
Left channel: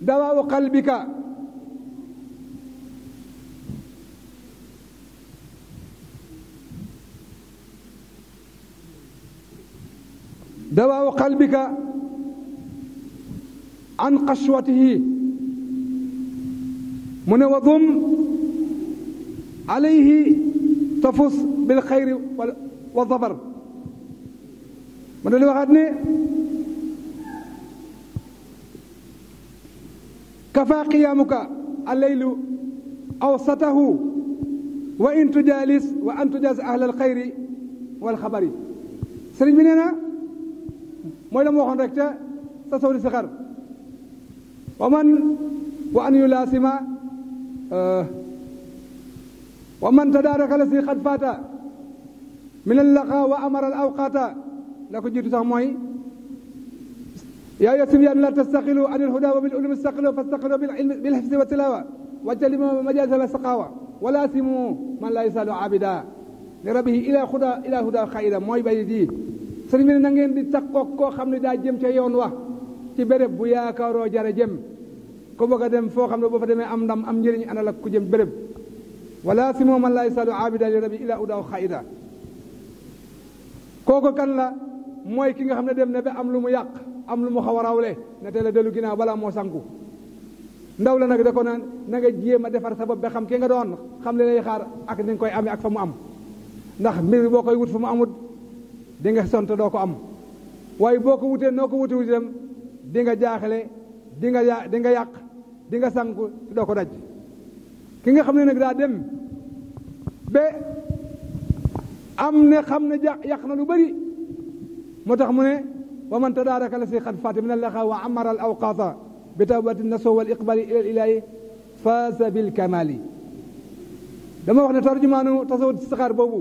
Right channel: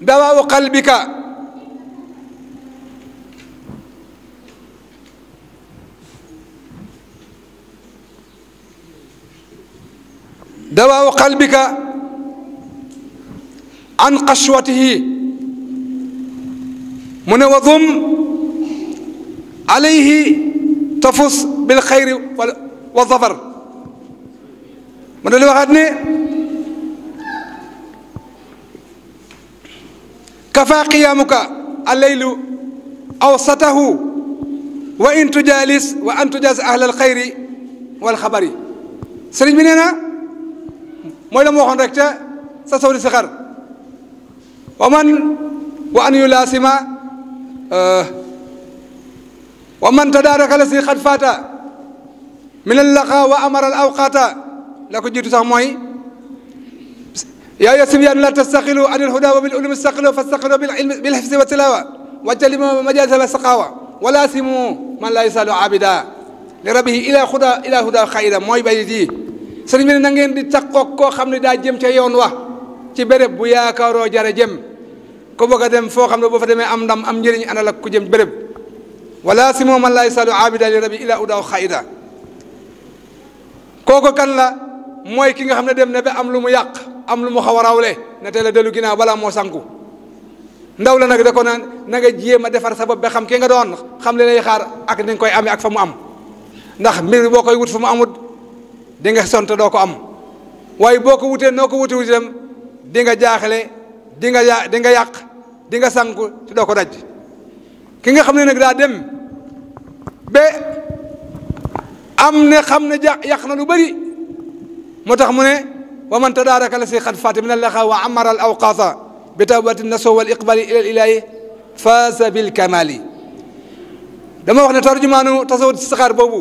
dawaawu qalbika dawaawu qalbika an qashwatihi mu ne wadum alayhi tafus bil xayri wa zafar mu ne li waxaat ne kafa qiyaamuka allaylu awsatahu wa in tujaalis wa an tujaas ahla alxayri wal xabari sëriñ bi nee na mooy la ma waxoon rek ca sa sawdi si xar wa an yulaasima wa man tadaaraka la si xad faata min allaqa wa amara al awqata la ko jiitu sax mooy yaa ayyuha sibyan la tastaqilu an alhuda wa bil ulumi istaqilu fastaqilu bil hifzi wa tilawa wajtanibu majalisa wa saqawa wala simu man la yusalu abida li rabbihi ila huda xayda mooy bayit yi sëriñ bi ne na ngeen di takkoog koo xam ne daa jëm ca yoon wa ci béréb bu yaakaaroo jare jëm ku bëgg a dem foo xam ne boo fa demee am ndam am njëriñ ana la ku jëm béréb wala simu man la yusalu abida li rabbihi ila huda xayda kooku kan la mooy ki nga xam ne dem na ba am lu mu yàq am lu mu xaw a rawle ne teel a dellu ginnaaw balaa moo sanku ndaw la nag da ko naan na nga jéem a defar sa bopp ba xam ki nga doon xam li lay xaar ak ni nga koy amee ak fa mu am ndax mbir boo koy wut fa mu amut di nga sont doo ko am waaye boo ko wutee noo ko wuti itam di nga jaaxle di nga yàq di nga sanku te doo ko daj ki nga xam ne nag daa dem ba am ne xam ne yàq na lu bëri moo tax mu ne wa man tadaaraka la si xat faati min allaxa wa amara al awqaata bi tawbati naso wal iqbali ila ilahi faasa bil kamali dama wax ne tarjumaanu tasawut saxaar boobu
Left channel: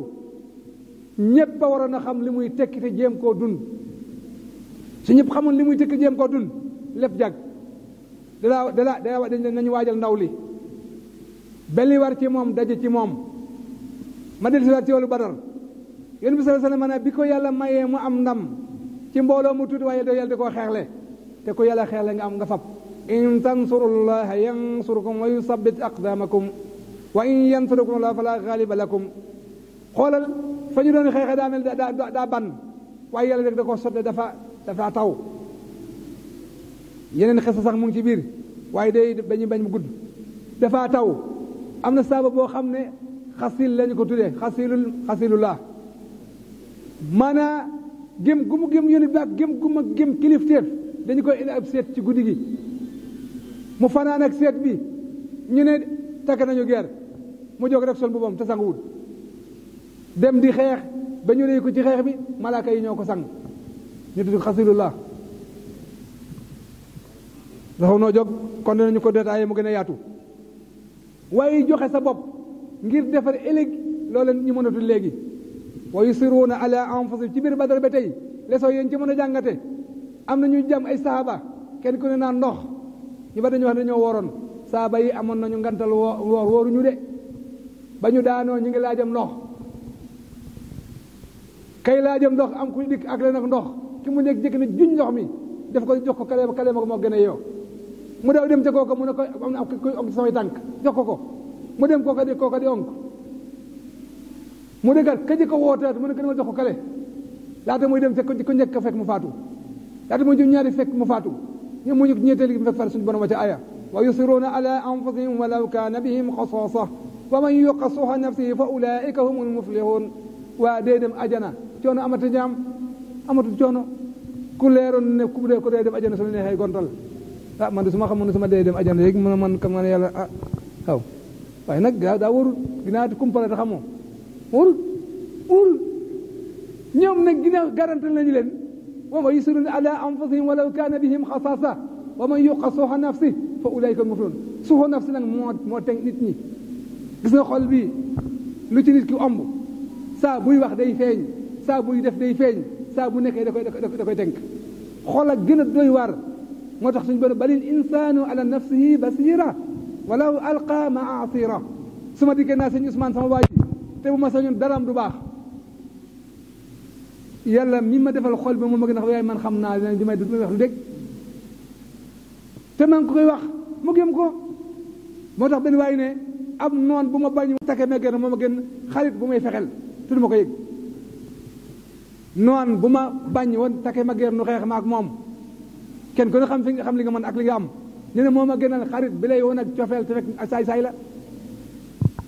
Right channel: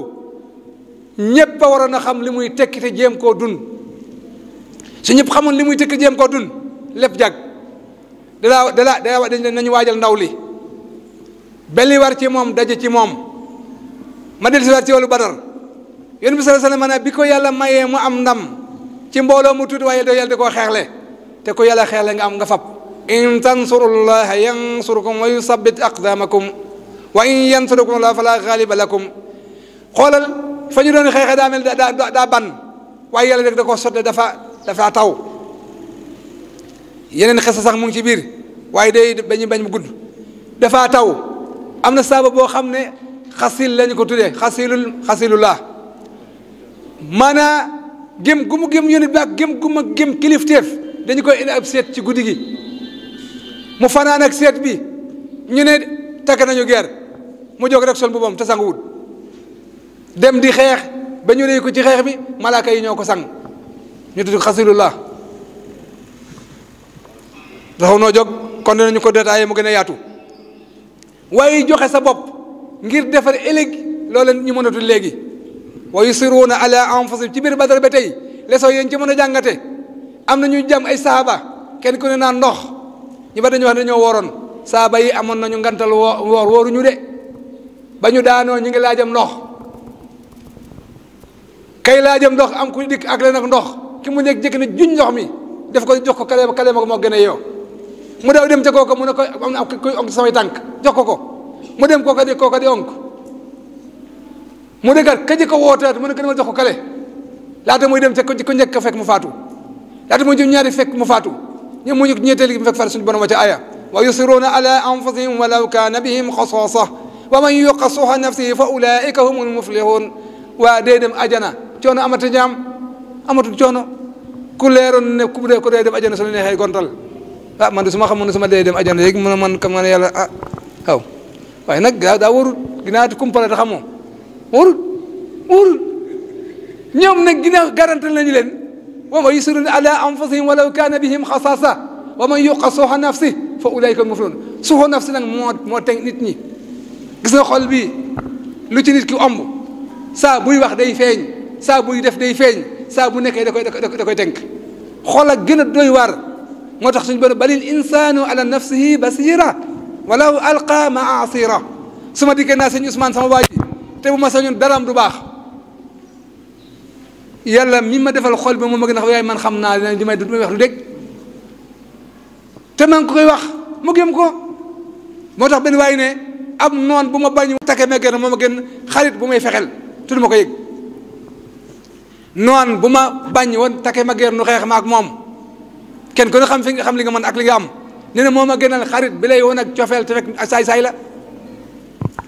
ñëpp a waroon a xam li muy tekki te jéem koo dun su ñëpp xamoon li muy tekki jéem koo dun lépp jag dañ nañu waajal ndaw li belli war ci moom daje ci moom ma del si war ci wàllu badar yéen bi sallallahu alayhi wasallam bi ko yàlla mayee mu am ndam ci mbooloo mu tuuti waaye yàlla da koo xeexle te ko yàlla xeexle nga am nga fab in tansurullaha yansurkum wa yusabbit aqdamakum wa in yansurukum la fala ghaliba lakum xoolal fa ñu doon xeexee daa mel daa ban waaye yàlla rek da koo sotte dafa taw yeneen xesa sax mu ngi ci biir waaye day bañ mu gudd dafa taw am na saaba boo xam ne xasil lañu ko tuddee xasilullah maanaa gém gu mu gém yónit bi ak gém gu ma gém kilifteef dañu koy indi ab seet ci guddi gi mu fanaan ak seet bi ñu ne takk nañu guerre mu jóg rek sol boppam te sanguwut dem di xeex ba ñu réy ko ci xeex bi malaaka yi ñoo ko sang ñu tudd xasilullah taxaw noo jóg kon dinañu ko détaillé mu gën a yaatu waaye joxe sa bopp ngir defar ëllëg loola ñu mën a tudd léegi wa yusiruuna ala anfusihim ci biir Badar ba tey leçon yéen ci mën a jàngate am na ñu jàm ay saaba kenn ku ne naan ndox ñu ba dañu wax ne dañoo wooroon saaba yi amoon nañu ngantal wooruñu de ba ñu daanoo ñu ngi laajam ndox kay laajam ndox am ku dikk ak leen ak ndox ki mu nekk jëkk ne juñ ndox mi def ko jox ko kale ma ko moo gën a yow mu daw dem ca kooka mu ne ko am na koy onk samay tànk jox ko mu dem kooka di onk mu dëggat ka ko wootaat mu ne ko demal jox ko kale laata muy dem ca ko njëkk fekk mu faatu laata muy jëm ñaari fekk mu faatu ñoom mu ñetteel gi mu fekk far suñu borom wa ca aya wa yusiruuna ala anfusihim walaw kaana bihim xasaasa wa man yuqa suha nafsihi fa ulaika humul muflihun waa dee dem ajana coono amata ñaam amatul coono ku leeroon ne ku dee dem ajana su la neexee gontal man de su ma xamoon ne su ma dee dem ajana léegi man kam nga ne yàlla waaw waaye nag daa warul ginnaaw kumpale te xamoo warul ñoom nag ginnaaw garantal nañu leen wa man yusiruna ala anfusihim walaw kaana bihim xasaasa wa man yuqa suha nafsi fa ulaika muflihun suha nafsi nag moo teg nit ñi gis nga xol bi lu ci nit ki omb saa buy wax day feeñ saa buy def day feeñ saa bu nekkee da koy tënk xol ak gën a doy waar moo tax suñu borom balil insaanu ala nafsihi basira walaw alqa maa asira su ma dikkee naa sëñ Ousmane sama waa ji te bu ma sañoon daraam du baax yàlla mi ma defal xol bi moom ma gën a waaye man xam naa li may wax lu dégg te man ko koy wax mu gëm ko moo tax benn waay ne am noon bu ma bañ takke ma gën moom a gën xarit bu may fexel te du ma ko yëg noon bu ma bañ woon takke ma gën nu xeex ma ak moom kenn ko ne xam fi nga xam li nga mën ak li nga am nee na moom a gënal xarit bi lay woon ak cofeel te fekk saay-saay la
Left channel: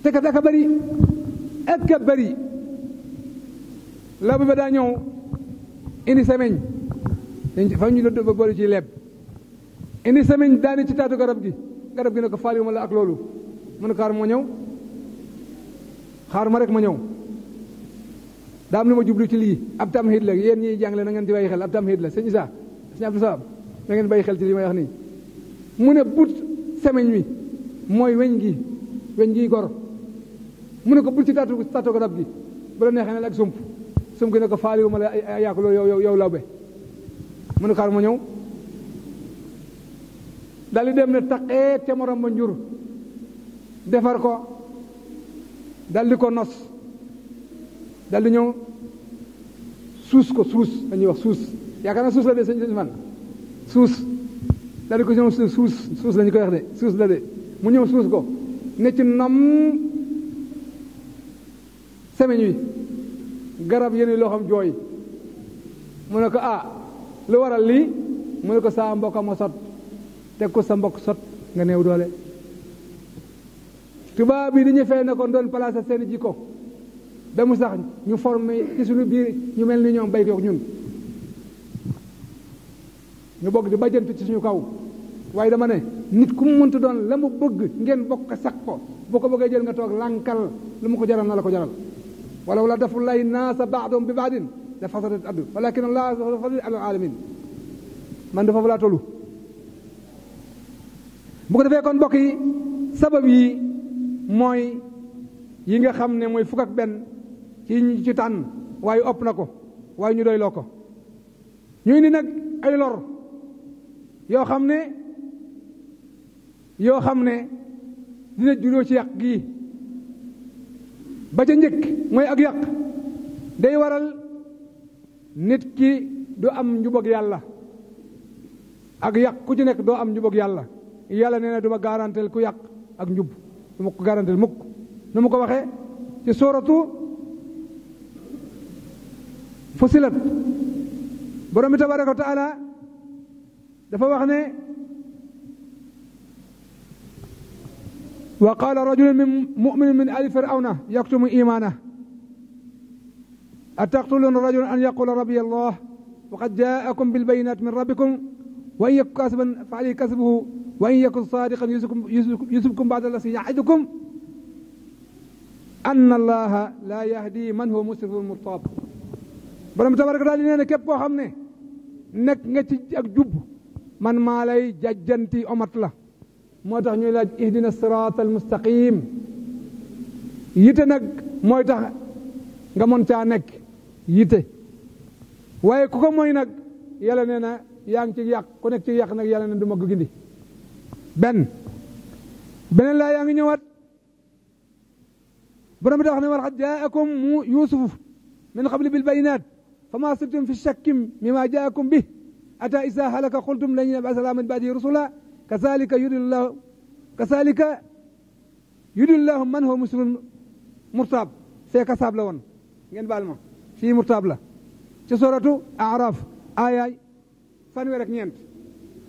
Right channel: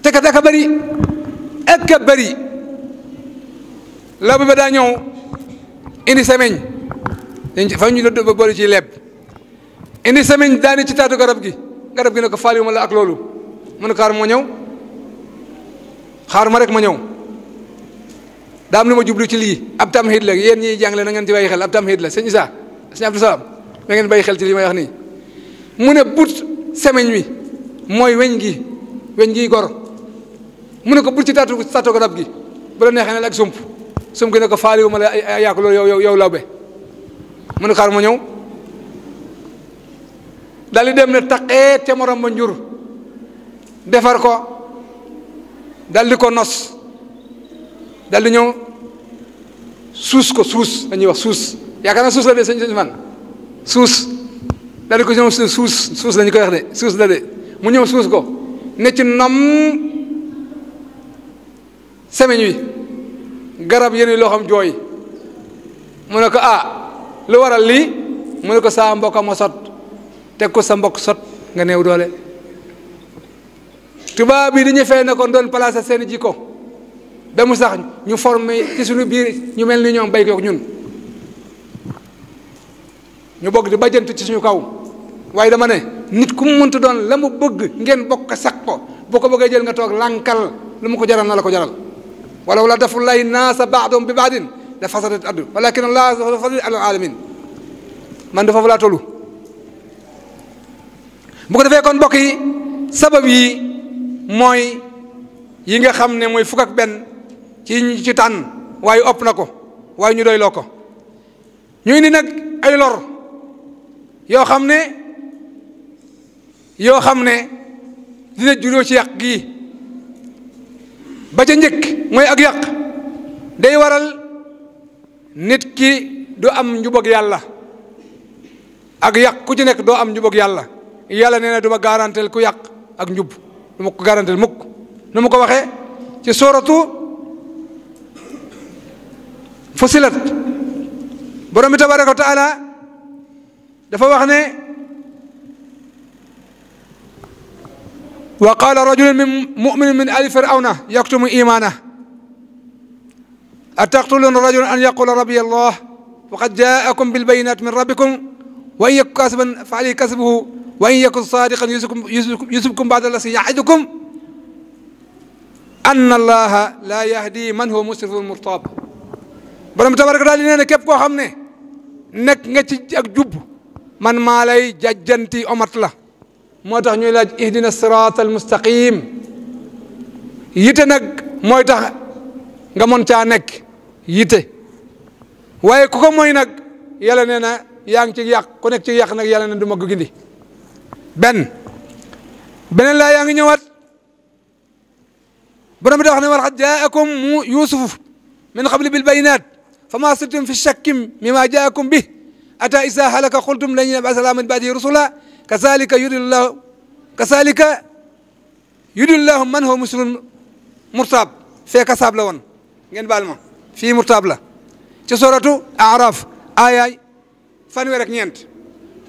te kat aka bëri ak a bëri la ba daa ñëw indi semaine fa ñu la boole ci leb indi semaine daani ci taatu garab gi ne ko faaliwuma la ak loolu mu ne xaar moo ñëw xaar ma rek ma ñëw daa am lu ma jublu ci lii ab tamhid la yéen ñiy jàngale na ngeen ci bàyyi xel ab tamhid la sëñ Issa sëñ Abdou Salam na ngeen bàyyi xel ci li may wax nii mu ne but semaine wi mooy weñ gi gor mu ne ko bul ci taatu garab gi bu la neexee ne la ak sump sum gi ne ko faaliwu ma la yaa ko loolu yow lawbe mu ne xaar ma ñëw dal di dem ne taqeet ca morom ba njur defar ko dal di ko nos dal di ñëw suus ko suus dañuy wax suus yaakaar naa suus la de sëñ man suus dal di ko ñëw suus lañu koy wax de suus la de mu ñëw suus ko ne ci nom semeñ wi garab yéen loo xam jooy mu ne ko lu waral lii mu ne ko saa mbokk ma sot teg ko sa mbokk sot nga néew doole tubaab bi dañu fay ne ko doon placé seen jikko ba mu sax ñu formé ci suñu biir ñu mel ni ñoom bay ko ñun ñu bokk di bajjantu ci suñu kaw waaye dama ne nit ku mu mënta doon la mu bëgg ngeen bokk sax ko boo ko bëggee jël nga toog lànkal lu mu ko jaral na la ko jaral wala wala dafullahi naasa baadum bi baadin la fasadat addu walakin allah fadl ala alamin man dafa laa tollu bu ko defee kon mbokk yi sabab yi mooy yi nga xam ne mooy fukk ak benn ci tànn waaye ëpp na ko waaye ñu doy loo ko ñu indi nag ay lor yoo xam ne dina juróo ci yàq gii ba ca njëkk mooy ak yàq day waral nit ki du am njubag yàlla ak yàq ku ci nekk doo am njubag yàlla yàlla nee na du ma garantel ku yàq ak njub du ma ko garantel mukk nu mu ko waxee ci sooratu Fussilat borom bi tabaraka wa taala dafa wax ne wa qaala rajulun min mu'minin min ali firawna yaktumu imaanahu ataqtuluuna rajulan an yaqula rabbiya allah wa qad jaakum bilbayinati min rabbikum wa in yaku kaasiban fa alayhi kasbuhu wa in yakun saadiqan yusibkum ba'da allazii ya'idukum anna allaha laa yahdi man huwa musrifun murtaab borom tabaraka daal di nee ne képp koo xam ne nekk nga ci ak jub man maa lay jajjanti omat la moo tax ñuy laaj ihdina siraat al mustaqim yite nag mooy tax nga mën caa nekk yite waaye ku ko mooy nag yàlla nee na yaa ngi ci yàq ku nekk ci yàq nag yàlla ne du ma ko gindi beneen laa yaa ngi ñëwaat borom bi da wax ne walaqad jaakum yusuf min qabli bil bayinat fama sirtum fi shakkin mimma jaakum bi ata isa halaka qultum lan yab'atha min ba'dihi rusula kazalika yudillahu man huwa muslimun murtab fee kasaab la woon ngeen baal ma fii murtab la ci suratu araf aayaay fanweer ak ñeent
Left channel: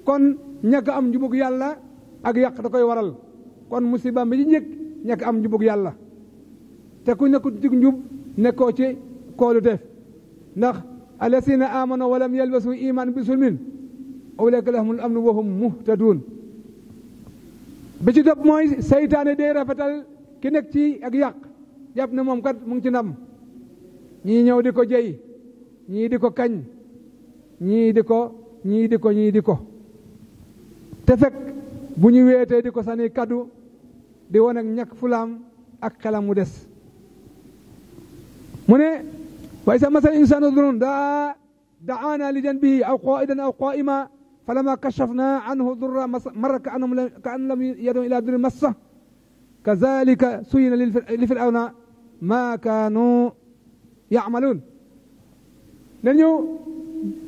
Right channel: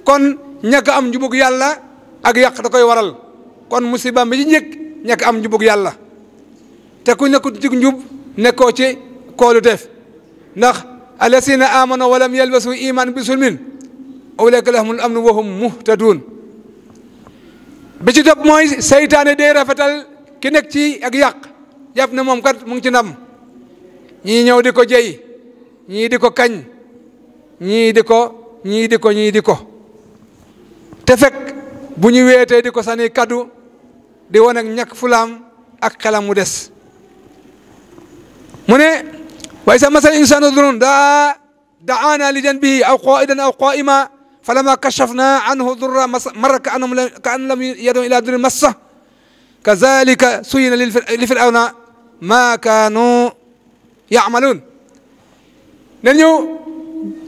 kon ñàkk am njubug yàlla ak yàq da koy waral kon musiba bi ci njëkk ñàkk am njubug yàlla te ku nekkul ci njub nekkoo ci koolu def ndax allasina amanu wa lam yalbasu iman bi sulmin ulaika lahumul amnu wa hum muhtadun bi ci topp mooy seytaane day rafetal ki nekk ci ak yàq jàpp ne moom kat mu ngi ci ndam ñii ñëw di ko jey ñii di ko kañ ñii di ko te fekk bu ñu weetee di ko sànni kaddu di wane ak ñàkk fulaam ak xelam mu des mu ne wa isa masal insanu durun daana li janbihi aw qaidan aw qaima falamma kashafna anhu durra marra ka an lam yad'u ila durrin massa kazalika suyina li firawna ma kaanu ya'malun ne ñëw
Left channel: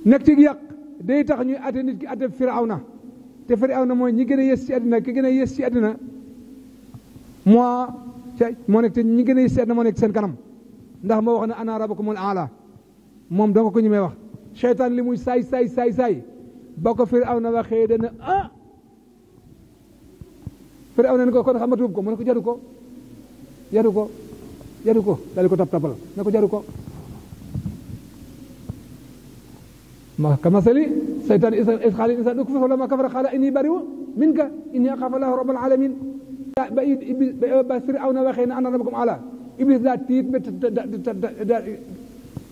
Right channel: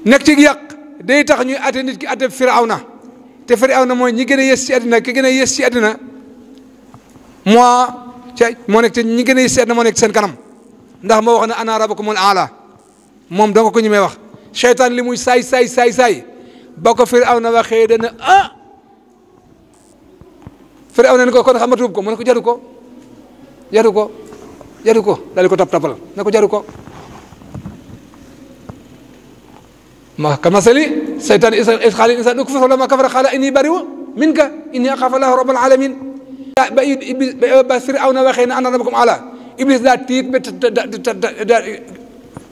nekk ci yàq day tax ñuy atte nit ki atte firawna te firawna mooy ñi gën a yées ci àddina ki gën a yées ci àddina moo nekk te ñi gën a yées ci àddina moo nekk seen kanam ndax moo wax ne ana rabbukumul aala moom danga ko ñu may wax seytaan li muy saay ba ko firawna waxee dana firawna ne ko kon xamatuub ko mu ne ko jaru ko daal di ko tapal ne ko jaru ko ma kamasali seytaan is xaali insaan ukfur falammaa kafara qaala inni bari'un minka inni axaafu llaaha rabbal aalamiin ba firawna waxee ne ana rabbukum aala iblis daa tiit ba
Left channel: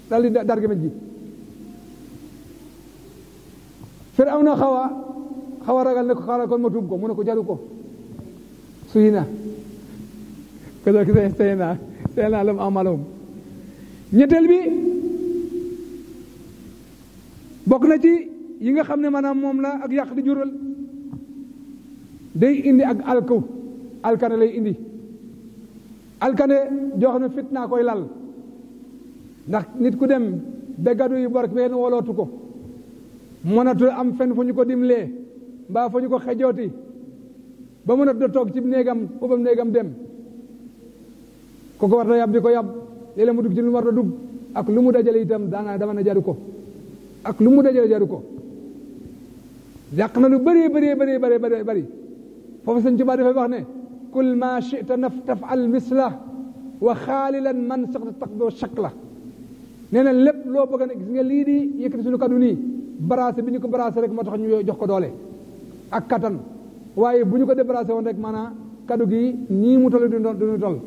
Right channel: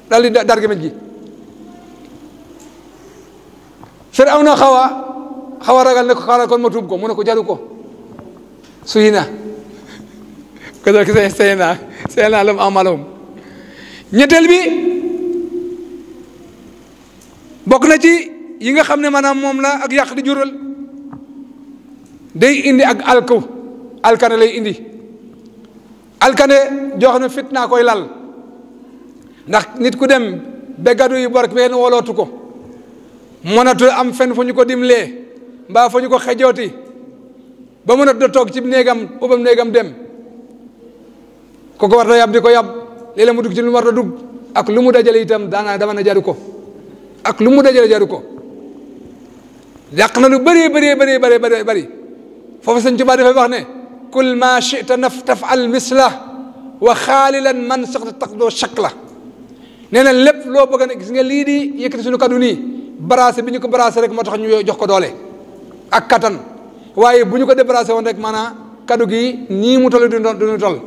daal di dar gémmiñ gi firawna xaw a ragal ne ko xaaral kon ma tuub ko mu ne ko jaru ko suy na ko seyna lam amalahum ñetteel bi bokk na ci yi nga xam ne maanaam moom la ak yàq di jural day indi ak alkane lay indi alkane joo xam ne fitna koy lal ndax nit ku dem ba gadu yi bor benn wolootu ko mënatu am fenn fu ñu ko dimlee mbaa fu ñu ko xejooti ba mënatu da toog ci néegam ubam néegam dem kooku war da yab di ko yab léeg-léeg mu dugg ci lu mu war da dugg ak lu mu dajale itam daanaa dama na jaru ko ak lu mu dajale jaru ko yàq na lu bëree bëri foofu Sëñ Tuubaa dafay wax ne kul ma chita tafal misla wa xaalilan man sax taqdoo shakla nee na lépp loo bëgg ne gis nga lii di yëkkati suñu kaddu nii brasé bi ñu ko brasé rek moo tax ñu jox ko doole ak kattan waaye bu ñu ko débrasé woon rek maanaam kaddu gi nii mu toll duñu toll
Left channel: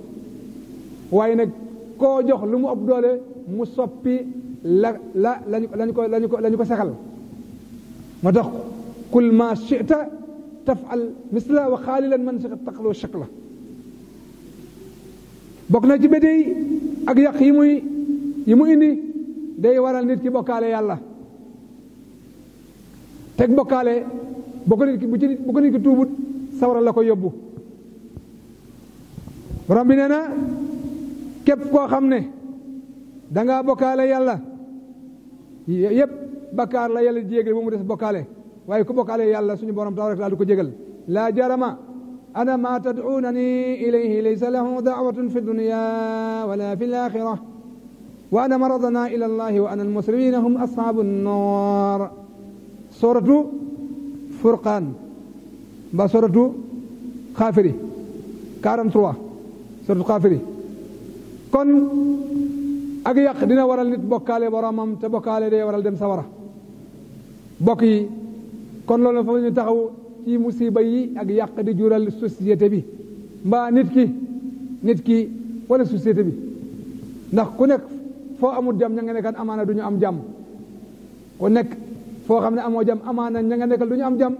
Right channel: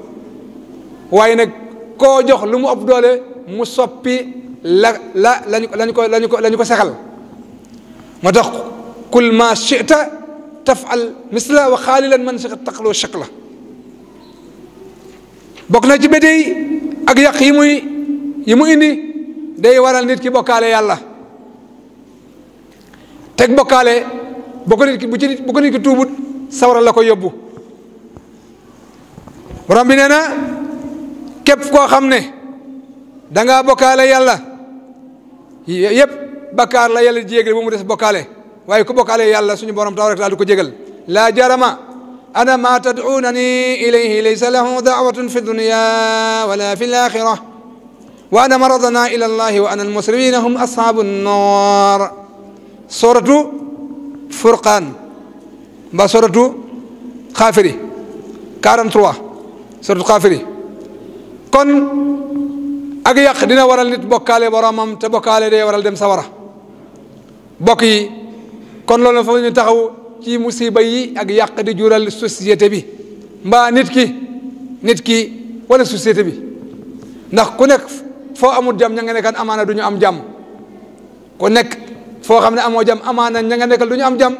waaye nag koo jox lu mu ëpp doole mu soppi lañu ko sexal moo tax kul ma chita tafal misla wa xaalilan man sax taqdoo shakla bokk na ci bédey ak yàq yi mu indi day waral nit ki bokkaale yàlla teg bokkaale bu ko nit ki tuubut sawara la ko yóbbu borom bi nee na képp koo xam ne dangaa bokkaale yàlla yépp bakkaar la yàlla jégal bu mu des bokkaale waaye ku bokkaale yàlla suñu borom tabaraka taala du ko jégal laa jarama ana ma tad'unani ilayhi laysa lahu da'watun fi dunya wala fi al-akhirah wa ana maradana ila allahi wa ana almuslimina hum ashabu nnar suratu furqaan mba suratu xaafiri 43 suratu xaafiri kon ak yàq dina waral nit bokkaale boromam te bokkaale day waral dem sawara bokk yi kon loolu fa ñu taxaw ci musiba yi ak yàq di jural société bi mbaa nit ki wala société bi ndax ku nekk foo amul jàmm ña nga nekkan amaana du ñu am jàmm ku nekk foo xam ne amoo jàmm amaana ña nga nekkal du ñu am jàmm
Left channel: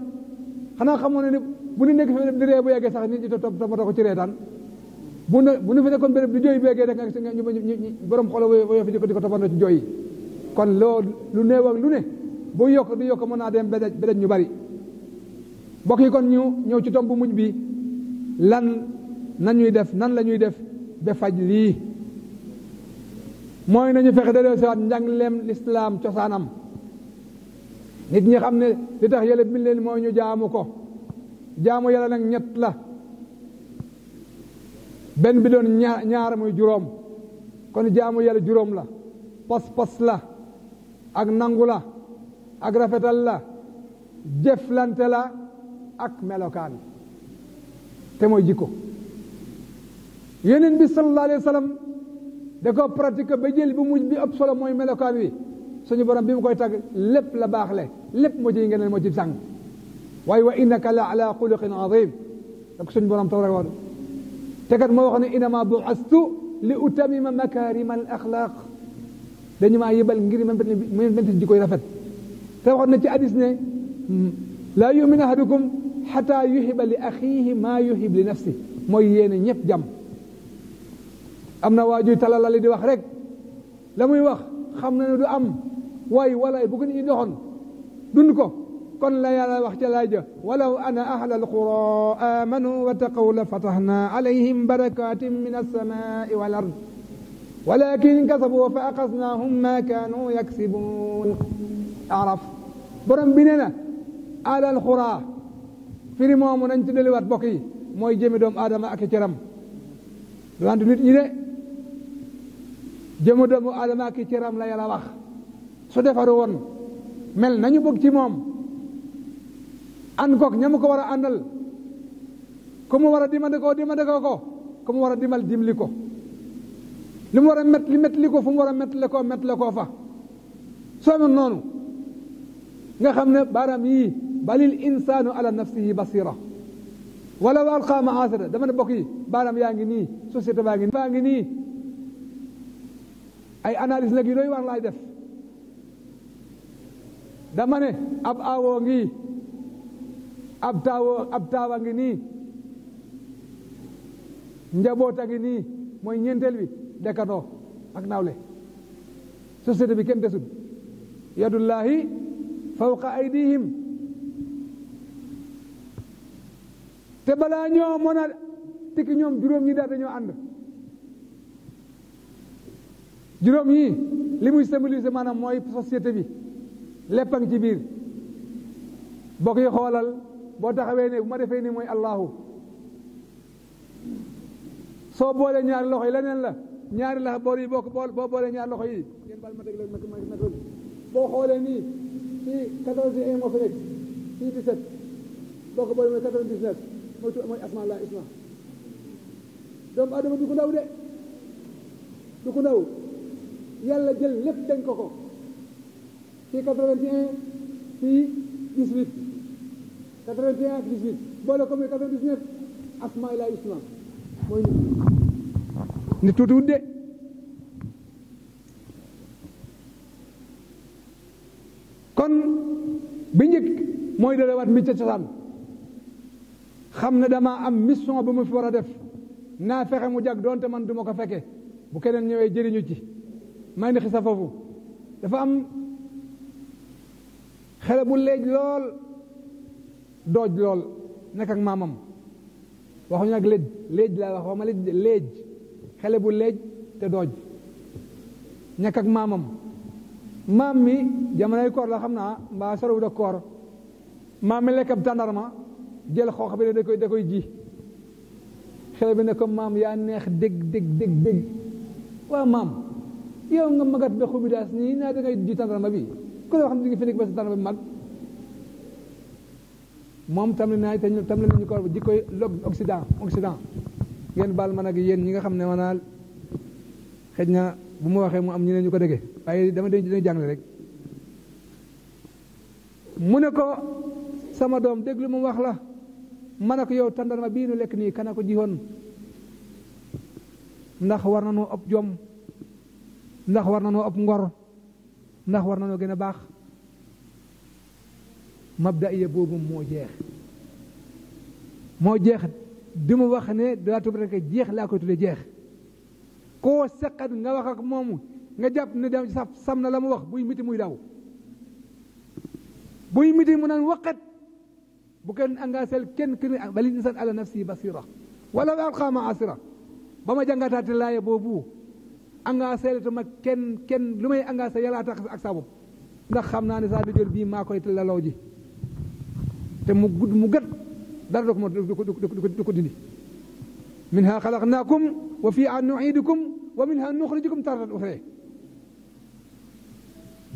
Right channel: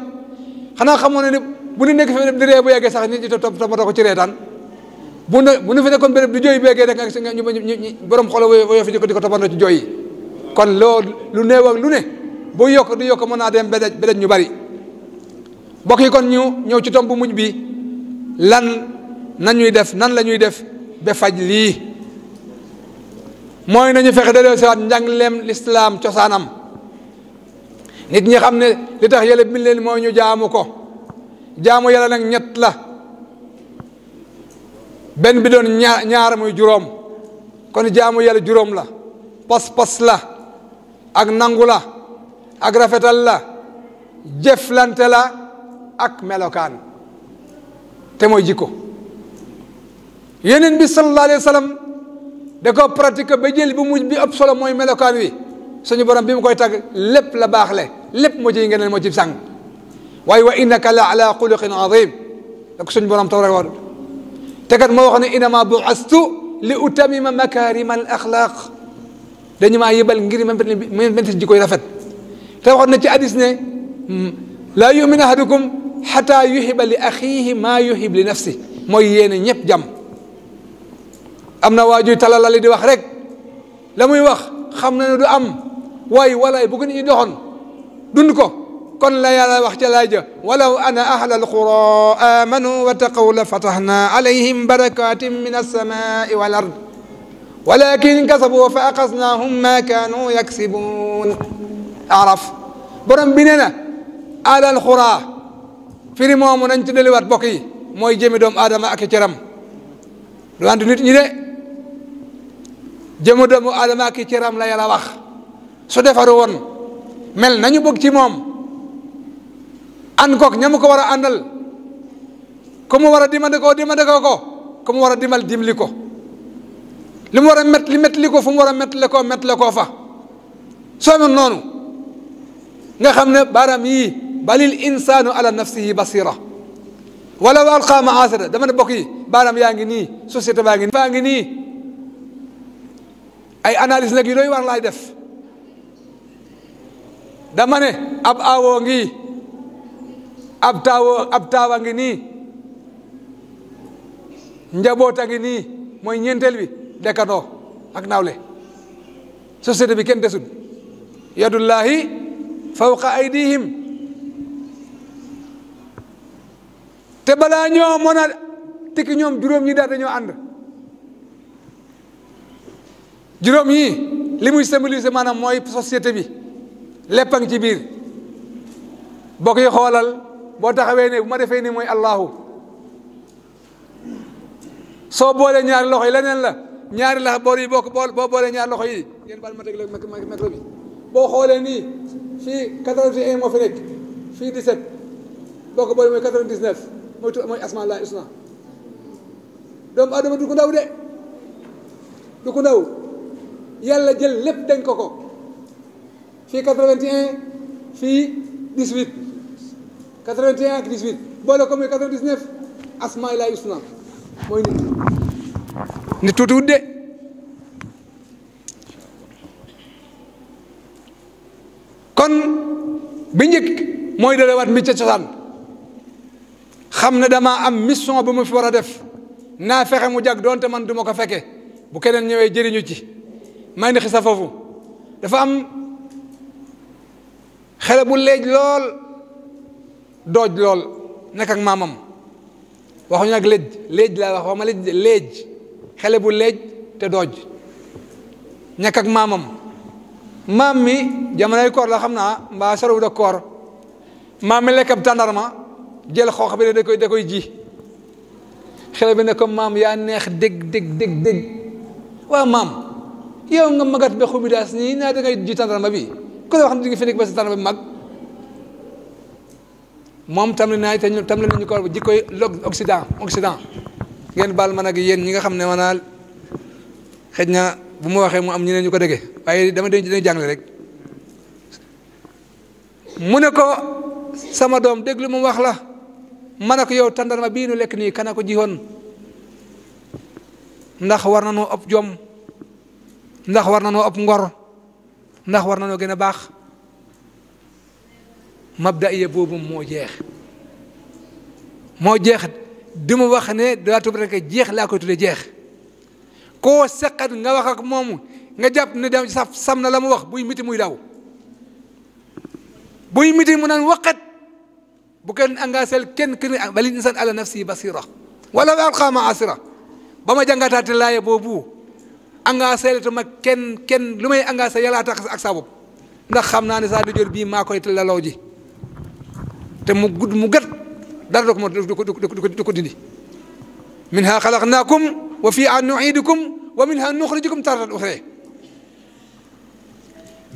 xanaa xamoo ne ni bu ñu nekk fi di ree bu yeggee sax nit ñi toppatoo ko ci reetaan bu ñu fi nekkoon béréb di jooy bu yeggee rek ñu borom xolo woyo fi di ko toppandoo ci jooy yi kon loolu lu néew ak lu ne bu yokk di yokk mën naa dem bedej ñu bari bokk yi kon ñu ñëw ci tomb bu mujj bi nan la ñuy def ba faj lii mooy nañu fexe delloo siwaat njàngleem lislaam cosaanam nit ñi xam ne li tax yàlla bind leen mooy ñu jaamu ko jaamu yàlla nag ñett la benn bi doon ñaar muy juróom kon jaamu yàlla juróom la pas-pas la ak nangu la ak rafetal la jëflante la ak melokaan te mooy jikko yeneen bi sallallahu alayhi wa sallam da ko pratique ba jël bu mujj bi ëpp solo mooy melokaan wi suñu borom bi mu koy tagg lépp la baax le lépp moo ciy ngeen moo ci sàng waaye wa innaka la ala xuluqin azim da ko suñu borom tabaraka wa te kat moo wax ne innama bu'astu li utamima makarima al axlaq dañu maa yëbal ngir menti jikko yi rafet te waxoon na ci hadis ne laa yu'minu ahadukum xata yuhiba li axihi maa yuhib li nafsi mooy yéene ñëpp jàmm am na waajuy talalali di wax rek la muy wax xam na ne du am waaye walaay bu ko nit ñi doxoon dund ko kon la yàlla wax ca laay ja walaw ana ahla alqura amanu wa taqaw la fatahna alayhim barakatin min alsamai wal ard walakin kasabu fa aqasnahum ma kanu yaksibun araf borom bi nee na ahla alqura firi moomu nañ ci deliwaat bokk yi mooy jëmi doomu aadama ak cëram du ànd nit ñi de jëmu doomu aadama ak cëram la yàlla wax su defaru woon mel nañu bëgg ci moom ànd kook ña mu ko war a àndal ku mu war a dimandikoo ko ku mu war a dimbali ko li mu war a mettali ko fu mu war a mettale koo fa soo mel noonu nga xam ne baaraam yii balil insaanu ala nafsihi basira wala wa alqa maasira dama ne bokk yi baaraam yaa ngi nii société baa ngi nii ay analyse nag yu doy war laay def dama ne ab aawoo ngi ab taawa ngi nii njaboota ngi nii mooy ñeenteel bi dekkandoo ak nawle société bi kenn desut yadullahi fawqa aydihim te balaa ñoo mën a tikki ñoom juróom ñi daal dañoo ànd juróom yi li muy symboliser maanaam mooy société bi lépp a ngi ci biir boo koy xoolal boo taxawee ne bu ma defee ni mooy allahu soo boolee ñaari loxo yi leneen la ñaari lax boor yi boo boolee ñaari loxo yi ngeen baal ma teg micro bi boo xoolee nii fii 81 moo fi nekk fii 17 boo ko boolee mooy 99 mooy asmaa laa usna doomu adama du ko ndaw de du ko ndaw yàlla jël lépp dañ ko fii 81 fii 18 81 ak 18 boole ko muy 99 asmaa laa usna mooy nit tuuti wut de kon bi njëkk mooy dalewaat mi ca cosaan xam ne damaa am mission bu ma fi war a def naa fexe mu jag doonte man du ma ko fekke bu keneen ñëwee jëriñu ci may ni xisa foofu dafa am xale bu leej lool dooj lool nekk ak maamam waxuñu nag léej laa wax ma léej xale bu léej te dooj nekk ak maamam maam mi jamonoy koor la xam naa mbaa sorowu da koor maam mi lekk ab tàndarma jël xoox bi ne da koy ji xale bi ne ko maam yaa neex dégg waaw maam yow nga magat ba xubidaas nii naa da ngay ji tàndarma bi ko la wax ne di nga fi nekk ba sa tàndarma bi mag moom tam naay te tam la nañu ko jikkoy Occident ngeen baal ma nag yéen ñi nga xam ne maanaam xëj na bu ma waxee mu am ñeneen ñu ko déggee waaye dama dañuy jàngale rek mu ne ko sama doom déglu mu wax la ma ne ko yow tàndarma bii nu lekk nii kana ko jiwoon ndax war na noo ëpp jom ndax war na noo ëpp ngor ndax war na noo gën a baax mabdaiya boobu moo jeex di mu wax ne daa tub rek jeex laa koy tudde jeex koo seqat nga wax ak moomu nga jàpp ne dem sam na la mu wax buy miti muy daw buy miti mu naan waqat bu kenn engagé kenn balil insan ala nafsi basira wala alqa maasira ba ma jàngataate laaye boobu engagé tuma kenn lu may engagé yàllaa tax ak sa bopp ndax xam naa ne saa di jor bii maa koy laloo ji te mu gudd mu gët dara du ko dindi minha xalaqnaakum wa fiihaa nu'iidukum wa minha nuxrijukum taratan uxraa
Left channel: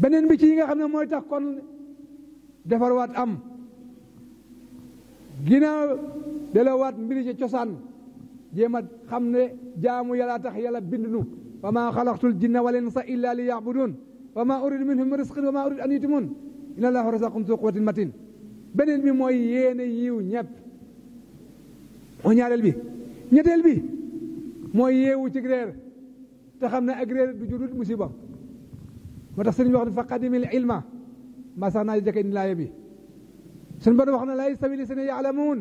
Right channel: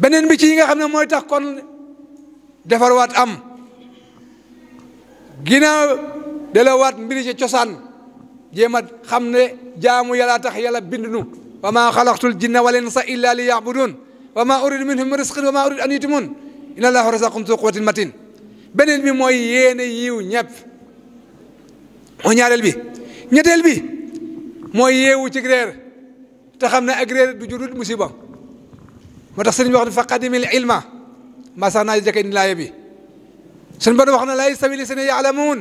beneen bi ci yi nga xam ne mooy tax kon defarwaat am ginnaaw delawaat mbiri ci cosaan jéem a xam ne jaamu yàlla tax yàlla bind nu wa maa xalaqtul jinna wal insa illa li ya'budun wa maa uridu minhum min rizqin wa maa uridu an yutimun inna allaha razaqum zu quwwatin matin beneen bi mooy yéene yiw ñepp mooy ñaareel bi ñetteel bi mooy yeewu ci réer te xam ne ak réer du jurut musiba moo tax sëriñ bi wax ne fa qadimil ilma maa sax naa jëkkee ni laaye bi suñu borom wax na laa yastawi llaziina ya'lamuun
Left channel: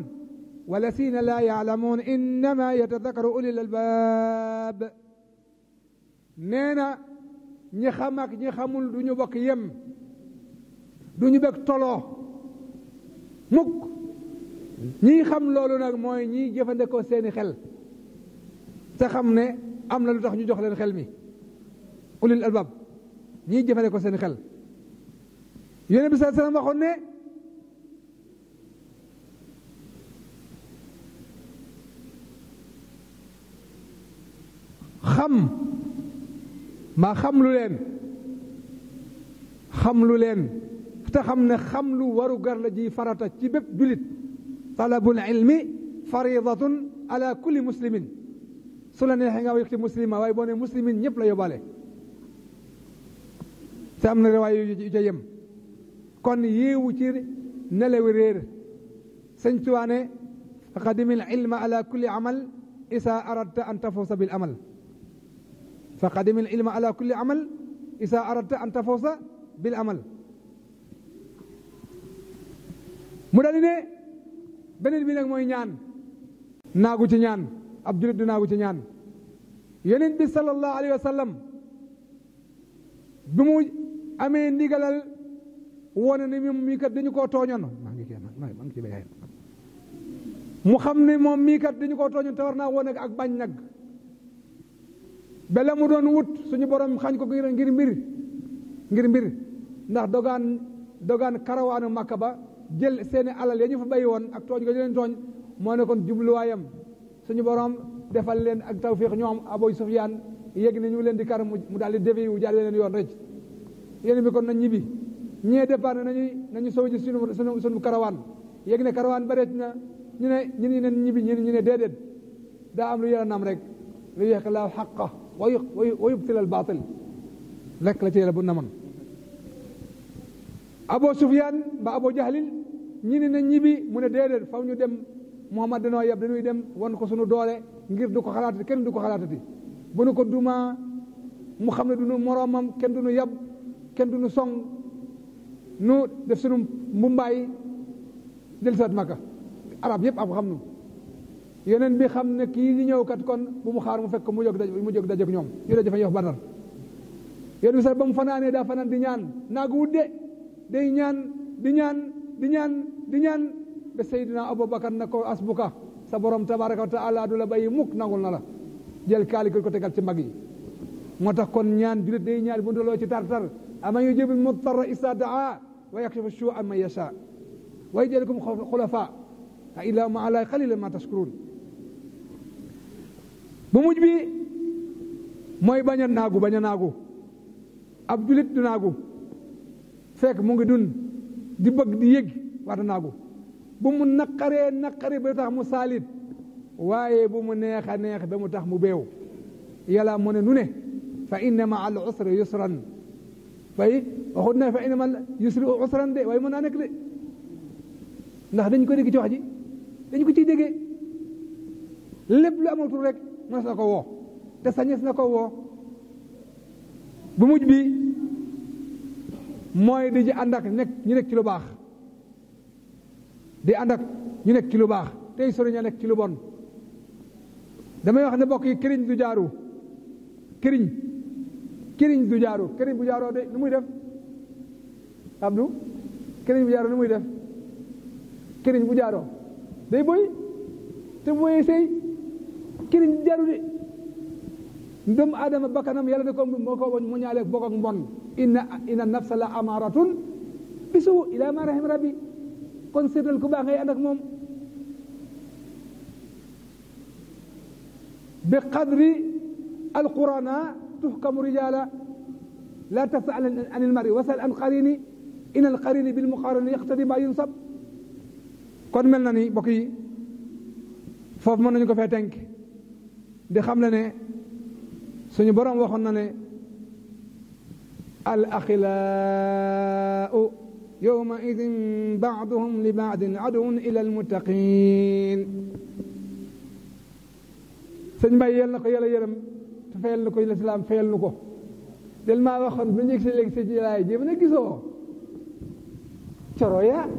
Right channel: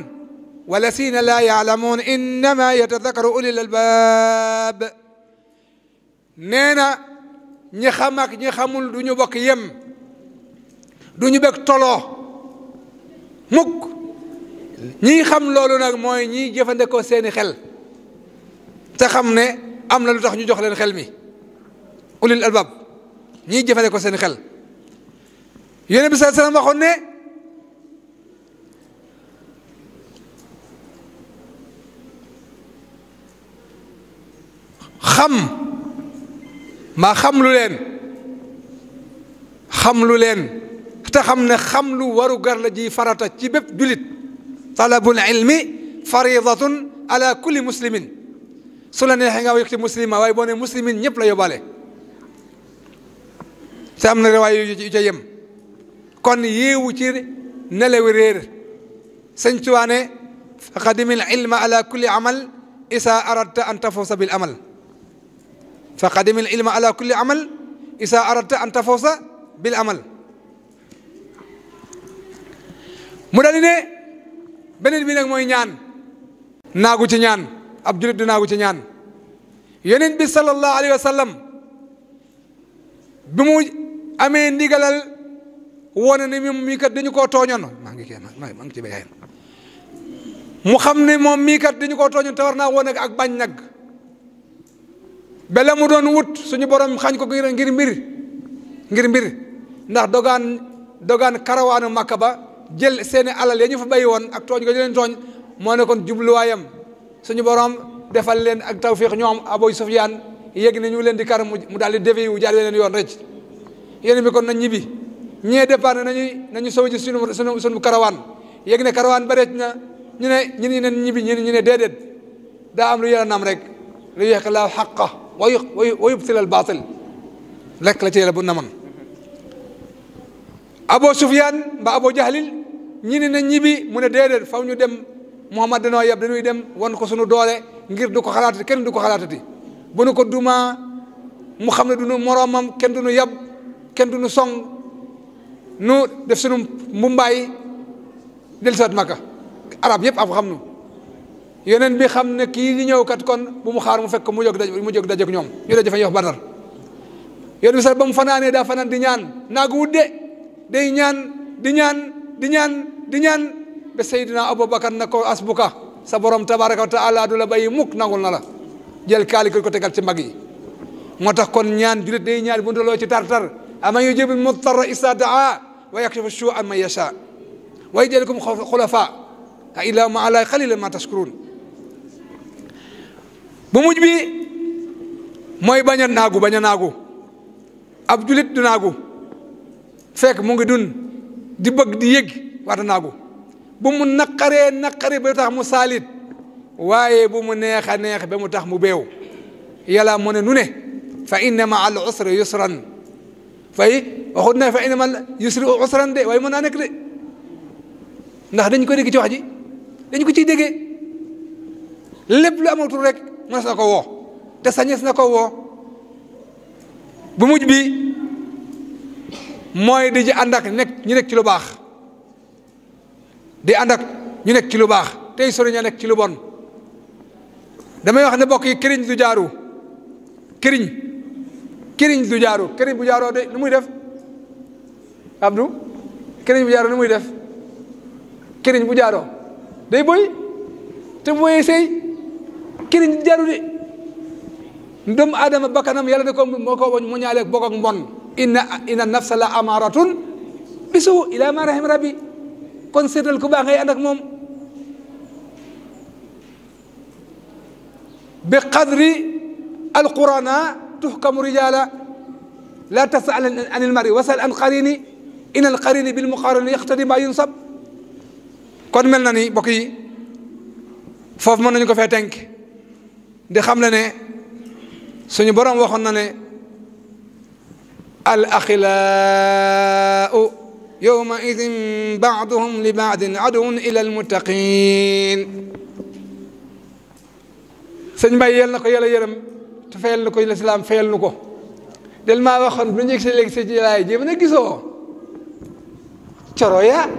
wa llaziina laa ya'lamuun innamaa yatadakkaru ulul albaab nee na ñi xam ak ñi xamul du ñu bokk yem du ñu bekk toloo mukk ñi xam loolu nag mooy ñi jëfandikoo seeni xel te xam ne am na lu tax ñu jox leen xel mi ulul albaab ñi jëfandikoo seeni xel Yonent bi sallallahu alayhi wa sallam waxoon ne xam lu leen te xam ne xam lu waru gar la ji farata ci bépp julit talabul ilmi faridatun ala kulli muslimin su la neexee nga wax ci muslima waaye boo ne muslimin ñëpp la yóbbaale te am na riwaay yu ca yem kon yéewu ci nelewi réer sëñ Tuubaa ne faqadimil ilma ala kulli amal isa aradta an tafawsa bil amal faqadimil ilma ala kulli amal isa aradta an tafawsa bil amal mu dal ne beneen bi nag mooy ñaan naagu ci ñaan ab julit du naagu ci ñaan Yonent bi sallallahu alayhi wa sallam bi mu amee ndigalal wone ne moom mii kat dañu koo tooñoon maa ngi ci béykat mu xam ne moom mii kat dañu koo tooñoon te war naa wone ak bañ nag bele mu doon wut suñu borom xañ ko ngir mbir ndax dogaan karawaanu Makka ba jël seeni alal ya ñu fa bàyyi woon ak tooñ ga ñu leen tooñ moo ne kon jubluwaayam suñu borom defal leen ak tawfiq ñoom Abu Sufyaan yegg ne ñu leen di kar mu daal di dévié wu jaar leen yoon rek yéen bi kon nañ ñibbi ñee départ nañu sow ji suñu karawaan yegg ne karawaan ba na ñu ne ñibbi ñu ne déedéet daa am lu yàlla nam rek lu yeeq la xaqa wa yubtil al baatil lekk la ci yàlla bu naman Abu Sufyaan mbaa Abu Jahlil ñi ne nañ ñibbi mu ne déedéet faw ñu dem Muhammad danoo yeb dañuy dem wan ko suñu doole ngir du ko xalaatati kenn du ko xalaatati bu nu ko duma mu xam ne du nu moroomam kenn du nu yab kenn du nu song nu def sunu mbumbaay del saat Makka arab yëpp xam nu yeneen bi xam ne kii di ñëw kat kon bu mu xaar mu fekk mu jóg dajeek ñoom ñu daje fa yox Badar yeneen bi sax ba mu fanaanee daa fanaan di ñaan naagu wudde day ñaan di ñaan ba Seydina Abubakar na ko asbuka sa borom tabaraka wa taala du la bàyyi mukk nangul na la jël kaali ko tegal ci mbagg yi moo tax kon ñaan julit day ñaan bu ndaloo ci tar-tar aman yujibu mudtarra isa daa wa yakshifu su'a man yasha wa yaj'alukum xulafa a ilaahu ma allahi qalilan ma tashkurun bu mujj bi mooy bañ a naagu ab julit du naagu fekk mu ngi dun di bëgg di yëg waata naagu bu mu naqaree ba tax mu saalit waaye bu mu neex ba mu tax mu beew yàlla mu ne nu ne fa inna ma al usri yusran waxut ne fa inna ma al yusri usran de waaye mën naa nekk de ndax dañ ko dégg ci wax ji dañ ko ciy déggee lépp lu amatul rek mënees na ko woo te sañees na ko woo bu mujj bi mooy di ànd ak ñu nekk ci lu baax di ànd ak ñu nekk ci lu baax tey sori ña nekk ci lu bon damay wax ne bokk yi këriñ du jaaru këriñ du jaaru këriñ bu jaaroo de nu muy def Abdou këriñ bu jaaroo nu muy def këriñ bu jaaroo day boy te boyee sey këriñ du jaaru de doomu aadama bakkanam yàlla ne ko moo ko mu ñaaleeg bokk ak mbon inna nafsa la amaratun bisu ila ma rahim rabbi kon seetal ku baax ngay ànd ak moom bi qadri alqurana tuhkamu rijala la tasal an ilmari wasal an qarini in alqarini bil muqarini yaqtadi ma yunsab kon mel na ni mbokk yi foofu mën nañu ko fee tënk di xam le ne suñu borom waxoon na ne al axilaau yowma idin baaduhum li baadin aduwun ila almuttaqin sëñ Mbay yel na ko yàlla yërëm te fayal na ko lislaam fayal nu ko del maa waxoon bu ñu léegi si jëlaay jéem na gisoo coroya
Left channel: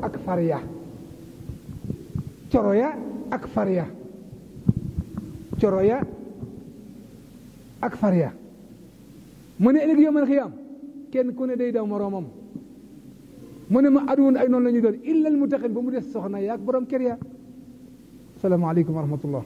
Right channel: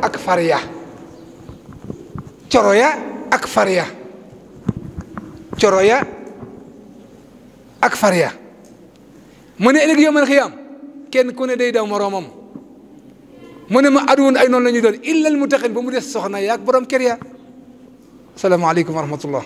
ak farya mu ne ëllëg yawmal xiyaam kenn ku ne day daw moroomam mu ne ma aduwoon ay noonu la ñuy doon illal muttaqin ba mu des soxna yaak borom kër ya salaamaaleykum wa rahmatullah